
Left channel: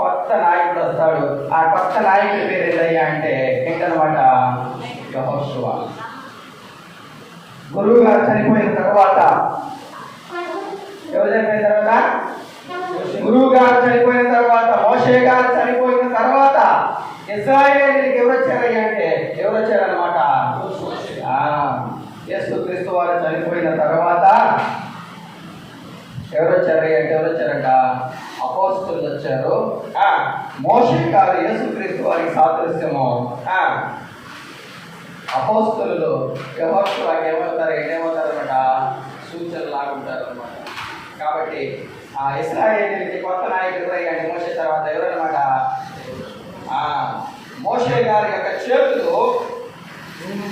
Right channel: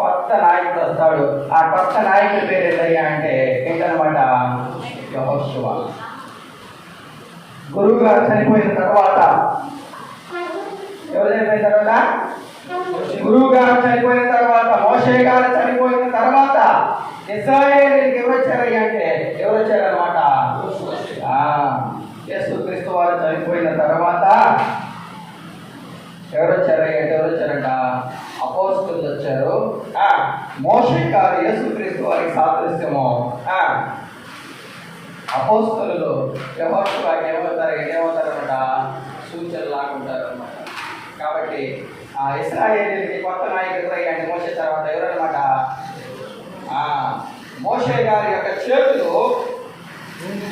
కొత్త నాయకుడు వస్తాడు. ఆ కొత్త నాయకుడి పేరు ఏంటయ్యా అంటే ఏంటనమాట? యెహోషువ. గురువు గారు చనిపోయిన తర్వాత, ఎవరు చనిపోయిన తర్వాత? గురువు గారు చనిపోయిన తర్వాత, మోషే గారు చనిపోయిన తర్వాత ఇశ్రాయేలీయులకు ఎవరు వచ్చారయ్యా అంటే ఎవరు వచ్చారనమాట? యేసుక్రీస్తు వారు చనిపోయిన తర్వాత ఎవరు వచ్చారయ్యా అంటే ఎవరు వచ్చారంట? అపోస్తలులు వచ్చారు. మోషే గారు యేసుక్రీస్తు వారికి సాదృశ్యము. అపోస్తలులు యెహోషువకి ఏమవుతారనమాట? సూచనలు లాగుంటారు అనమాట. కాబట్టి ఆ ఇశ్రాయేలీయులకి కొత్త నాయకుడు ఎవరయ్యా అంటే మోషే తర్వాత ఎవరనమాట? మోషే గారి యొక్క చేతులు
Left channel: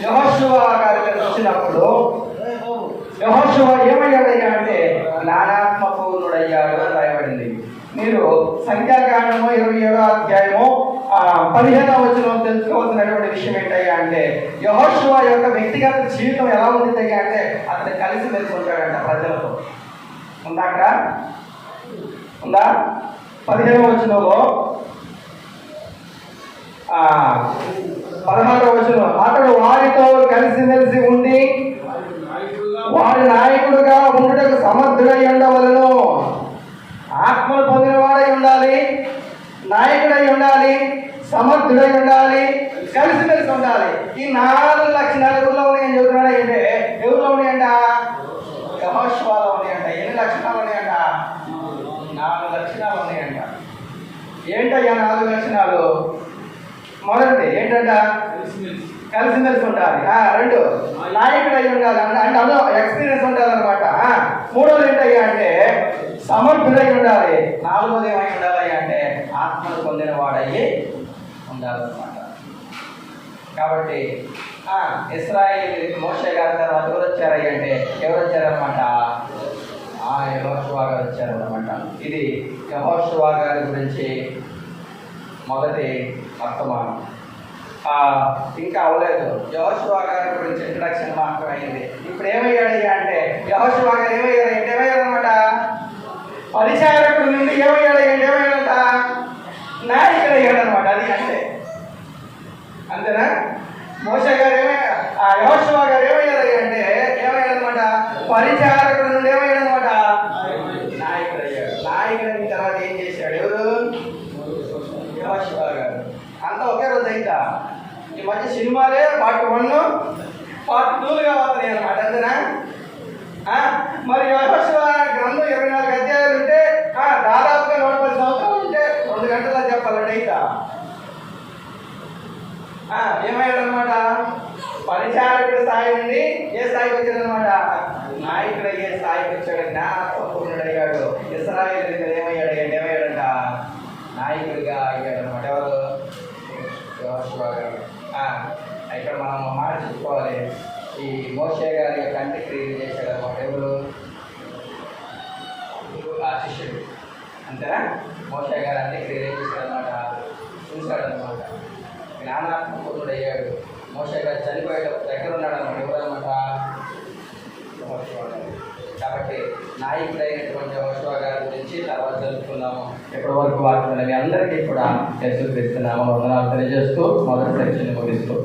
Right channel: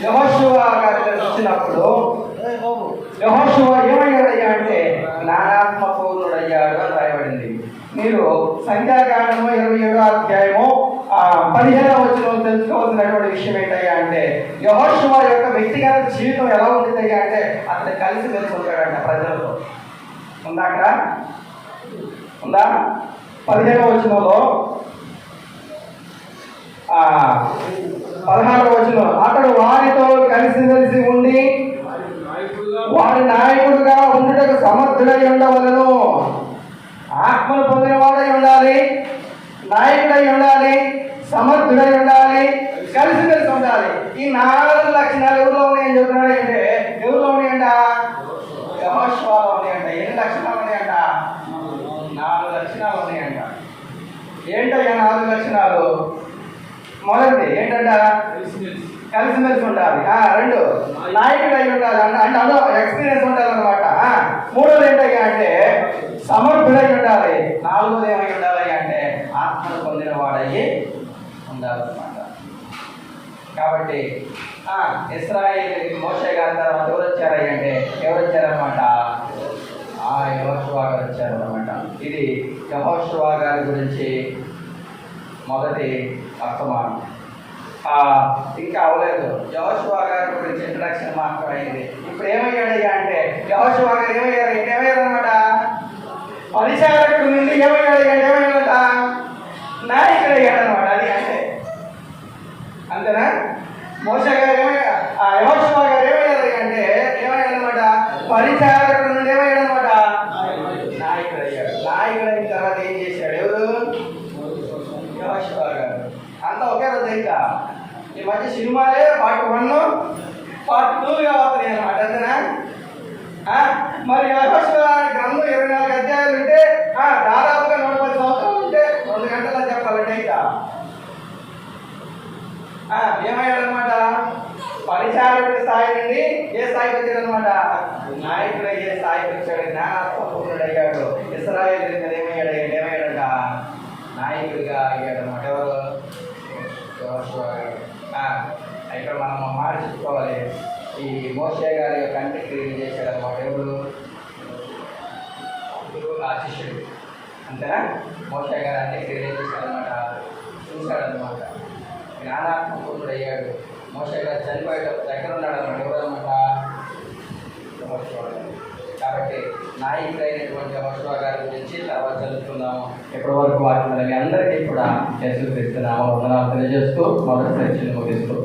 యెహోషువ గారి మీద వచ్చినప్పుడు యెహోషువ ఏమయ్యాడయ్యా అంటే జ్ఞానాత్మ పూర్ణుడయ్యాడు అని రాయబడింది. మీరు సంఖ్యాకాండము 27వ అధ్యాయము 15వ వచనం తెలుసుకోవాల్సినటువంటి విషయం ఏంటయ్యా అంటే, యెహోషువ యొక్క వ్యక్తిగత జీవితం ఎలా ఉంటుందయ్యా అంటే అతను కలిసి మెలిసి ఉంటాడంట ప్రజలతో. ఉందా అక్కడ? ఉందా? 15వ వచనంలో 16వ వచనం, అతడు వారితో కలిసిమెలిసి ఉండి వారి నాయకుడుగా ఉండుటకు సమర్థుడై ఉండవలను. ఆత్మను పొందిన వాడై ఉండాలి, నాయకుడై ఉండాలి, సమర్థుడై ఉండాలి, కలిసిమెలిసి ఉండాలి. ఈ 4 లక్షణాలు ఎవరిలో ఉన్నాయని చెబుతున్నాడు అంటే, ఎవరిలో ఉన్నాయంట? యెహోషువలో ఉన్నాయంట. ఎన్ని లక్షణాలు ఉన్నాయంట? 4 లక్షణాలు ఉన్నాయంట. ఏంటయ్యా 4 లక్షణాలు? మొదటిది ఏంటంట? కలిసిమెలిసి ఉండాలి. 2 నాయకుడు అయి ఉండాలి, అంటే అందులో ఎక్స్పీరియన్స్ ఉండాలన్నమాట. 3వది ఏంటయ్యా అంటే సమర్థుడై ఉండాలి. 4వది ఏమై ఉండాలి అంటే ఆత్మను పొందిన వాడయ్యి ఉండాలన్నమాట. కాబట్టి ఇశ్రాయేలు మోషే గారి తర్వాత ఎవరు వచ్చారయ్య అంటే ఎవరు వచ్చారనమాట? యెహోషువ గారు వచ్చారనమాట. ఇది యెహోషువ గారి గురించి మొదటి వర్తమానం. ఇంకా అవలేదు, యెహోషువ గారి గురించి ఇంట్రడక్షన్ మాత్రమే అయింది. ఇప్పుడు ఏమయ్యాడయ్యా అంటే యెహోషువ గారు ఏమయ్యారనమాట, పరిచారకుడు నుండి ఏమయ్యాడట, నాయకుడు అయ్యాడనమాట. అది అంటే అంతేనా? మోషే గారు యెహోషువ గారు ఏమయ్యారయ్యా అంటే ఏమయ్యాడనమాట, పరిచారకుడు నుండి ఏమయ్యాడనమాట, నాయకుడు అయ్యాడు. నాయకుడు అయిన తర్వాత ఏం చేశాడు? ఎవరు? యెహోషువ గారు. అంతా ఒకే రోజు అయితే ఈ మధ్య సినిమాలే పార్ట్ 1 పార్ట్ 2 అవుతున్నాయి అన్నమాట. అంతేనా? మరి యెహోషువ గ్రంథం 24 అధ్యాయాలు ఉంటే దాదాపుగా 110 సంవత్సరాలు ఉంటే 2 గంటల్లో చెప్పాలంటే అయితే ఏమయ్యాడనమాట, పరిచారకుడి స్థాయి నుండి ఏ స్థాయికి వచ్చాడనమాట, నాయకుడు అయ్యే స్థాయికి వచ్చాడు. జ్ఞానాత్మకుడు అయ్యాడు. ఇశ్రాయేలు ఏమయ్యాడంట, నాయకుడిగా అయ్యాడనమాట. ఎవరు? యెహోషువ గారు. ఇక్కడ మనం మాట చెప్పుకోవాలి, ఈ మోషే గారి యొక్క అంత్యక్రియలు చేశాడనమాట. ఎవరు? శిష్యుడు. అంతేనా? మోషే గారి అంత్యక్రియలు ఏం చేశాడనమాట, చూశాడనమాట. జ్ఞానాత్మకుడు అయ్యాడు. మోషే గారు చనిపోయేటప్పుడు దగ్గర ఉన్నాడనమాట. ఎవరనమాట? యెహోషువ గారు. కాబట్టి నాయకుడైనటువంటి యెహోషువ గారి గురించి తర్వాత తెలుసుకుందాము. ఇప్పటి వరకు వాటి మీ అందరికీ కూడా యేసుక్రీస్తు నామమున వందనాలు తెలియజేస్తూ మొదటి చర్చను ముగిస్తూ